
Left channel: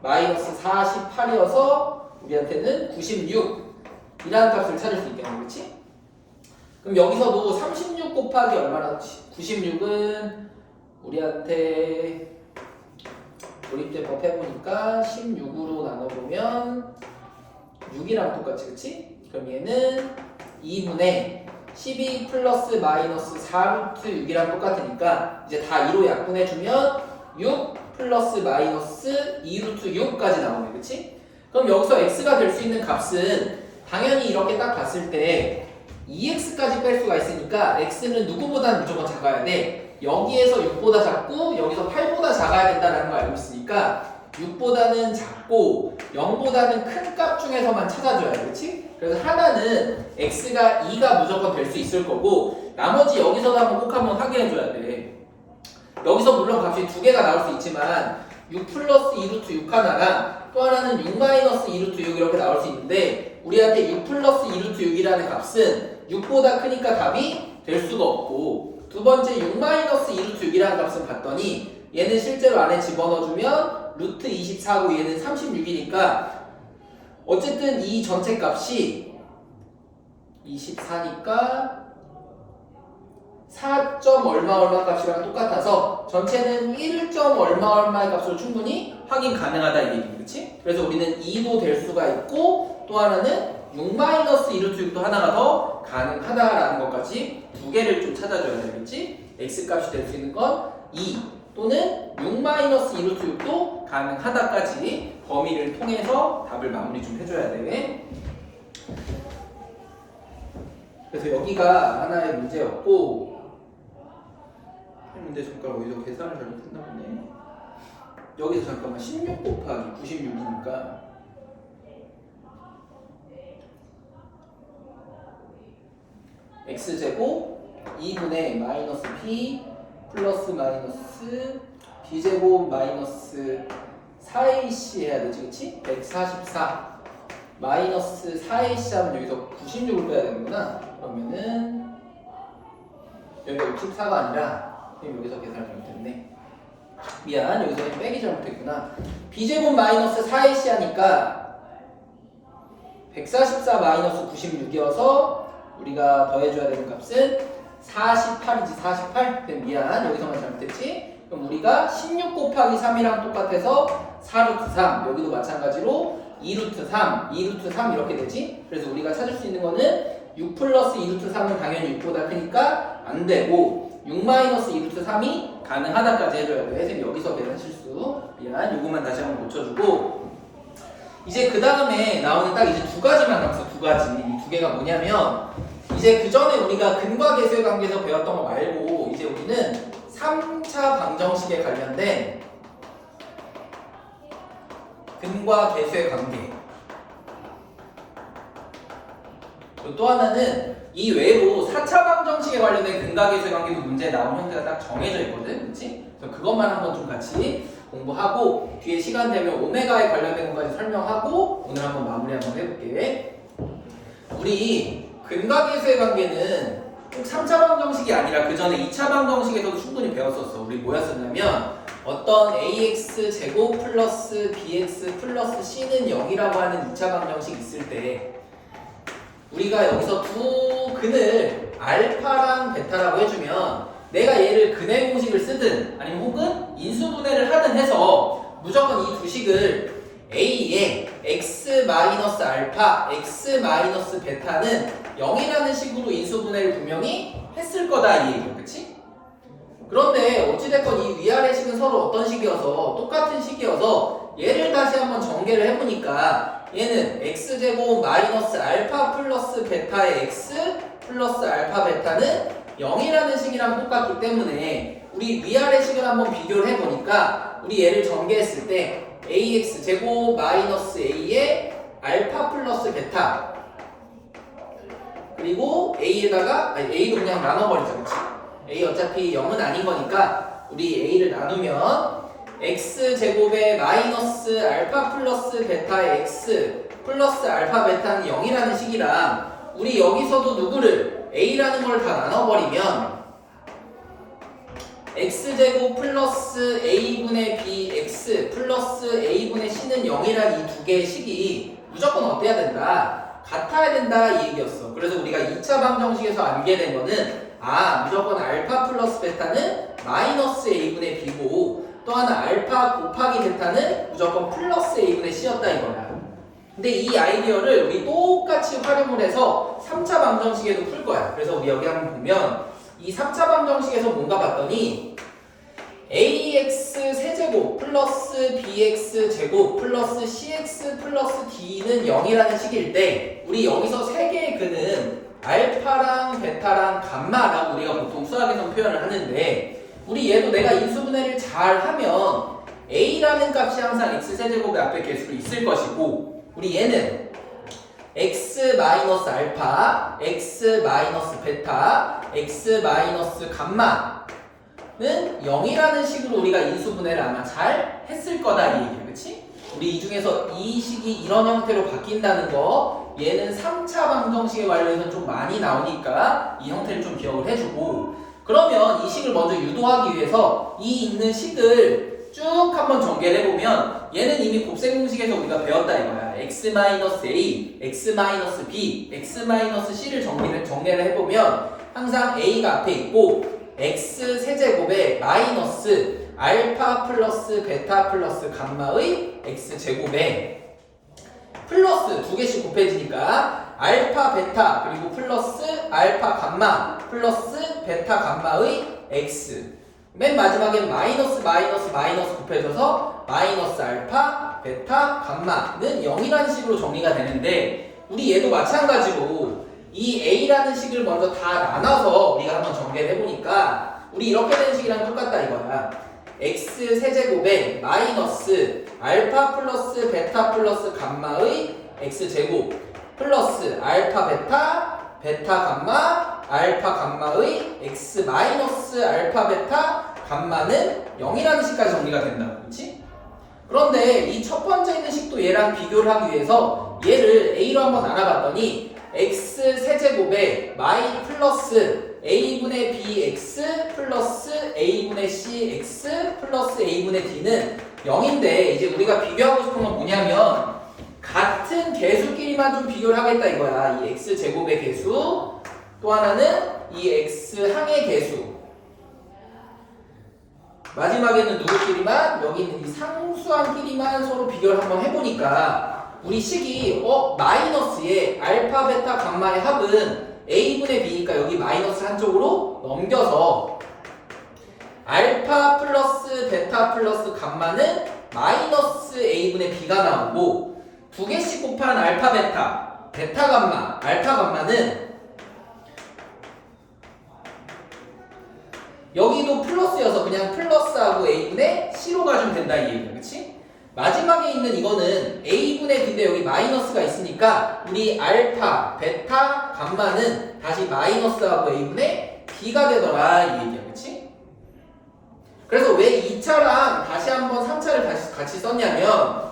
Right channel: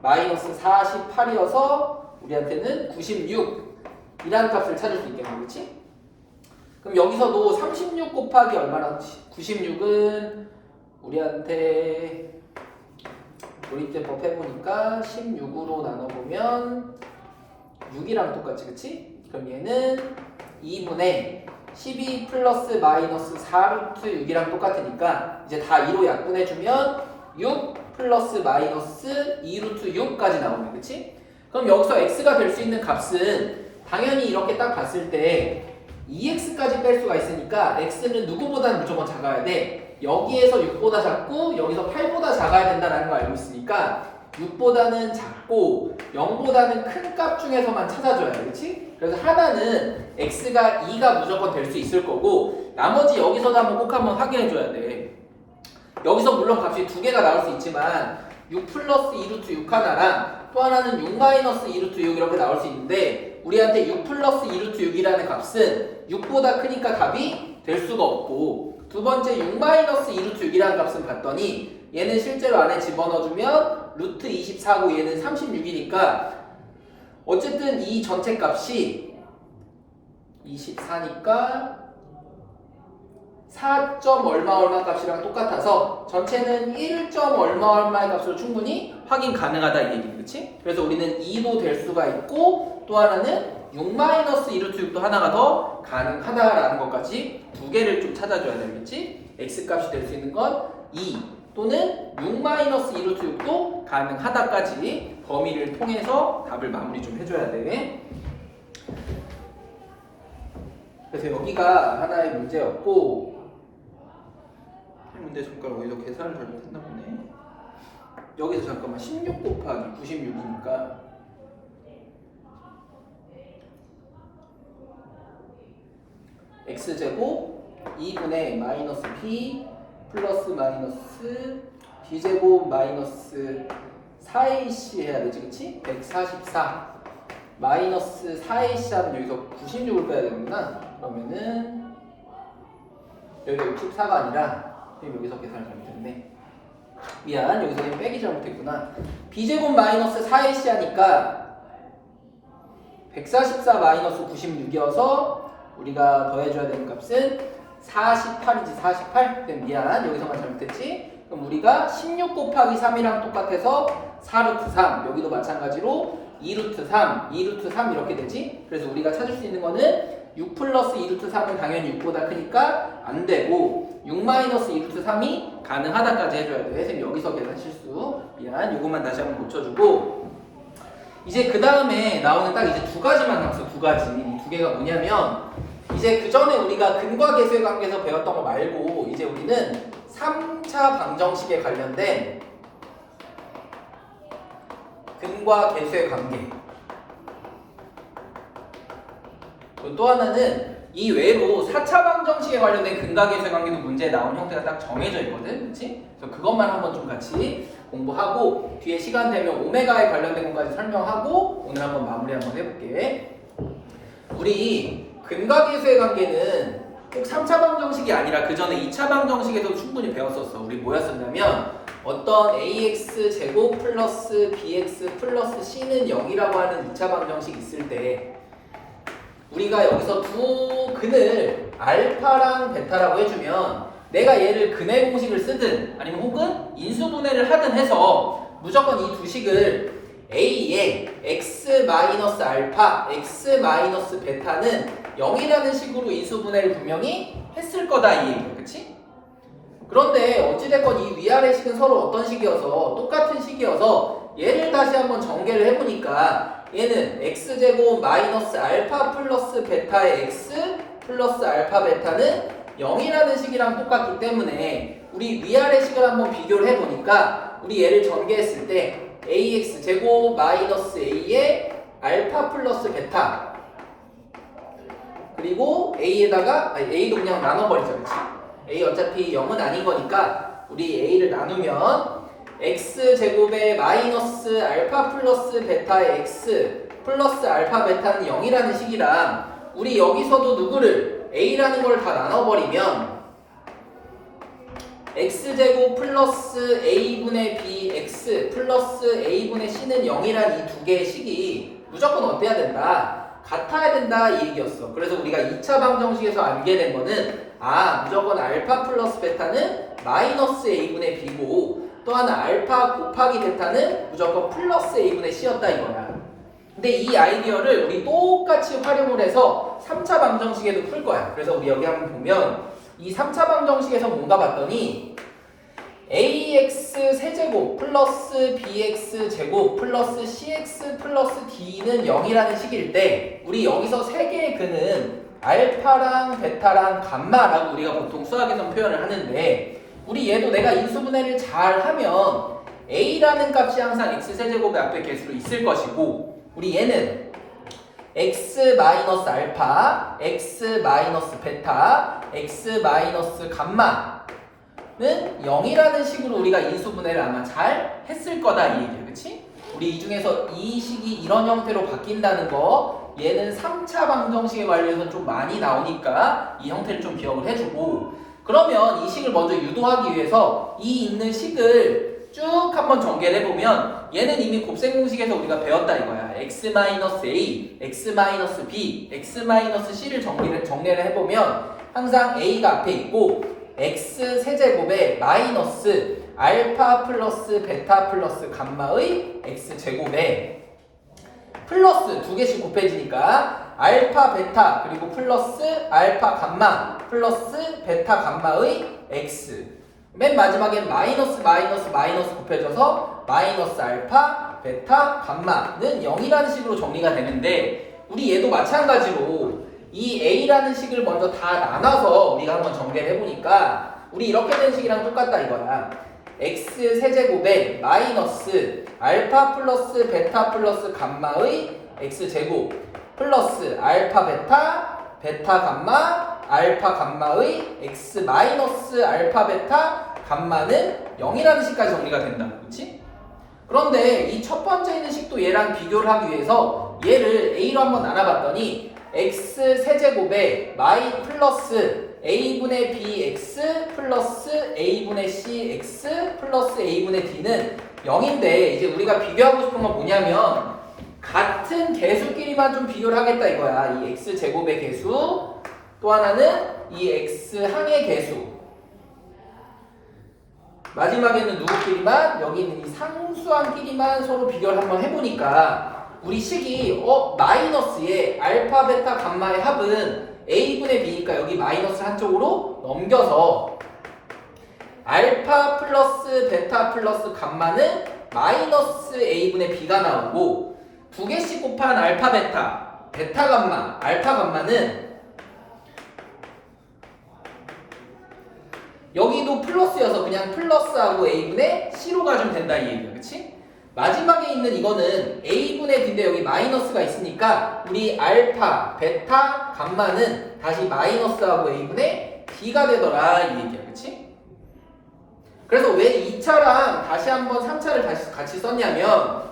마이너스 48이어서 우리한테는 96이라는 값을 찾을 수 있겠네, 그렇지? 그럼 여기서도 36 곱하기 얼마나 96은 우리한테 조립제법 해보니까 16으로 나눠보면 6이랑 똑같이, 그치? 그럼 얘는 2분의 12 플러스 마이너스 4루트 6이랑 똑같으니까 이제 다 2로 약분해주면 6 플러스 마이너스 2루트 6까지 나오네, 그치? 그럼 여기서 x가 될 수 있는 값은 당연히 이렇게 딱 봤을 때 2x까지 뺄 수가 있으니까 x는 누구보다는 무조건 작아야 돼. 여기에서 6보다 작고 여기서 8보다 작아야 된다는 걸 알고 있으니까 6보다는 작고 0보다는 큰 값 중에서만 찾아줘야 돼, 그렇지? 그래서 하나는 x가 2가 무조건 될 수 있을 거고 나머지 여기서도 한번 확인해줘야 돼. 여기서 물론 값이 두 개가 나올 수 있지만 6 플러스 2루트 6 하나랑 또 하나는 6 마이너스 2루트 6 이렇게 나올 수 있는데 우리한테 6 플러스 2루트 6이라는 값은 6보다 크니까 답이 될 수가 없고 두 번째 6 마이너스 2루트 6이라는 값은 봤더니 얘는 실제로 안에 집어넣어주면 루트 24고 얘는 36이니까 어쨌든 이 전체 값이 24니까 4. 얼마 값이랑 똑같아서 전체는 1. 얼마의 값으로 충분히 확인 가능하다 이 얘기, 그치? 그래서 우리는 2도 될 수가 있고 또 하나는 6-2루트 6도 하나가 더 가능하다라는 것까지 두 개를 좀 찾아줘야 되겠지? x값이 될 수 있는 건 2 또는 6-2루트 6도 가능하다까지 범위를 통해서 답을 마무리 좀 해줘야 돼. 그래서 여기가 하나의 문제였고 문제 손가락 어디서 계산을 잘못했나 보네. 여기서 잠깐만 16 곱하기 96이니까 x제곱 2분의 마이너스 b 플러스 마이너스 b제곱 마이너스 4ac 해야 되지, 그치? 144 마이너스 4ac 하면 여기서 96을 빼야 되는구나. 그러면은 여기가 64가 아니라 여기서 계산을 잘못했네. 미안, 여기서 빼기 잘못했구나. b제곱 마이너스 4ac 하니까 144 마이너스 96이어서 우리가 더해줘야 되는 값은 48이지. 48? 미안, 여기서만 잘못했지. 그럼 우리가 16 곱하기 3이랑 똑같아서 4루트 3, 여기도 마찬가지로 2루트 3, 2루트 3 이렇게 되지. 그래서 우리가 찾을 수 있는 거는 6 플러스 2루트 3은 당연히 6보다 크니까 안 되고 6 마이너스 2루트 3이 가능하다까지 해줘야 돼. 선생님 여기서 계산 실수. 미안, 요것만 다시 한번 고쳐주고 이제 그 다음에 나오는 딱 이제 두 가지만 남았어. 두 가지. 이 두 개가 뭐냐면 이제 그 전에 우리가 근과 계수의 관계에서 배웠던 거 말고 이제 우리는 3차 방정식에 관련된 근과 계수의 관계. 또 하나는 이 외로 4차 방정식에 관련된 근과 계수의 관계도 문제에 나온 형태가 딱 정해져 있거든. 그렇지? 그래서 그것만 한번 좀 같이 공부하고 뒤에 시간 되면 오메가에 관련된 것까지 설명하고 오늘 한번 마무리 한번 해볼게. 우리 근과 계수의 관계는 꼭 3차 방정식이 아니라 그 전에 2차 방정식에서도 충분히 배웠었어. 우리 뭐였었냐면 어떤 ax 제곱 플러스 bx 플러스 c는 0이라고 하는 2차 방정식 있을 때 우리가 여기서 두 근을 알파랑 베타라고 해주면 내가 얘를 근의 공식을 쓰든 아니면 혹은 인수분해를 하든 해서 무조건 이 두 식을 a에 x-알파, x-베타는 0이라는 식으로 인수분해를 분명히 했을 거다 이 얘기죠. 그치? 그런데 어찌됐건 이 위아래 식은 서로 어떤 식이어서 똑같은 식이어서 얘를 다시 한번 전개를 해보니까 얘는 x제곱 마이너스 알파 플러스 베타의 x 플러스 알파 베타는 0이라는 식이랑 똑같기 때문에 우리 위아래 식을 한번 비교를 해보니까 우리 얘를 전개했을 때 ax 제곱 마이너스 a의 알파 플러스 베타 그리고 a에다가 a도 그냥 나눠버리자. 그치? a 어차피 0은 아닌 거니까 우리 a를 나누면 x 제곱의 마이너스 알파 플러스 베타의 x 플러스 알파 베타는 0이라는 식이랑 우리 여기서도 누구를 a라는 걸 다 나눠버리면 x제곱 플러스 a분의 bx 플러스 a분의 c는 0이란 이 두 개의 식이 무조건 어때야 된다? 같아야 된다 이 얘기였어. 그래서 우리가 2차 방정식에서 알게 된 거는 무조건 알파 플러스 베타는 마이너스 a분의 b고 또 하나 알파 곱하기 베타는 무조건 플러스 a분의 c였다 이거야. 근데 이 아이디어를 우리 똑같이 활용을 해서 3차 방정식에도 풀 거야. 그래서 우리 여기 한번 보면 이 3차 방정식에서 뭔가 봤더니 ax 세제곱 플러스 bx 제곱 플러스 cx 플러스 d는 0이라는 식일 때 우리 여기서 세 개의 근은 알파랑 베타랑 감마라고 우리가 보통 수학에서 표현을 하는데 우리 얘도 내가 인수분해를 잘 하면 a라는 값이 항상 x 세제곱의 앞에 개수로 있을 것이고 우리 얘는 x 마이너스 알파, x 마이너스 베타, x 마이너스 감마는 0이라는 식으로 우리가 인수분해를 아마 잘 했을 거다 이 얘기야. 그치? 우리 이 중에서 이 식이 이런 형태로 바뀐다는 거 얘는 3차 방정식에 관련해서 좀 많이 나오니까 이 형태를 좀 기억을 해주고 그러면 이 식을 먼저 유도하기 위해서 이 있는 식을 쭉 한번 전개를 해보면 얘는 이미 곱셈 공식에서 우리가 배웠다 이거야. x-a, x-b, x-c를 정리를 해보면 항상 a가 앞에 있고 x 세제곱에 마이너스 알파 플러스 베타 플러스 감마의 x제곱에 플러스 두 개씩 곱해지니까 알파 베타 그리고 플러스 알파 감마 플러스 베타 감마의 x 맨 마지막에 마이너스 마이너스 마이너스 곱해져서 마이너스 알파 베타 감마는 0이라는 식으로 정리가 되는데 우리 얘도 마찬가지로 이 a라는 식을 먼저 다 나눠서 우리가 한번 정리를 해보니까 우리 이렇게 된 식이랑 똑같다 이거야. x 세제곱에 마이너스 알파 플러스 베타 플러스 감마의 x제곱 플러스 알파 베타 베타 감마 알파 감마의 x 마이너스 알파 베타 감마는 0이라는 식까지 정리가 된다. 그렇지? 그런데 이 첫 번째 있는 식도 얘랑 비교를 하기 위해서 얘를 a로 한번 나눠봤더니 x 세제곱에 마이 플러스 a분의 bx 플러스 a분의 cx 플러스 a분의 d는 0인데 이제 우리가 비교하고 싶은 건 뭐냐면 같은 개수끼리만 좀 비교를 하겠다 이거야. 이 x제곱의 개수 또 하나는 이 x항의 개수 마지막에는 누구끼리만 여기는 이 상수항끼리만 서로 비교를 한번 해보니까 우리 식이 마이너스의 알파 베타 감마의 합은 a분의 b니까 여기 마이너스 한쪽으로 넘겨서 알파 플러스 베타 플러스 감마는 마이너스 a분의 b가 나오고 두 개씩 곱한 알파 베타 베타 감마 알파 감마는 여기도 플러스여서 그냥 플러스하고 a분의 c로 가주면 된다 이 얘기야. 그치? 마지막에 있는 이거는 a분의 b인데 여기 마이너스가 있으니까 우리 알파, 베타, 감마는 다시 마이너스하고 a분의 b가 되더라 이 얘기야. 그치? 그래서 왜 2차랑 다시 한번 3차를 다시 같이 썼냐면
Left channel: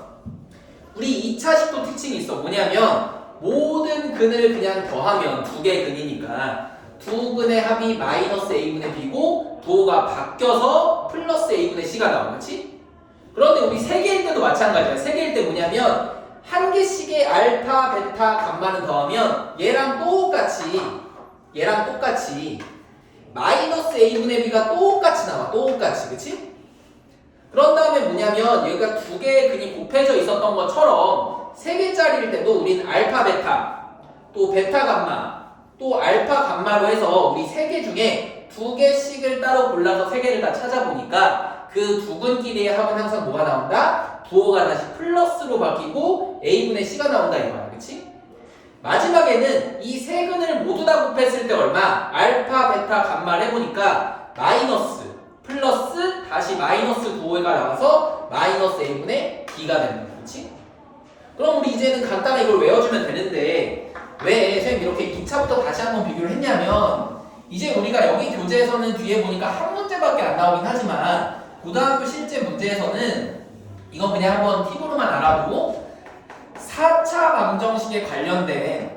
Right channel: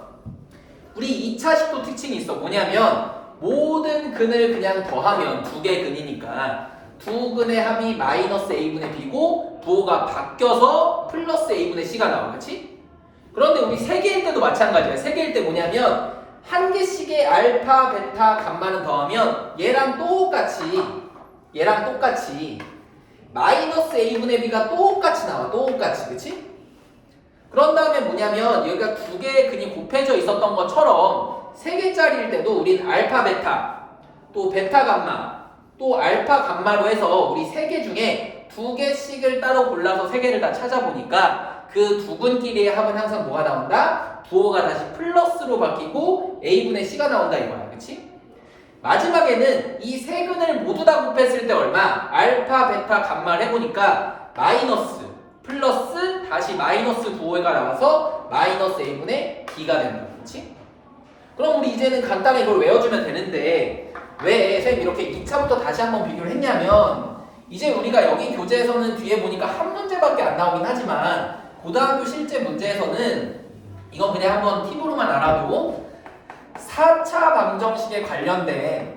우리 2차 식도 특징이 있어. 뭐냐면 모든 근을 그냥 더하면 두 개 근이니까 두 근의 합이 마이너스 a분의 b고 부호가 바뀌어서 플러스 a분의 c가 나와. 그렇지? 그런데 우리 세 개일 때도 마찬가지야. 세 개일 때 뭐냐면 한 개씩의 알파, 베타, 감마는 더하면 얘랑 똑같이 마이너스 a분의 b가 똑같이 나와. 똑같이. 그렇지? 그런 다음에 뭐냐면 여기가 두 개의 근이 곱해져 있었던 것처럼 세 개짜리일 때도 우린 알파, 베타, 또 베타, 감마 또 알파 감마로 해서 우리 세 개 중에 두 개씩을 따로 골라서 세 개를 다 찾아보니까 그 두 근끼리의 합은 항상 뭐가 나온다? 부호가 다시 플러스로 바뀌고 a분의 c가 나온다 이거야. 그치? 마지막에는 이 세 근을 모두 다 곱했을 때 얼마? 알파, 베타, 감마를 해보니까 마이너스, 플러스, 다시 마이너스 부호가 나와서 마이너스 a분의 b가 된다. 그치? 그럼 우리 이제는 간단히 이걸 외워주면 되는데 왜 선생님 이렇게 2차부터 다시 한번 비교를 했냐면 이제 우리가 여기 교재에서는 뒤에 보니까 한 문제밖에 안 나오긴 하지만 고등학교 실제 문제에서는 이건 그냥 한번 팁으로만 알아도 4차 방정식에 관련된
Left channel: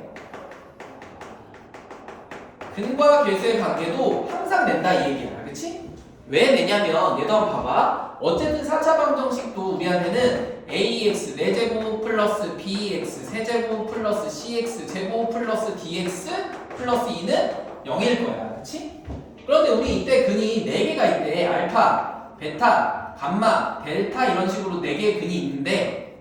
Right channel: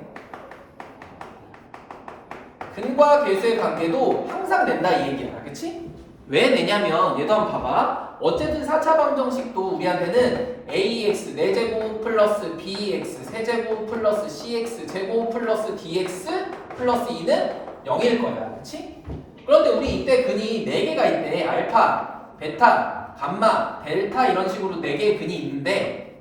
근과 계수의 관계도 항상 낸다 이 얘기야. 그치? 왜 내냐면 얘도 한번 봐봐. 어쨌든 4차 방정식도 우리한테는 ax 4제곱 플러스 bx 세제곱 플러스 cx 제곱 플러스 dx 플러스 2는 0일 거야. 그치? 그런데 우리 이때 근이 4개가 있대. 알파, 베타, 감마, 델타 이런 식으로 4개의 근이 있는데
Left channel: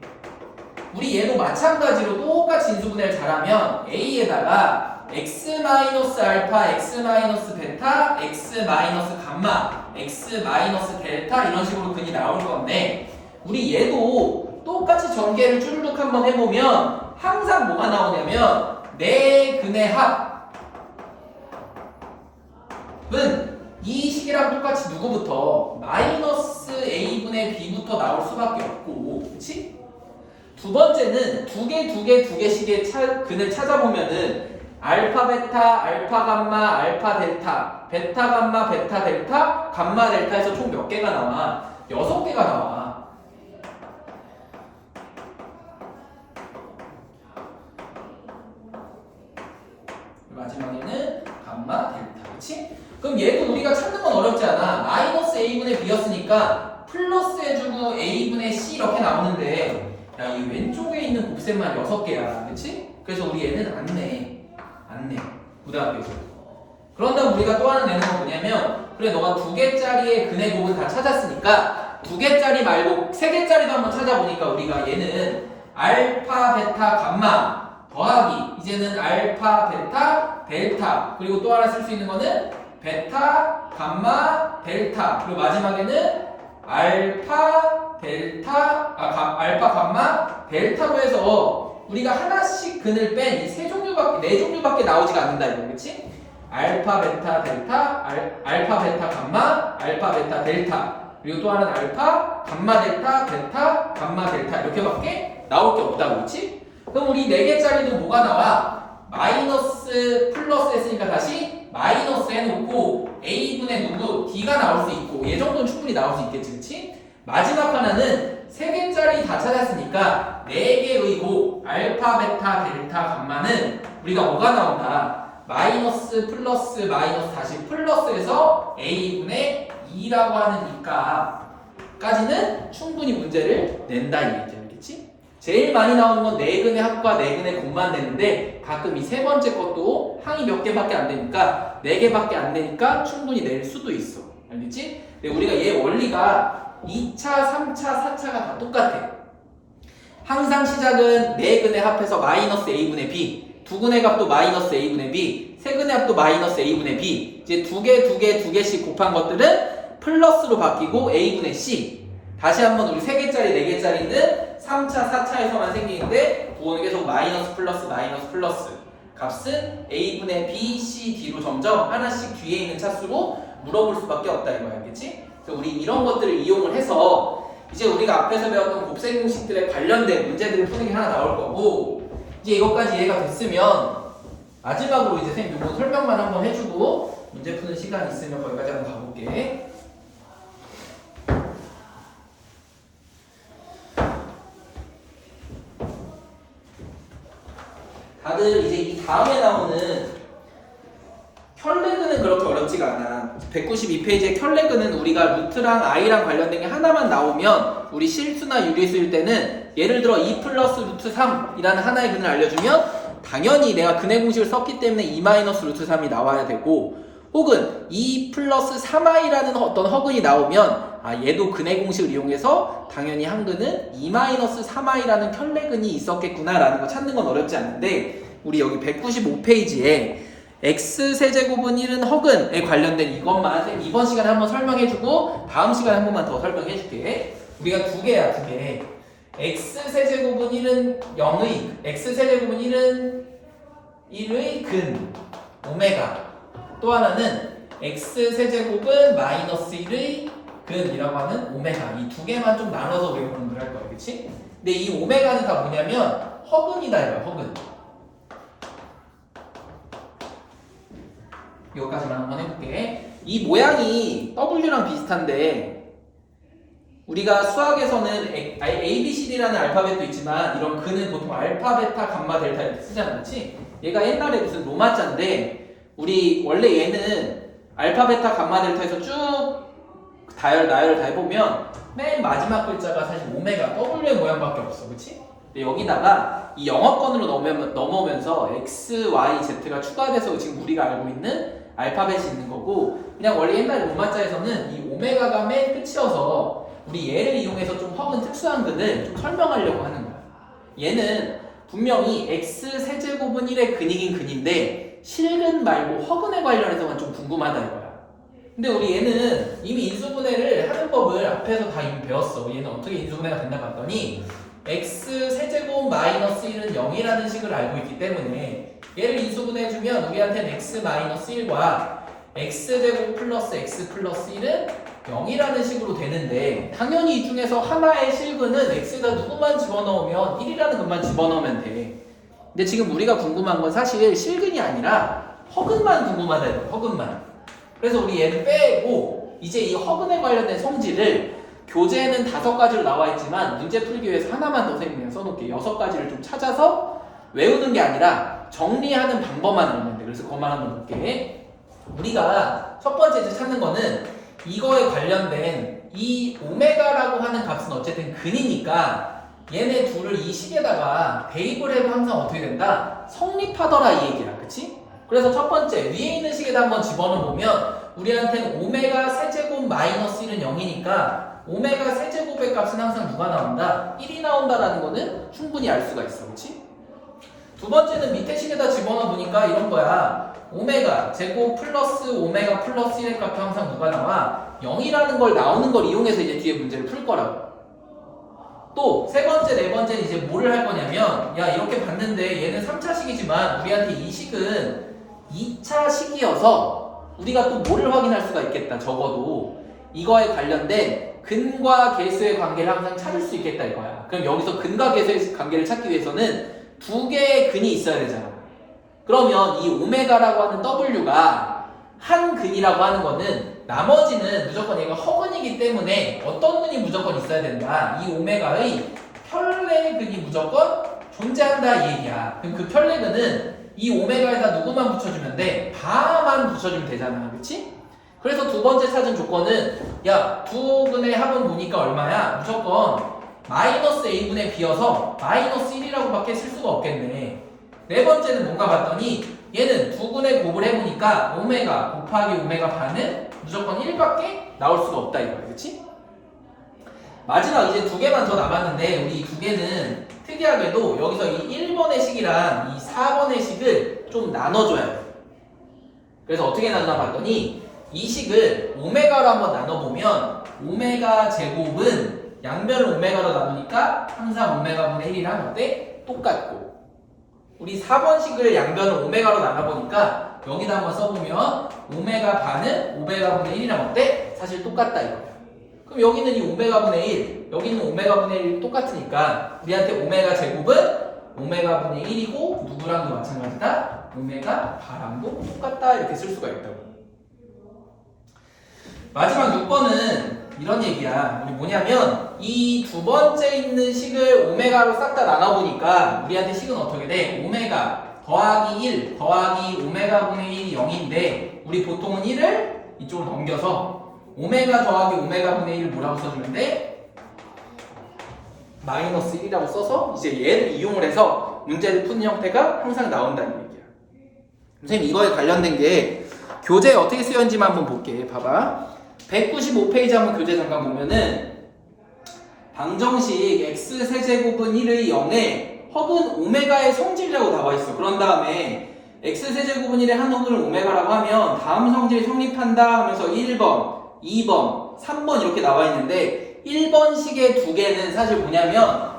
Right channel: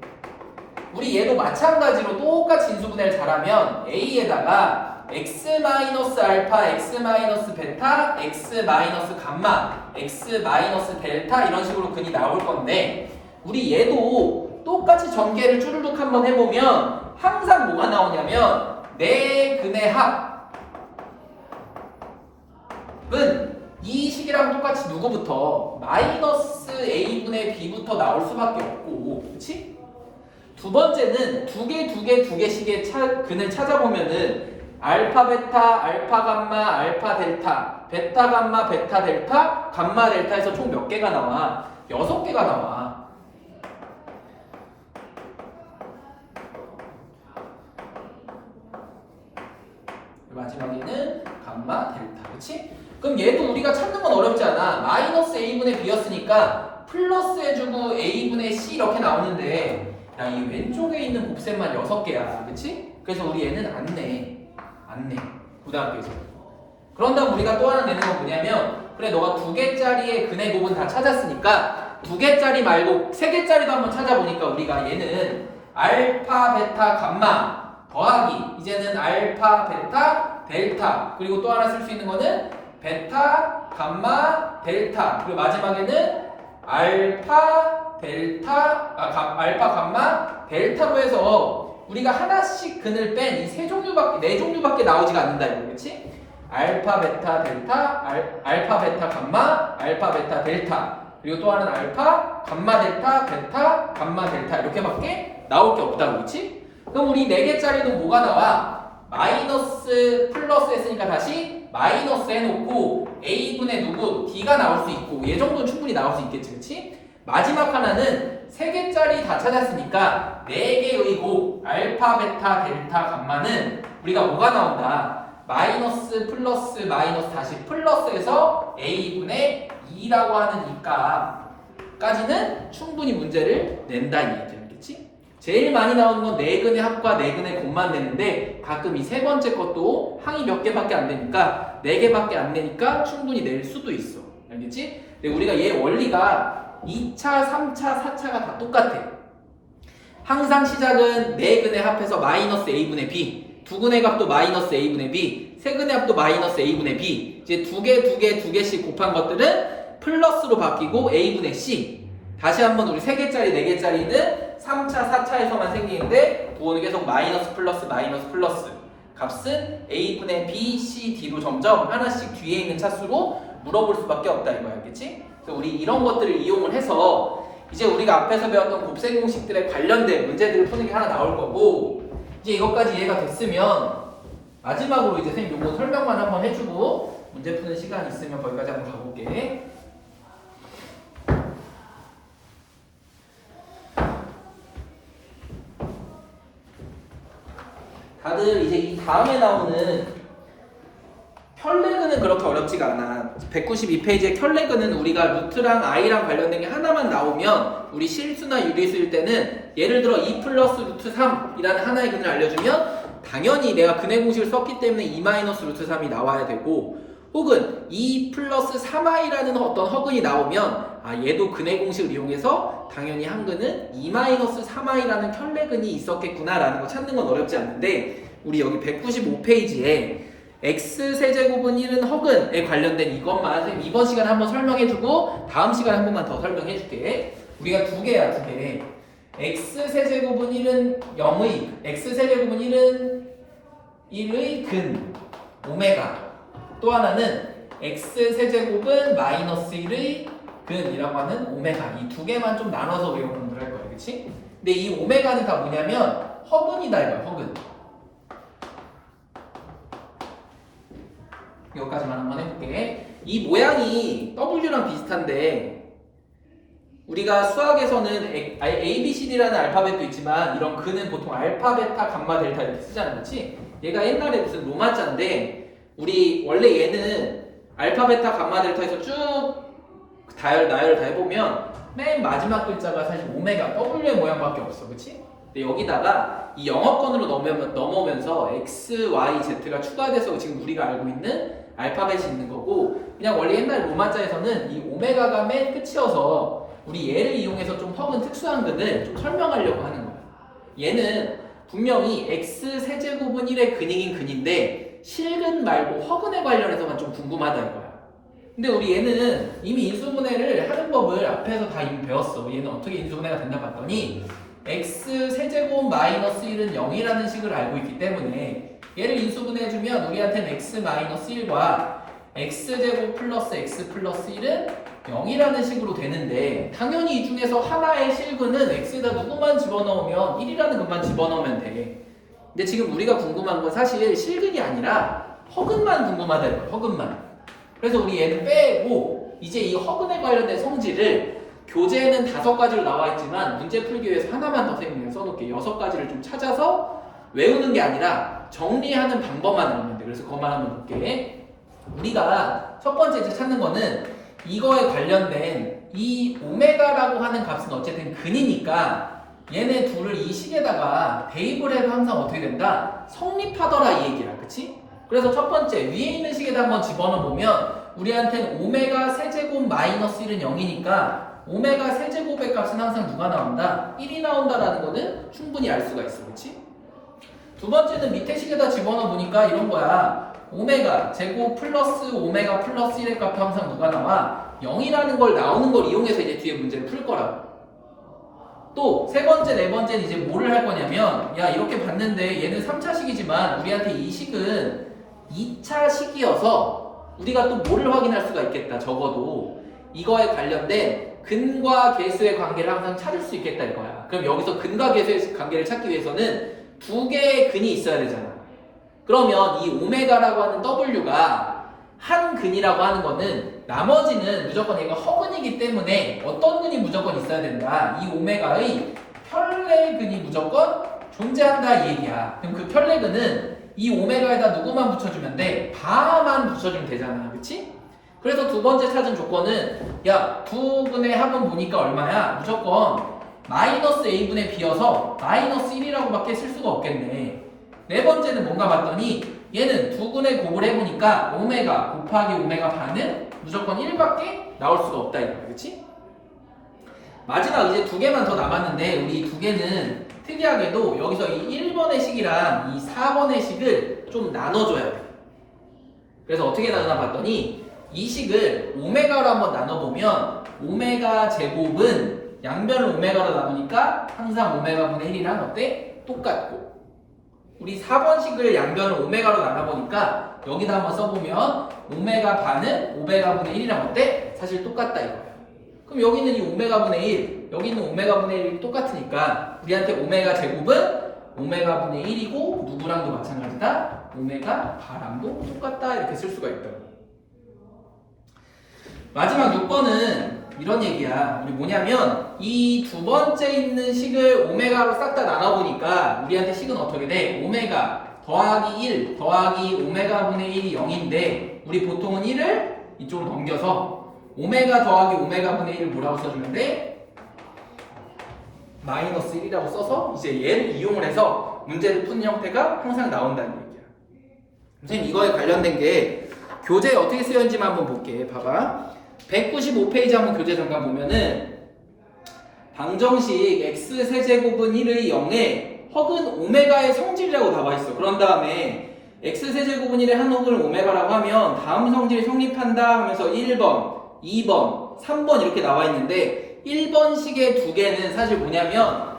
우리 얘도 마찬가지로 똑같이 인수분해를 잘하면 a에다가 x-알파, x-베타, x-감마, x-델타 이런 식으로 근이 나올 건데 우리 얘도 똑같이 전개를 쭈르륵 한번 해보면 항상 뭐가 나오냐면 네 근의 합은 이 식이랑 똑같이 누구부터? 마이너스 a분의 b부터 나올 수밖에 없고 그치? 두 번째는 두 개씩의 근을 찾아보면은 알파 베타, 알파 감마, 알파 델타, 베타 감마, 베타 델타, 감마 델타에서 총 몇 개가 나와? 6개가 나와. 마지막에는 감마 델타. 그치? 그럼 얘도 우리가 찾는 건 어렵지 않아. 마이너스 a분의 b였으니까 플러스 해주고 a분의 c 이렇게 나오는데 야, 이 왼쪽에 있는 곱셈만 6개야. 그치? 그래서 우리 얘는 안 내. 고등학교에서. 그런 다음 우리가 또 하나 내는 건 뭐냐면 그래 너가 2개짜리의 근의 곱은 다 찾았으니까 2개짜리 말고 3개짜리도 한번 찾아보니까 우리가 얘는 알파, 베타, 감마 더하기 이제는 알파, 베타, 델타 그리고 또 하나 쓸 수 있는 거는 베타, 감마, 델타 그리고 마지막에는 알파, 델타, 알파, 감마, 델타로 해서 우리가 하나씩 근을 뺀 이 3종류밖에 4종류밖에 나오지가 않는다 이거 그렇지? 알파, 베타, 델타, 알파, 베타, 감마, 알파, 베타, 델타 그리고 또 하나는 알파, 감마, 델타, 베타, 감마, 델타 이렇게밖에 나올 게 없다고 그렇지? 그럼 우리 4개짜리도 뭐가 나와? 마이너스 플러스 했으니까 다시 마이너스 해놓고 A분의 누구? D가 나올 수 있고 얘 정도는 충분히 나올 수 있겠지 그치? 마지막 하나는 3개짜리 다 찾았으니까 4개의 곱 알파, 베타, 델타, 감마는 우리가 뭐가 나온다? 마이너스 플러스 마이너스 다시 플러스해서 A분의 2라고 하는 이까지는 충분히 문제를 낸다 이 얘기야 알겠지? 제일 많이 나오는 건 4근의 합과 4근의 곱만 내는데 가끔 이 3번째 것도 항이 몇 개밖에 안 되니까 4개밖에 안 내니까 충분히 낼 수도 있어 알겠지? 근데 우리가 얘 원리가 2차, 3차, 4차가 다 똑같아 항상 시작은 4근의 합해서 마이너스 A분의 B 2근의 값도 마이너스 A분의 B 3근의 합도 마이너스 A분의 B 이제 2개씩 곱한 것들은 플러스로 바뀌고 A분의 C 다시 한번 우리 3개짜리 4개짜리는 3차 4차에서만 생기는데 부호는 계속 마이너스 플러스 값은 A분의 B, C, D로 점점 하나씩 뒤에 있는 차수로 물어볼 수밖에 없다 이거야 알겠지? 그래서 우리 이런 것들을 이용을 해서 이제 우리가 앞에서 배웠던 곱셈 공식들에 관련된 문제들을 푸는 게 하나 나올 거고 이제 이것까지 이해가 됐으면 마지막으로 이제 선생님 요거 설명만 한번 해주고 문제 푸는 시간 있으면 거기까지 한번 가볼게. 다들 이제 이 다음에 나오는 켤레근은 그렇게 어렵지가 않아. 192페이지의 켤레근은 우리가 루트랑 i랑 관련된 게 하나만 나오면 우리 실수나 유리수일 때는 예를 들어 2 플러스 루트 3이라는 하나의 근을 알려주면 당연히 내가 근의 공식을 썼기 때문에 2 마이너스 루트 3이 나와야 되고 혹은 2 플러스 3i라는 어떤 허근이 나오면 얘도 근의 공식을 이용해서 당연히 한 근은 2 마이너스 3i라는 켤레근이 있었겠구나 라는 거 찾는 건 어렵지 않은데 우리 여기 195페이지에 x세제곱은 1은 허근에 관련된 이것만 선생님 이번 시간에 한번 설명해주고 다음 시간에 한 번만 더 설명해줄게. 우리가 2개야 2개. x세제곱은 1은 0의 x세제곱은 1의 근 오메가 또 하나는 x세제곱은 마이너스 1의 근이라고 하는 오메가 이 2개만 좀 나눠서 우리가 공부를 할 거야 그치? 근데 이 오메가는 다 뭐냐면 허근이다 이거야 허근. 이것까지만 한번 해볼게. 이 모양이 W랑 비슷한데 우리가 수학에서는 A, B, C, D라는 알파벳도 있지만 이런 근은 보통 알파, 베타, 감마, 델타 이렇게 쓰잖아 그렇지? 얘가 옛날에 무슨 로마자인데 우리 원래 얘는 알파, 베타, 감마, 델타에서 쭉 나열을 다 해보면 맨 마지막 글자가 사실 오메가 W의 모양밖에 없어 그렇지? 근데 여기다가 이 영어권으로 넘어오면서 X, Y, Z가 추가돼서 지금 우리가 알고 있는 알파벳이 있는 거고 그냥 원래 옛날 로마자에서는 이 오메가가 맨 끝이어서 우리 얘를 이용해서 좀 허근 특수한 근을 좀 설명하려고 하는 거야. 얘는 분명히 x세제곱은 1의 근이긴 근인데 실근 말고 허근에 관련해서만 좀 궁금하다 이거야. 근데 우리 얘는 이미 인수분해를 하는 법을 앞에서 다 이미 배웠어. 얘는 어떻게 인수분해가 된다 봤더니 x세제곱 마이너스 1은 0이라는 식을 알고 있기 때문에 얘를 인수분해해주면 우리한테는 x 마이너스 1과 x제곱 플러스 x 플러스 1은 0이라는 식으로 되는데 당연히 이 중에서 하나의 실근은 x에다 누구만 집어넣으면 1이라는 것만 집어넣으면 돼. 근데 지금 우리가 궁금한 건 사실 실근이 아니라 허근만 궁금하다 이거야 허근만. 그래서 우리 얘를 빼고 이제 이 허근에 관련된 성질을 교재에는 5가지로 나와 있지만 문제 풀기 위해서 하나만 더 선생님이 써놓을게. 6가지를 좀 찾아서 외우는 게 아니라 정리하는 방법만 나오면 돼. 그래서 그것만 한번 볼게. 우리가 첫 번째 이제 찾는 거는 이거에 관련된 이 오메가라고 하는 값은 어쨌든 근이니까 얘네 둘을 이 식에다가 대입을 해도 항상 어떻게 된다? 성립하더라 이 얘기야. 그치? 그래서 첫 번째 위에 있는 식에다 한번 집어넣어 보면 우리한테는 오메가 세제곱 마이너스 1은 0이니까 오메가 세제곱의 값은 항상 누가 나온다? 1이 나온다라는 거는 충분히 알 수가 있어. 그렇지? 두 번째는 밑에 식에다 집어넣어 보니까 이런 거야. 오메가 제곱 플러스 오메가 플러스 1의 값도 항상 누가 나와? 0이라는 걸 나오는 걸 이용해서 이제 뒤에 문제를 풀 거라고. 또 세 번째, 네 번째는 이제 뭐를 할 거냐면 야 이렇게 봤는데 얘는 3차식이지만 우리한테 이 식은 2차식이어서 우리가 또 뭐를 확인할 수가 있겠다. 적어도 이거에 관련된 근과 계수의 관계를 항상 찾을 수 있겠다 이거야. 그럼 여기서 근과 계수의 관계를 찾기 위해서는 두 개의 근이 있어야 되잖아. 그러면 이 오메가라고 하는 W가 한 근이라고 하는 거는 나머지는 무조건 얘가 허근이기 때문에 어떤 근이 무조건 있어야 된다. 이 오메가의 편례근이 무조건 존재한다 이 얘기야. 그럼 그 편례근은 이 오메가에다 누구만 붙여주면 돼? 바만 붙여주면 되잖아. 그렇지? 그래서 두 번째 찾은 조건은 야 두 근의 합은 보니까 얼마야? 무조건 마이너스 a분의 b여서 마이너스 1이라고 밖에 쓸 수가 없겠네. 네 번째는 뭔가 봤더니 얘는 두 근의 곱을 해보니까 오메가 곱하기 오메가 반은 무조건 1밖에 나올 수가 없다 이거야. 그렇지? 마지막 이제 두 개만 더 남았는데 우리 두 개는 특이하게도 여기서 이 1번의 식이랑 이 4번의 식을 좀 나눠줘야 돼. 그래서 어떻게 나누나 봤더니 이 식을 오메가로 한번 나눠보면 오메가 제곱은 양변을 오메가로 나누니까 항상 오메가분의 1이랑 어때? 똑같고 우리 4번식을 양변을 오메가로 나눠보니까 여기다 한번 써보면 오메가 반은 오메가분의 1이랑 어때? 사실 똑같다 이거야. 그럼 여기는 이 오메가분의 1, 여기는 오메가분의 1이 똑같으니까 우리한테 오메가 제곱은 오메가분의 1이고 누구랑도 마찬가지다? 오메가 바랑도 똑같다 이렇게 쓸 수가 있다고. 마지막 6번은 이런 얘기야. 우리 뭐냐면 이 두 번째 있는 식을 오메가로 싹 다 나눠보니까 우리한테 식은 어떻게 돼? 오메가 더하기 1 더하기 오메가분의 1이 0인데 우리 보통은 1을 이쪽으로 넘겨서 오메가 더하기 오메가분의 1을 뭐라고 써주면 돼? 마이너스 1이라고 써서 이제 얘를 이용을 해서 문제를 푸는 형태가 항상 나온다는 얘기야. 선생님 이거에 관련된 게 교재에 어떻게 쓰였는지만 한번 볼게. 봐봐. 195페이지 한번 교재 잠깐 보면은 방정식 x 세제곱은 1의 0에 허근 오메가의 성질이라고 나와 있어. 그런 다음에 x 세제곱은 1의 한 허근을 오메가라고 하면 다음 성질이 성립한다 하면서 1번, 2번, 3번 이렇게 나와 있는데 1번 식의 두 개는 사실 뭐냐면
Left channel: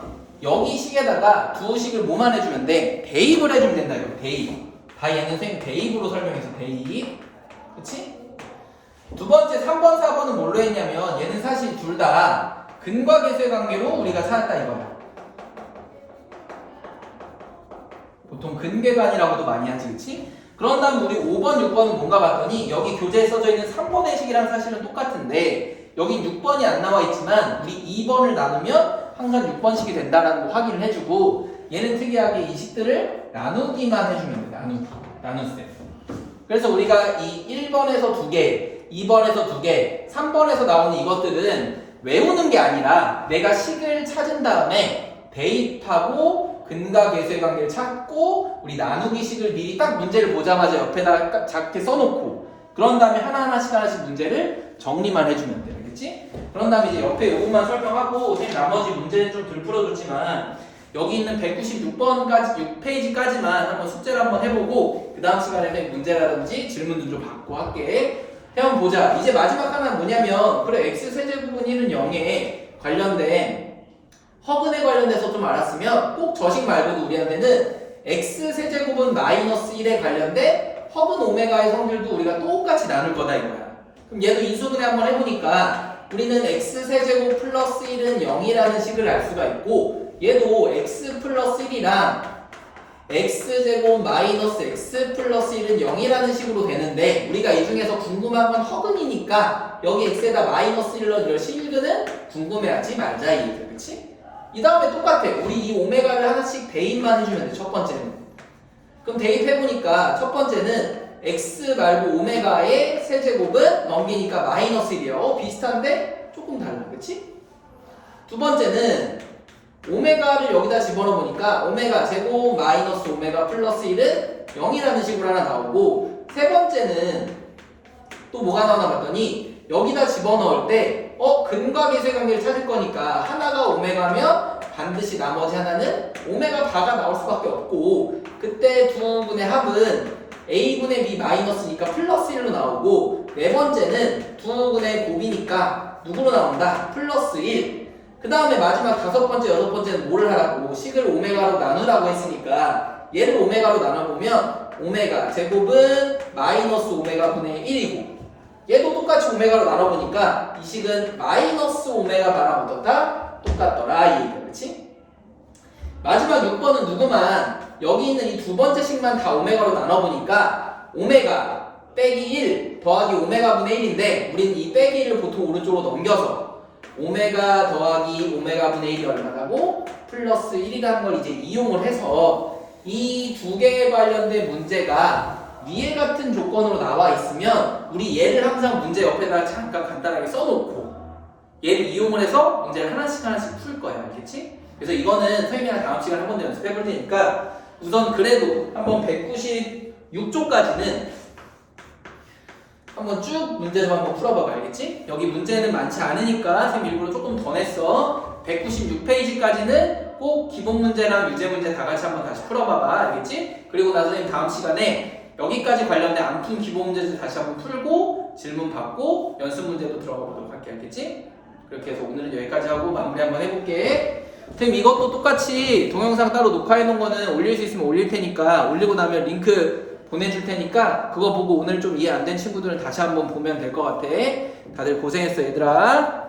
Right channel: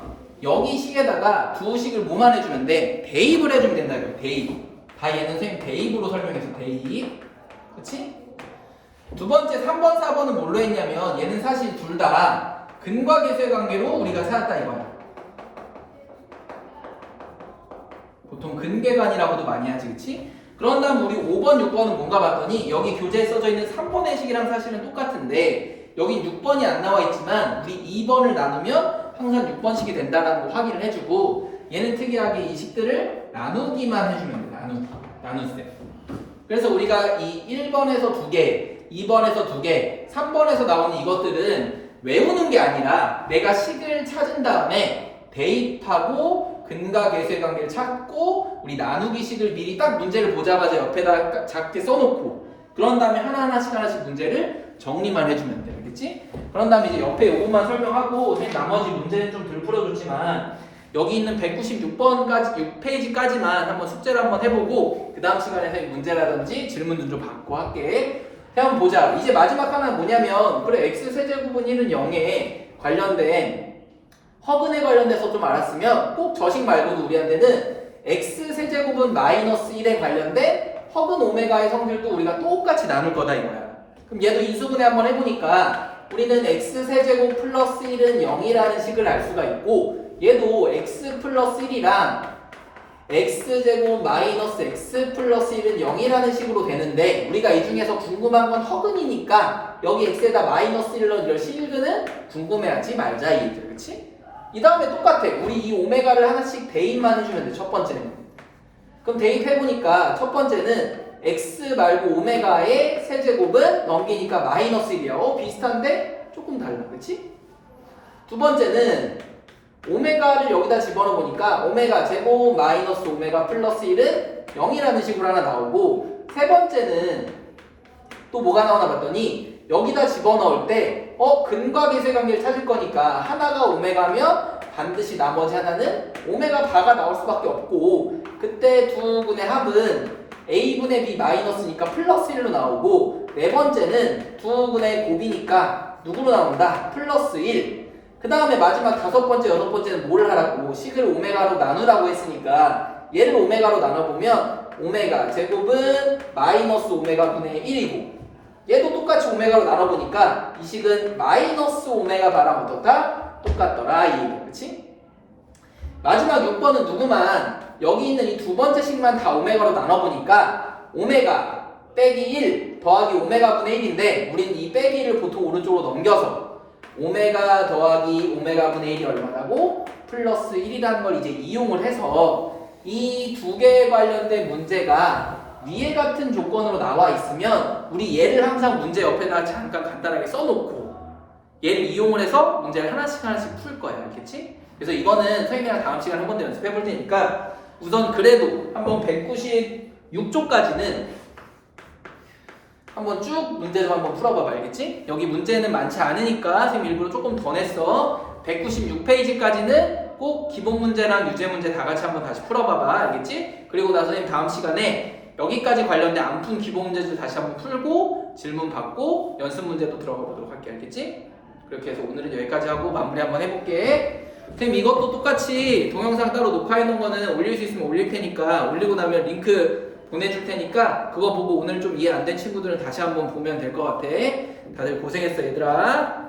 여기 식에다가 두 식을 뭐만 해주면 돼? 대입을 해주면 된다 이거. 대입. 다 얘는 선생님 대입으로 설명해서 대입. 그치? 두 번째 3번, 4번은 뭘로 했냐면 얘는 사실 둘 다 근과 계수의 관계로 우리가 찾았다 이거야. 보통 근계관이라고도 많이 하지, 그치? 그런 다음 우리 5번, 6번은 뭔가 봤더니 여기 교재에 써져 있는 3번의 식이랑 사실은 똑같은데 여기 6번이 안 나와 있지만 우리 2번을 나누면 항상 6번식이 된다는 거 확인을 해주고 얘는 특이하게 이 식들을 나누기만 해주면 돼. 나누세요. 그래서 우리가 이 1번에서 2개, 2번에서 2개, 3번에서 나오는 이것들은 외우는 게 아니라 내가 식을 찾은 다음에 대입하고 근과 계수의 관계를 찾고 우리 나누기 식을 미리 딱 문제를 보자마자 옆에다 작게 써놓고 그런 다음에 하나씩 문제를 정리만 해주면 돼. 알겠지? 그런 다음에 이제 옆에 요것만 설명하고 선생님 나머지 문제는 좀 덜 풀어줬지만 여기 있는 196번까지 6페이지까지만 한번 숙제를 한번 해보고 그 다음 시간에 문제라든지 질문도 좀 받고 할게. 한번 보자. 이제 마지막 하나는 뭐냐면 그래 x 세제곱은 1은 0에 관련된 허근에 관련돼서 좀 알았으면 꼭 저식 말고도 우리한테는 x 세제곱은 마이너스 1에 관련된 허근 오메가의 성질도 우리가 똑같이 나눌 거다 이거야. 그럼 얘도 인수분해 한번 해보니까 우리는 x 세제곱 플러스 1은 0이라는 식을 알 수가 있고 얘도 x 플러스 1이랑 x제곱 마이너스 x 플러스 1은 0이라는 식으로 되는데 우리가 이 중에서 궁금한 건 허근이니까 여기 x에다 마이너스 1을 넣을 실근은 궁금해하지 말자 이 얘기야. 그치? 이 다음에 똑같아. 우리 이 오메가를 하나씩 대입만 해주면 돼. 첫 번째는. 그럼 대입해보니까 첫 번째는 x 말고 오메가의 세제곱은 넘기니까 마이너스 1이야. 비슷한데 조금 달라. 그치? 두 번째는 오메가를 여기다 집어넣어보니까 오메가 제곱 마이너스 오메가 플러스 1은 0이라는 식으로 하나 나오고 세 번째는 또 뭐가 나오나 봤더니 여기다 집어넣을 때 근과계수의 관계를 찾을 거니까 하나가 오메가면 반드시 나머지 하나는 오메가 바가 나올 수밖에 없고 그때 두 분의 합은 a분의 b 마이너스니까 플러스 1로 나오고 네 번째는 두 분의 곱이니까 누구로 나온다? 플러스 1. 그 다음에 마지막 다섯 번째, 여섯 번째는 뭐를 하라고? 식을 오메가로 나누라고 했으니까 얘를 오메가로 나눠보면 오메가 제곱은 마이너스 오메가 분의 1이고 얘도 똑같이 오메가로 나눠보니까 이 식은 마이너스 오메가 바랑 어떻다? 똑같더라 이 얘기 그렇지? 마지막 6번은 누구만 여기 있는 이 두 번째 식만 다 오메가로 나눠보니까 오메가 빼기 1 더하기 오메가 분의 1인데 우린 이 빼기를 보통 오른쪽으로 넘겨서 오메가 더하기 오메가 분의 1이 얼마라고? 플러스 1이라는 걸 이제 이용을 해서 이 두 개에 관련된 문제가 위에 같은 조건으로 나와 있으면 우리 얘를 항상 문제 옆에다 잠깐 간단하게 써놓고 얘를 이용을 해서 문제를 하나씩 풀 거야 알겠지? 그래서 이거는 선생님이랑 다음 시간에 한 번 더 연습해 볼 테니까 우선 그래도 한번 196쪽까지는 한번 쭉 문제 좀 한번 풀어봐봐 알겠지? 여기 문제는 많지 않으니까 선생님 일부러 조금 더 냈어 196페이지까지는 꼭 기본 문제랑 유제 문제 다 같이 한번 다시 풀어봐봐 알겠지? 그리고 나서 선생님 다음 시간에 여기까지 관련된 안 푼 기본 문제들 다시 한번 풀고 질문 받고 연습 문제도 들어가 보도록 할게 알겠지? 그렇게 해서 오늘은 여기까지 하고 마무리 한번 해볼게 선생님 이것도 똑같이 동영상 따로 녹화해 놓은 거는 올릴 수 있으면 올릴 테니까 올리고 나면 링크 보내줄 테니까 그거 보고 오늘 좀 이해 안 된 친구들은 다시 한번 보면 될 것 같아 다들 고생했어 얘들아